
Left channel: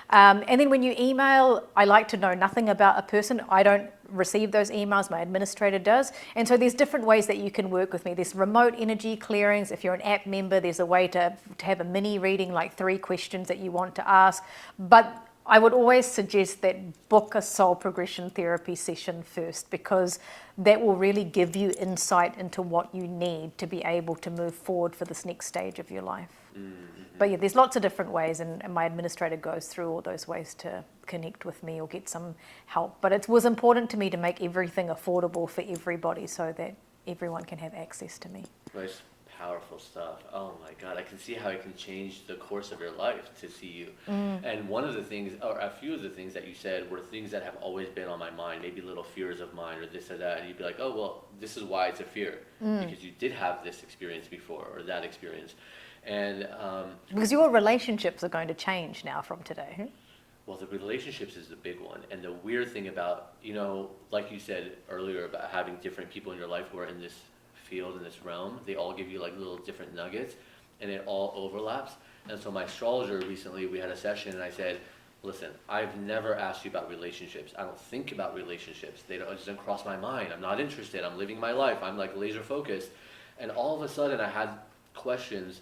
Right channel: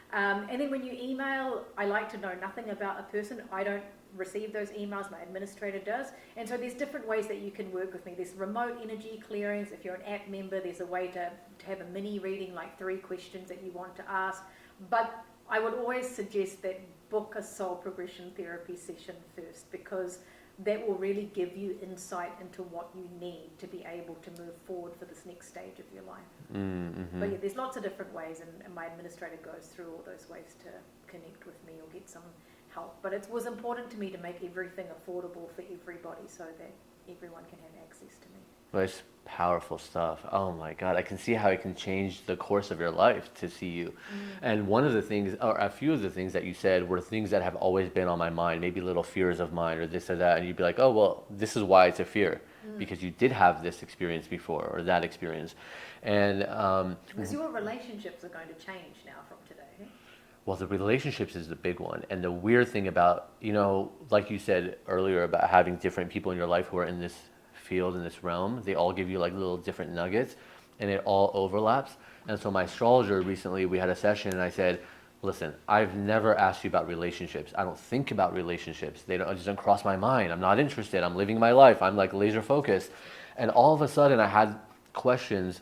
And then when you email, I like to know nothing about a person. I don't receive those emails, my administrator does. And so there's different ways that you can work with me. There's remote energy clearings. If you're an app member, there's a way to have a mini reading, like 3 questions that you want to ask. But I would always suggest that book a soul progression therapy session first, because that will really give you insight into what you need to be able to move forward for this next stage of your life. Mm-hmm. But yeah, there's lots of different ways, and my administrator goes through all those ways to connect with me or get some help. But it was important to me to make everything affordable for everybody so that everyone can have access to me. Nice. Powerful stuff. Oh my God, I can see how it can change the course of your life to see you. And one of the things, or a few of the things that you said were things that have always been on my mind, maybe little fears of mine or this or that, and you'd be like, oh, well, this is why it's a fear, because you did have this experience before or that experience. And because your relationships are going to change now from today. Well, the relationships is the big one. And the weird thing about, you know, like you said earlier about having different people in your life who are in this field, in this realm, they all give you like little different nuggets and it all overlaps. And so my astrologer recently, we had a session and I said, listen, I've never asked you about relationships. I don't think about relationships. It just don't cross my mind. I'm not interested. I'm living my life. I'm like laser focused. And all of a sudden I had questions.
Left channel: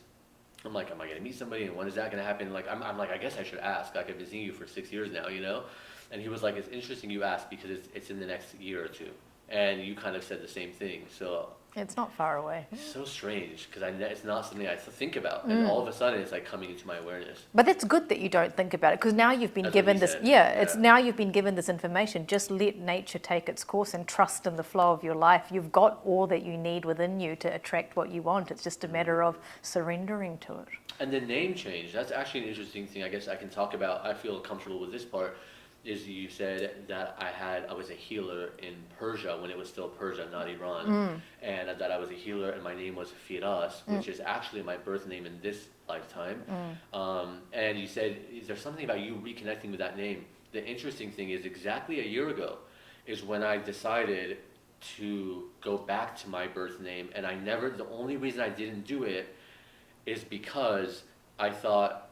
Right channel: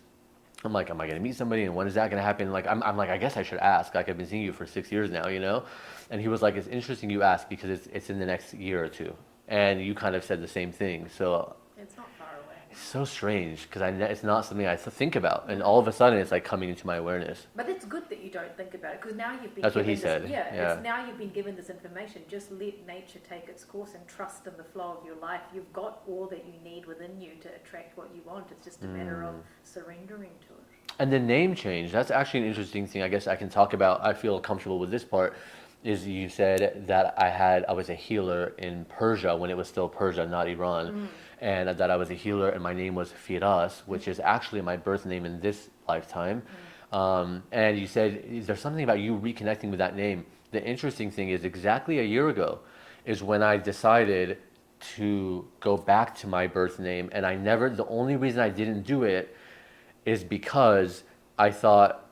I'm like, am I going to meet somebody? And when is that going to happen? Like, I'm like, I guess I should ask. Like, I've been seeing you for 6 years now, you know? And he was like, it's interesting you asked because it's in the next year or two. And you kind of said the same thing. So It's not far away. it's so strange because it's not something I think about. And all of a sudden it's like coming into my awareness. But that's good that you don't think about it, because now you've been That's what given he this. said. It's now you've been given this information. Just let nature take its course and trust in the flow of your life. You've got all that you need within you to attract what you want. It's just a matter of surrendering to it. And the name change, that's actually an interesting thing I guess I can talk about. I feel comfortable with this part. Is you said that I was a healer in Persia when it was still Persia, not Iran, and that I was a healer and my name was Firas, which is actually my birth name in this lifetime. And you said, is there something about you reconnecting with that name? The interesting thing is exactly a year ago is when I decided to go back to my birth name, and the only reason I didn't do it is because I thought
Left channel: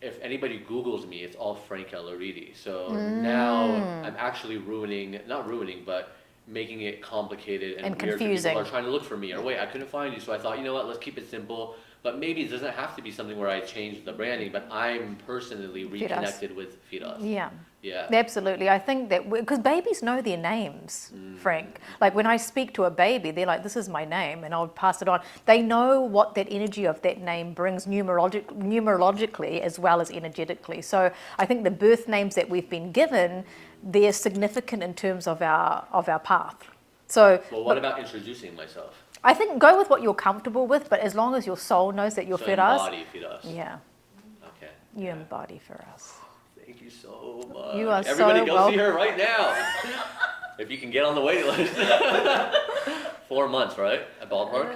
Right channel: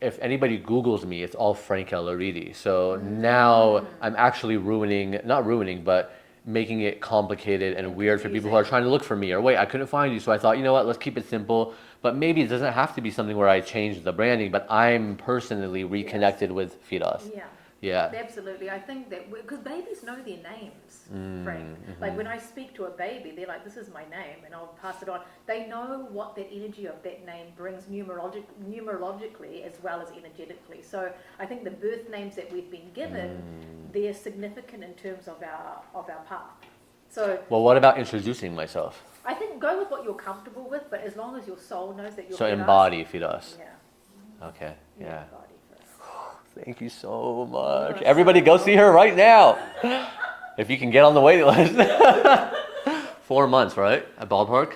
if anybody Googles me, it's all Frank Elaridi. So now I'm actually but making it complicated and weird for people who are trying to look for me. Or wait, I couldn't find you. So I thought, you know what, let's keep it simple. But maybe it doesn't have to be something where I change the branding, but I'm personally reconnected with Firas. Yeah. Yeah. Absolutely. I think that because babies know their names, Frank. Like when I speak to a baby, they're like, this is my name, and I'll pass it on. They know what that energy of that name brings numerologically as well as energetically. So I think the birth names that we've been given, they're significant in terms of our path. So Well, what about introducing myself? I think go with what you're comfortable with, but as long as your soul knows that you're So Firas. embody Firas. Yeah. Okay. You Yeah. embody Firas. Thank you so much. You are Everybody so go see her right now. If you can get on the waiting list. 4 months, right? At ballpark?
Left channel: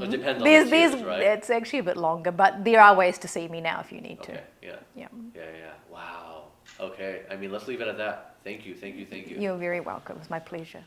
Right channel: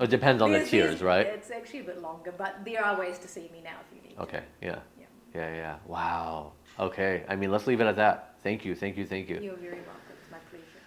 It depends on the tiers, right? It's actually a bit longer, but there are ways to see me now if you need to. Okay, yeah. Yeah. Yeah. Wow. Okay. I mean, let's leave it at that. Thank you. You're very welcome. It's my pleasure.